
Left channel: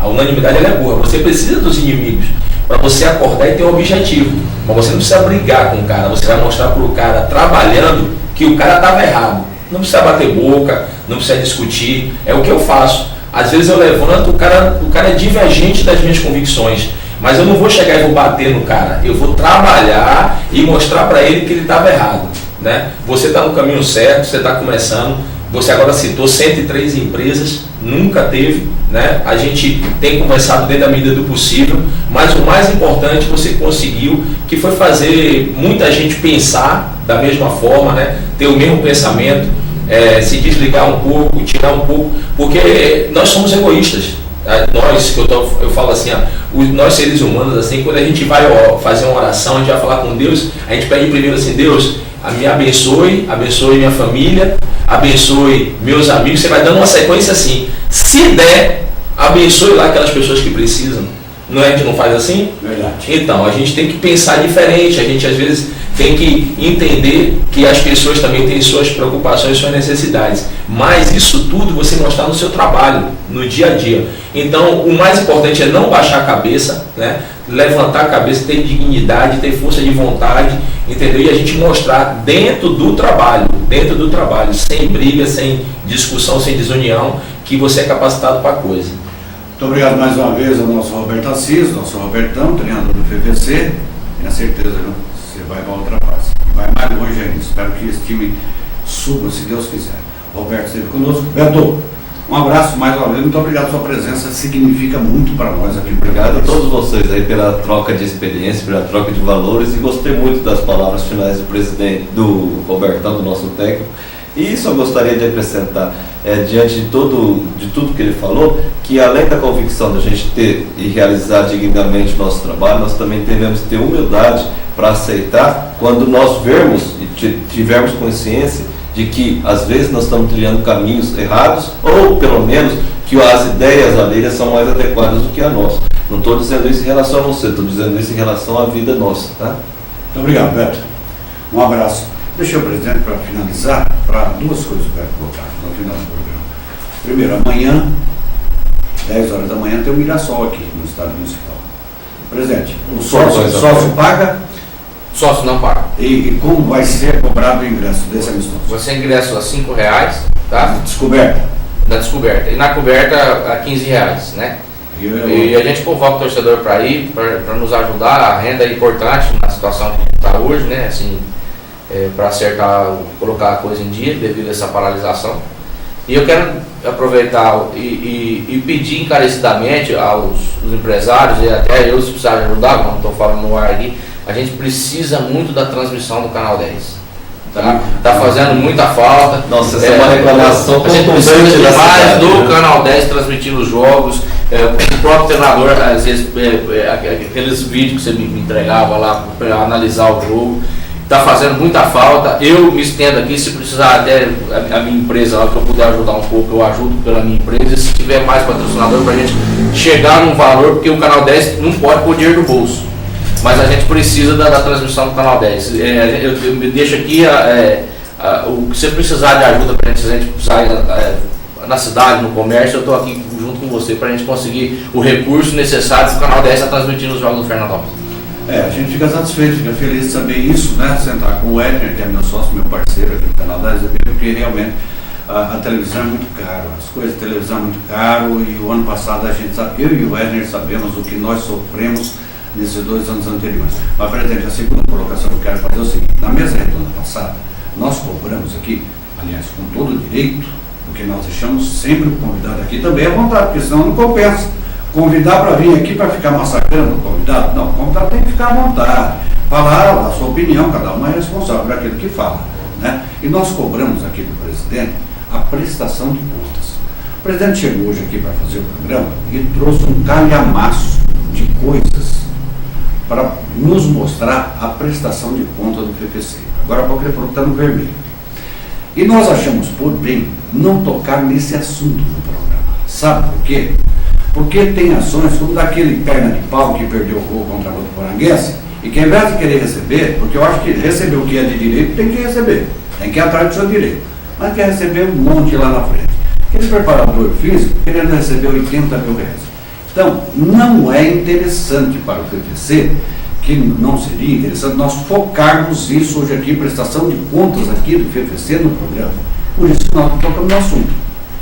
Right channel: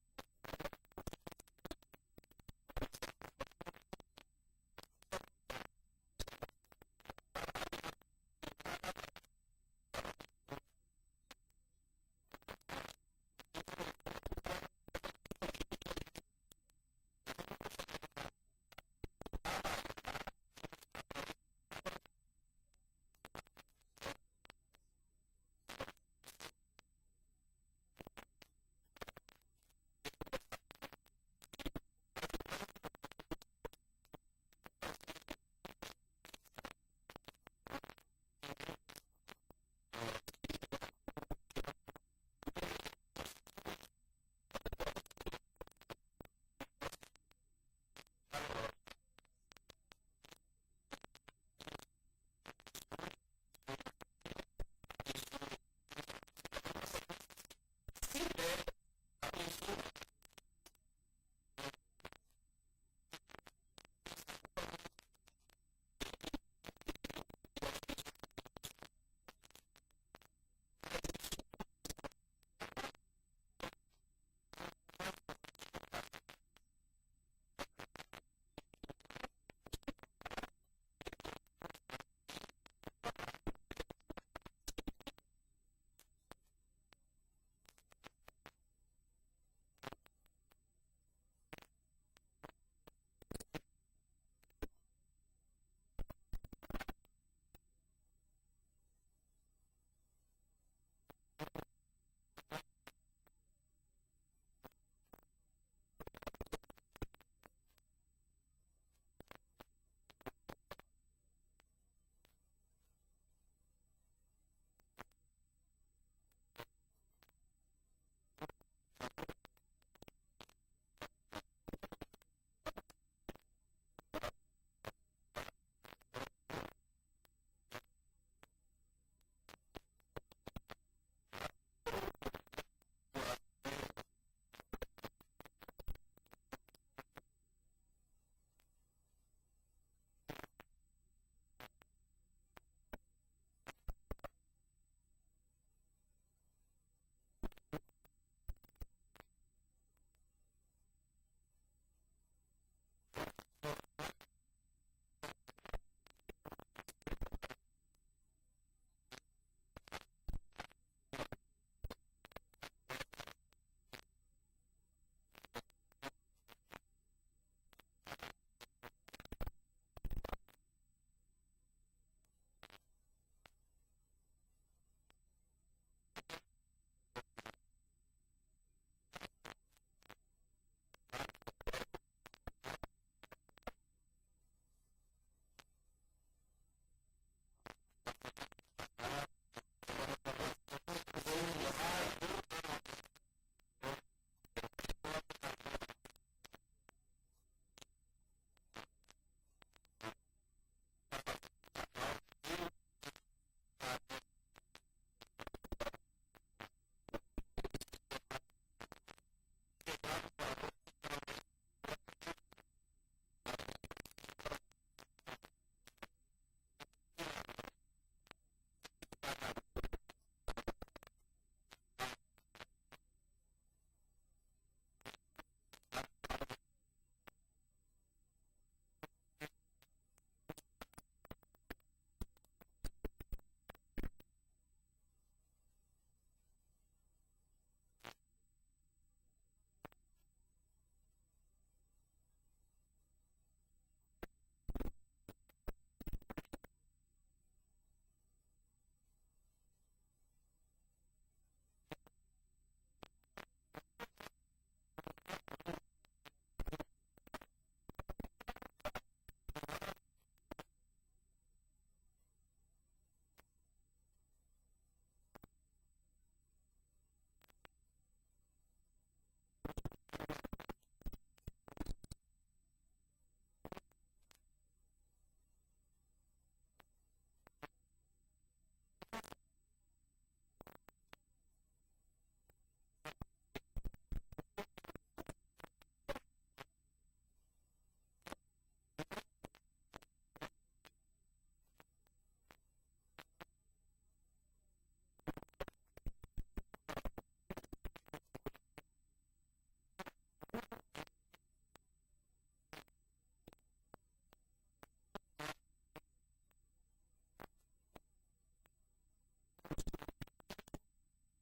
A unanimidade ela é burra. Você precisa dos inimigos para você acordar e ter um objetivo. Mas você não precisa brigar com o cara, você vai mostrar para o cara trabalhando que o cara estava errado. Não precisa bater boca, não precisa discutir. É o que eu faço. Às vezes eu levanto, o cara é divergente das minhas convicções. Mas eu não vou chegar e vou bater no cara. Eu vou trabalhar e mostrar para ele que ele estava errado, né? Você está no caminho certo, você está começando. Você agora citou 103 empresas, nunca teve, né? A gente tem conversado dentro da medida do possível, mas o mais importante você conseguiu, que foi fazer muita gente pensar da mesma forma, né? Ter o mesmo pensamento, se desligar um pouco, tirar um pouco, porque nós somos egoístas. Nós, eu falo assim, nós seres humanos, assim, quando a gente vai fazer uma oração, a gente vai falar com Deus, a gente pede primeiro assim, Deus, me abençoe minha família, abençoe meus amigos, você vai dando uma sequência assim, se der, abençoe lá aquelas pessoas que precisam. Não é? A gente não faz assim? Verdade. Então, a gente tem que pensar diferente, a gente às vezes tem que entender que as pessoas também têm suas preocupações, suas necessidades. Mas isso tudo você mostrar no seu trabalho, no dia a dia. Então, o mais importante é não baixar a cabeça, né? Levantar a cabeça, ter dignidade, ter força de vontade, entendeu? E a gente mostrar dentro do trabalho, sem briga, sem discussão, sem desunião, que você é capacitado para a coisa. Muito obrigado mais uma vez ao nosso Roberto Assis, nosso Robertão, treinador do FFC. Tenho certeza, viu? Você vai para outra fase. Vai mais longe ainda. Espero que esse time suba, se Deus quiser. O Roberto esteve conosco. Beto, um abraço mais uma vez. Muito obrigado pela sua presença. Significa muito para nós aqui. Obrigado a todos vocês aí pela troca de experiência, pela troca de valores, e gostei muito das palavras finais do presidente, do Robertão, do nosso técnico. E isso eu gostaria de acrescentar, diante de tudo que ele falou, que além da convicção da gente ter e realizar dignamente o nosso trabalho, nós também devemos ter humildade para aceitar quando nós vermos e tivermos consciência de que às vezes nós estamos trilhando caminhos errados, ou pelo menos que as ideias alheias são mais adequadas do que a nossa. Não estou dizendo isso em relação a você, estou dizendo isso em relação à vida nossa. Tá? Muito obrigado, Beto. Um abraço. Deixa eu, presidente, para finalizar, para duas coisas que eu quero colocar no final do programa. Primeiro, amanhã, 10 horas da manhã, tem o Mirassol aqui no Estádio Municipal. Presidente, o sócio paga? Sócio não paga. E como vai ser cobrado o ingresso desse amistoso? Você ingressa a R$5, tá? Descoberta. Na descoberta. E na coberta a R$15, né? E a gente convoca o torcedor para ir, para nos ajudar. A renda é importante na situação que a gente está hoje, né? Assim, para acertar, colocar a coisa em dia devido a essa paralisação. E eu quero aproveitar e pedir encarecidamente aos empresários, e até eu, se precisar ajudar, não estou falando no ar aqui, a gente precisa muito da transmissão do Canal 10. Tá fazendo muita falta. Nossa, essa é uma reclamação. A gente precisa demais do Canal 10 transmitindo os jogos. O próprio treinador, às vezes, aqueles vídeos que você me entregava lá para analisar o jogo, está fazendo muita falta. Eu me estendo aqui, se precisar até a minha empresa lá, que eu puder ajudar um pouco, eu ajudo pela minha empresa. E se tiver mais patrocinador para a gente chegar num valor, porque o Canal 10 não pode pôr dinheiro do bolso, mas a gente precisa da transmissão do Canal 10. Eu me deixo aqui o que você precisar de ajuda para a gente precisar na cidade, no comércio, eu estou aqui junto com você para a gente conseguir o recurso necessário para o Canal 10 estar transmitindo os jogos do Fernandópolis. A gente fica satisfeito, fica feliz de saber isso, né? Sentar com o Edner, que é meu sócio, meu parceiro aqui no Canal 10, porque realmente a televisão é muito caro, as coisas de televisão é muito caro, e o ano passado a gente sabe, eu e o Edner sabemos o que nós sofremos nesses 2 anos anteriores. Mas, presidente, a segunda colocação que eu quero fazer é o seguinte: na mesa redonda passada, nós cobramos aqui, aliás, com todo o direito, porque nós deixamos sempre o convidado aqui também à vontade, porque senão não compensa. Convidar para vir aqui para ficar massacrando o convidado? Não, o convidado tem que ficar à vontade, falar a sua opinião, cada um é responsável por aquilo que fala, né? E nós cobramos aqui do presidente a prestação de contas. O presidente chegou hoje aqui para fazer o programa e trouxe um calhamaço de coisas para nos mostrar a prestação de contas do FFC. Agora há pouco ele falou que está no vermelho. E nós achamos por bem não tocar nesse assunto no programa. Sabe por quê? Porque tem ações como daquele perna de pau que perdeu o gol contra o Poranguense e que ao invés de querer receber, porque eu acho que receber o que é de direito tem que receber, tem que ir atrás do seu direito, mas quer receber um monte lá na frente. Aquele preparador físico querendo receber 80 mil reais. Então, não é interessante para o FFC, que não seria interessante nós focarmos isso hoje aqui, prestação de contas aqui do FFC no programa. Por isso que nós tocamos no assunto.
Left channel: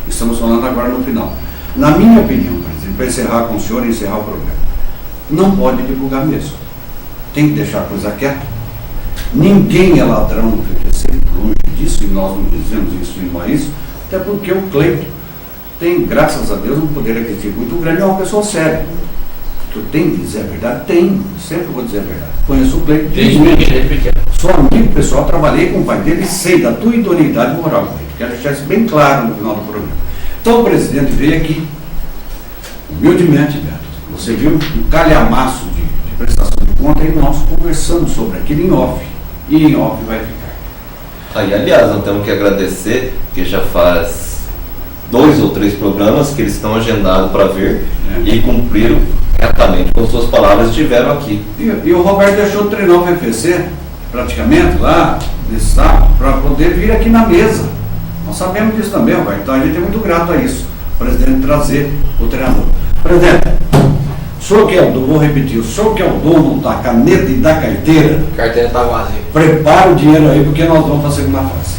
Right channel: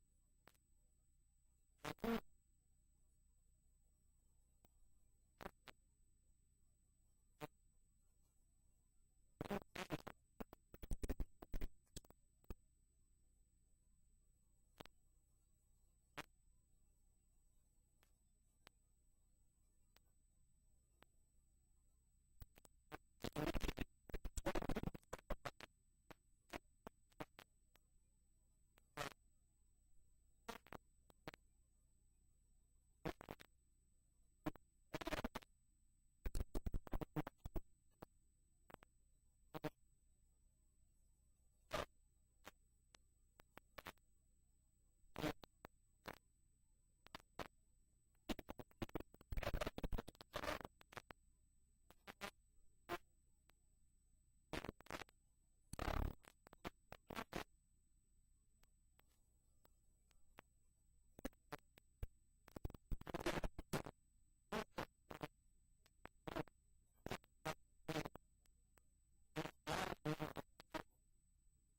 Estamos falando agora no final. Na minha opinião, presidente, para encerrar com o senhor e encerrar o programa, não pode divulgar mesmo. Tem que deixar a coisa quieta. Ninguém é ladrão no FFC, longe disso, e nós não dizemos isso em país, até porque o Cleiton tem, graças a Deus, um poder aquisitivo muito grande, é uma pessoa séria. Eu tenho que dizer a verdade? Tenho, sempre vou dizer a verdade. Conheço o Cleiton desde pequeno. Sou amigo pessoal, trabalhei com o pai dele e sei da tua idoneidade moral, Cleiton. Quero deixar isso bem claro no final do programa. Então o presidente veio aqui, humildemente, Beto, você viu um calhamaço de prestação de conta e nós conversamos sobre aquilo em off. E em off vai ficar. Aí, aliás, nós temos que agradecer, que já faz 2 ou 3 programas que eles estão agendados para vir e cumpriram retamente com suas palavras, estiveram aqui. E o Roberto deixou de treinar o FFC, praticamente, lá, nesse sábado, para poder vir aqui na mesa. Nós sabemos disso também, Roberto, então a gente é muito grato a isso, o presidente trazer o treinador. Presidente, o senhor que é o dono, vou repetir, o senhor que é o dono da caneta e da carteira, A carteira está vazia. prepara o dinheiro aí, porque nós vamos para a segunda fase.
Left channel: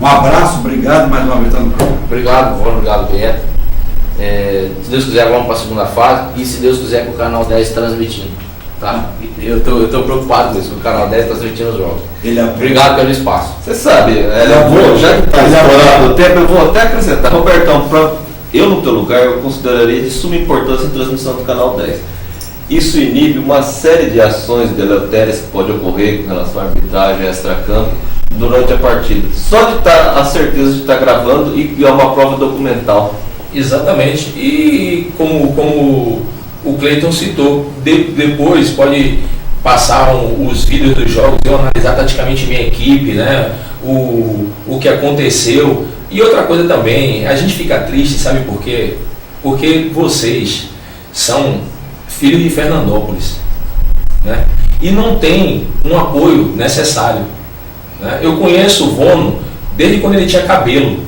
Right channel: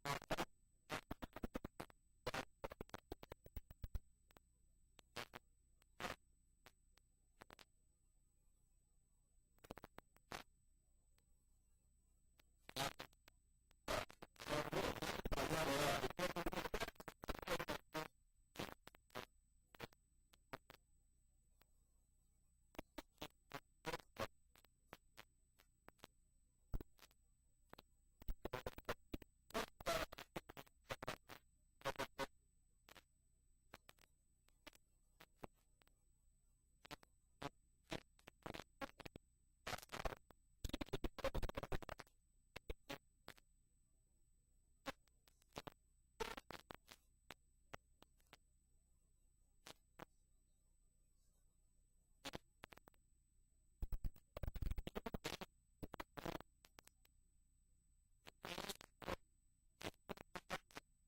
Um abraço, obrigado mais uma vez no programa. Obrigado, Vônio, obrigado, Beto. Se Deus quiser, vamos para a segunda fase e se Deus quiser, com o Canal 10 transmitindo. Tá? Eu tô preocupado com isso, com o Canal 10 transmitindo os jogos. Obrigado pelo espaço. Você sabe, já que está explorado o tempo, eu vou até acrescentar. Robertão, eu no teu lugar, eu consideraria de suma importância a transmissão do Canal 10. Isso inibe uma série de ações deletérias que pode ocorrer com relação à arbitragem, extra-campo, durante a partida. Só de estar a certeza de estar gravando e é uma prova documental. Exatamente. E como o Cleiton citou, depois pode passar os vídeos dos jogos, eu analisar taticamente minha equipe, né? O que aconteceu. E outra coisa também, a gente fica triste, sabe por quê? Porque vocês são filhos de Fernandópolis, né? E não tem um apoio necessário, né? Eu conheço o Vono desde quando ele tinha cabelo.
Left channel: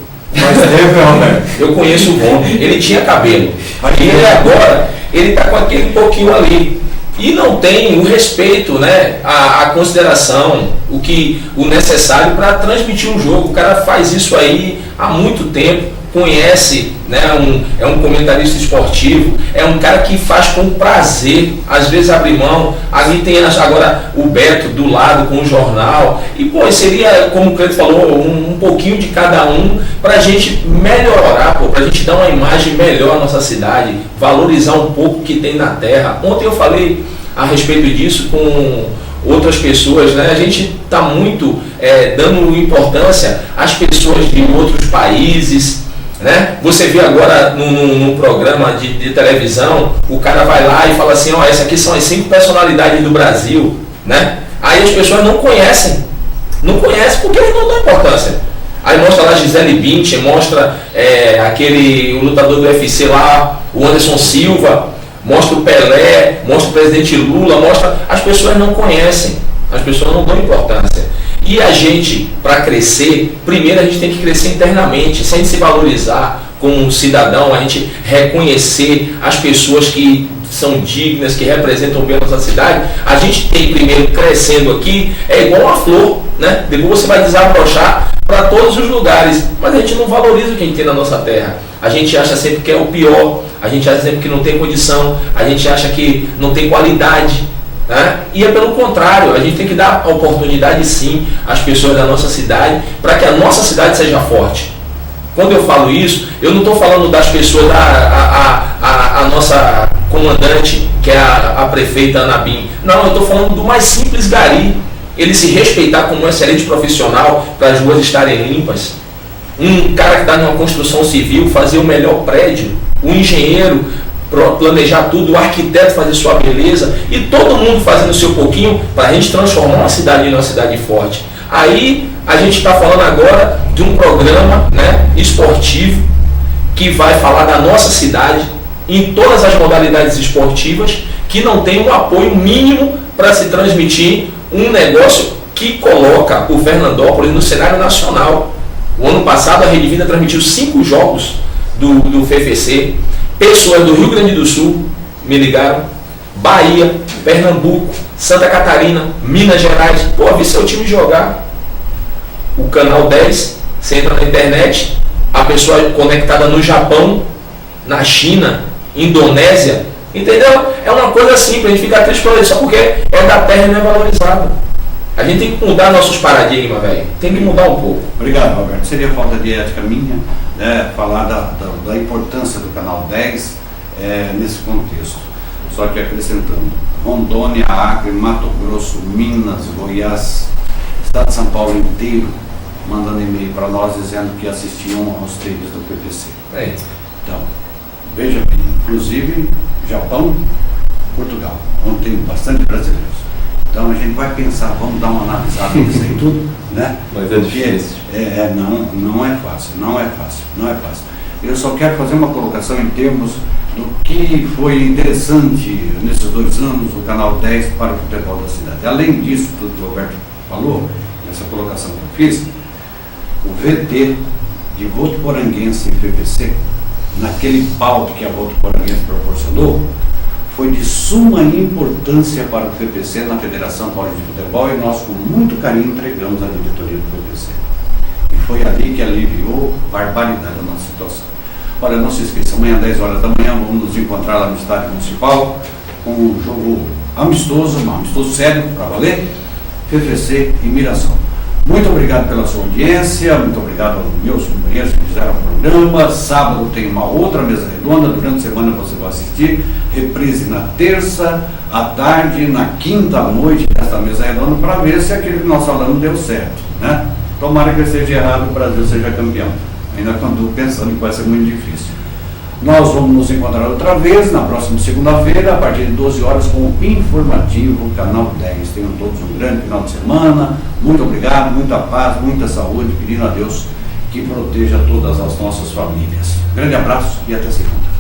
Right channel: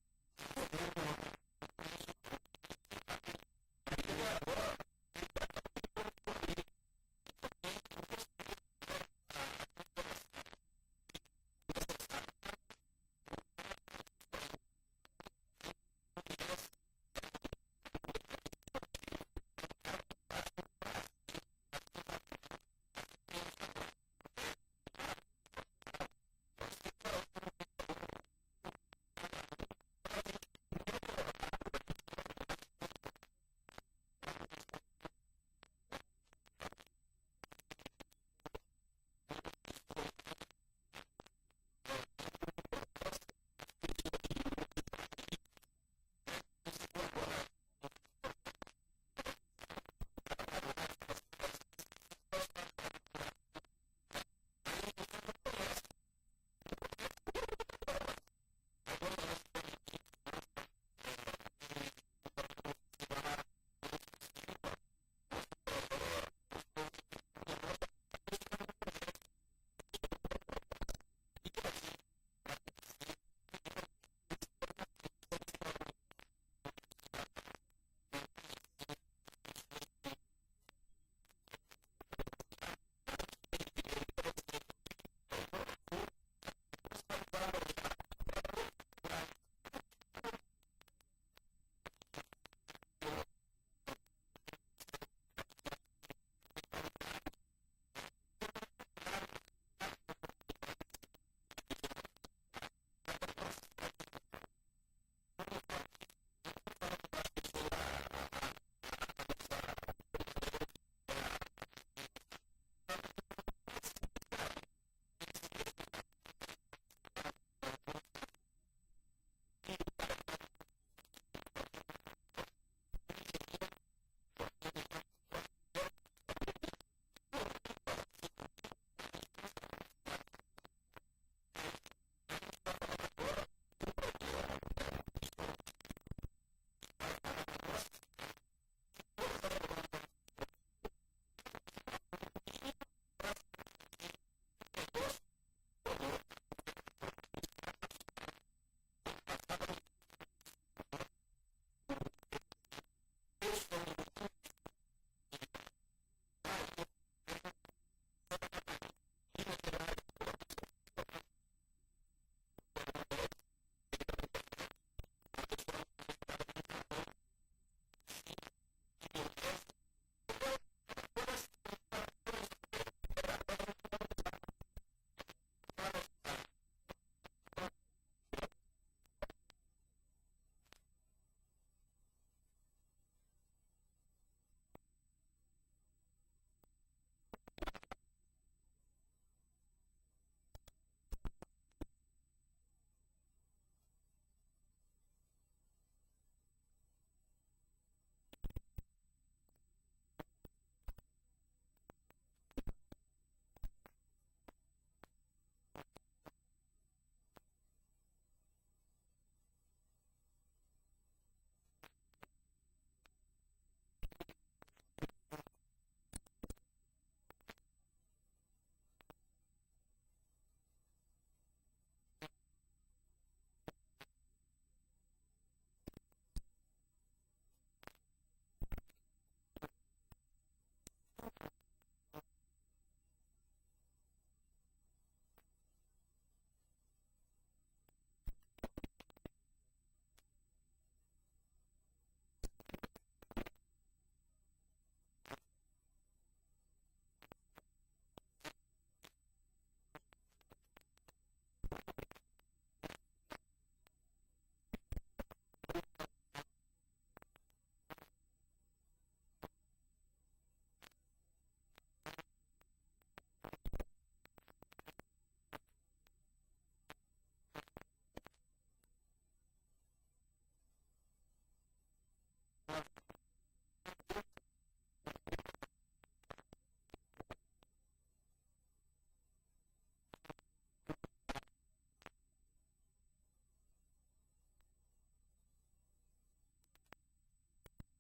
Eu conheço o Vono, ele tinha cabelo. E ele agora, ele está com aquele pouquinho ali. E não tem o respeito, né, a consideração, o necessário para transmitir um jogo. O cara faz isso aí há muito tempo, conhece, né, é um comentarista esportivo, é um cara que faz com prazer, às vezes abre mão. Ali tem agora o Beto do lado com o jornal. E pô, seria, como o Cleiton falou, um pouquinho de cada um para a gente melhorar, para a gente dar uma imagem melhor à nossa cidade, valorizar um pouco o que tem na terra. Ontem eu falei a respeito disso com outras pessoas, né? A gente está muito dando importância às pessoas de outros países, né? Você vê agora num programa de televisão, o cara vai lá e fala assim, essas aqui são as 5 personalidades do Brasil, né? Aí as pessoas não conhecem porque eles não dão importância. Aí mostra lá Gisele Bündchen, mostra o lutador do UFC lá, o Anderson Silva, mostra o Pelé, mostra o presidente Lula, as pessoas não conhecem, as pessoas não dão importância. E a gente, para crescer, primeiro a gente tem que crescer internamente, sem se valorizar como um cidadão, a gente reconhecer as pessoas que são dignas, que representam bem a nossa cidade. A gente tem primeiro crescendo aqui, é igual uma flor, né? Depois você vai desabrochar para todos os lugares, mas a gente não valoriza o que a gente tem na nossa terra. A gente acha sempre que é o pior, a gente acha sempre que não tem condição, a gente acha que não tem qualidade, né? E é pelo contrário, a gente tem que dar a oportunidade sim às pessoas da nossa cidade, para que a nossa cidade seja forte. Quando eu falo isso, eu não estou falando das pessoas, a nossa comandante, que é a prefeita Anabim. Não, eu estou falando do mais simples gari. Ele se respeitar como um excelente profissional para as ruas estarem limpas. Um cara que está numa construção civil fazer o melhor prédio. O engenheiro planejar tudo, o arquiteto fazer sua beleza. E todo mundo fazendo o seu pouquinho para a gente transformar uma cidade em uma cidade forte. Aí a gente está falando agora de um programa, né, esportivo que vai falar da nossa cidade em todas as modalidades esportivas, que não tem um apoio mínimo para se transmitir um negócio que coloca o Fernandópolis no cenário nacional. O ano passado a Rede Vida transmitiu 5 jogos do FFC. Pessoas do Rio Grande do Sul me ligaram, Bahia, Pernambuco, Santa Catarina, Minas Gerais. Pô, vi seu time jogar. O canal 10, você entra na internet, a pessoa conectada no Japão, na China, Indonésia, entendeu? É uma coisa simples, a gente fica triste por isso, só porque é da terra e não é valorizado. A gente tem que mudar nossos paradigmas, velho. Tem que mudar um pouco. Obrigado, Roberto. Seria falta de ética minha, né, falar da importância do canal 10 nesse contexto. Só que acrescentando, Rondônia, Acre, Mato Grosso, Minas, Goiás, Estado de São Paulo inteiro, mandando e-mail para nós dizendo que assistiam aos treinos do PPC. Então, veja bem, inclusive Japão, Portugal, onde tem bastante brasileiros. Então a gente vai pensar, vamos dar uma analisada nisso aí tudo, né? Mas é difícil. Não é fácil. Eu só quero fazer uma colocação em termos do que foi interessante nesses 2 anos do Canal 10 para o futebol da cidade. Além disso, tudo que o Roberto falou, nessa colocação que eu fiz, o VT de Votuporanguense e PPC, naquele palco que a Votuporanguense proporcionou, foi de suma importância para o PPC na Federação Paulista de Futebol, e nós com muito carinho entregamos à diretoria do PPC. E foi ali que aliviou barbaridade a nossa situação. Olha, não se esqueça, amanhã às 10 horas da manhã vamos nos encontrar lá no Estádio Municipal com um jogo amistoso sério, para valer, PPC e Mirassol. Muito obrigado pela sua audiência, muito obrigado aos meus companheiros que fizeram o programa. Sábado tem uma outra mesa redonda, durante a semana você vai assistir, reprise na terça, à tarde, na quinta à noite desta mesa redonda, para ver se aquele que nós falamos deu certo, né? Tomara que seja errado e o Brasil seja campeão. Ainda estou pensando que vai ser muito difícil. Nós vamos nos encontrar outra vez na próxima segunda-feira, a partir de 12 horas, com o Informativo Canal 10. Tenham todos um grande final de semana. Muito obrigado, muita paz, muita saúde, pedindo a Deus que proteja todas as nossas famílias. Grande abraço e até segunda.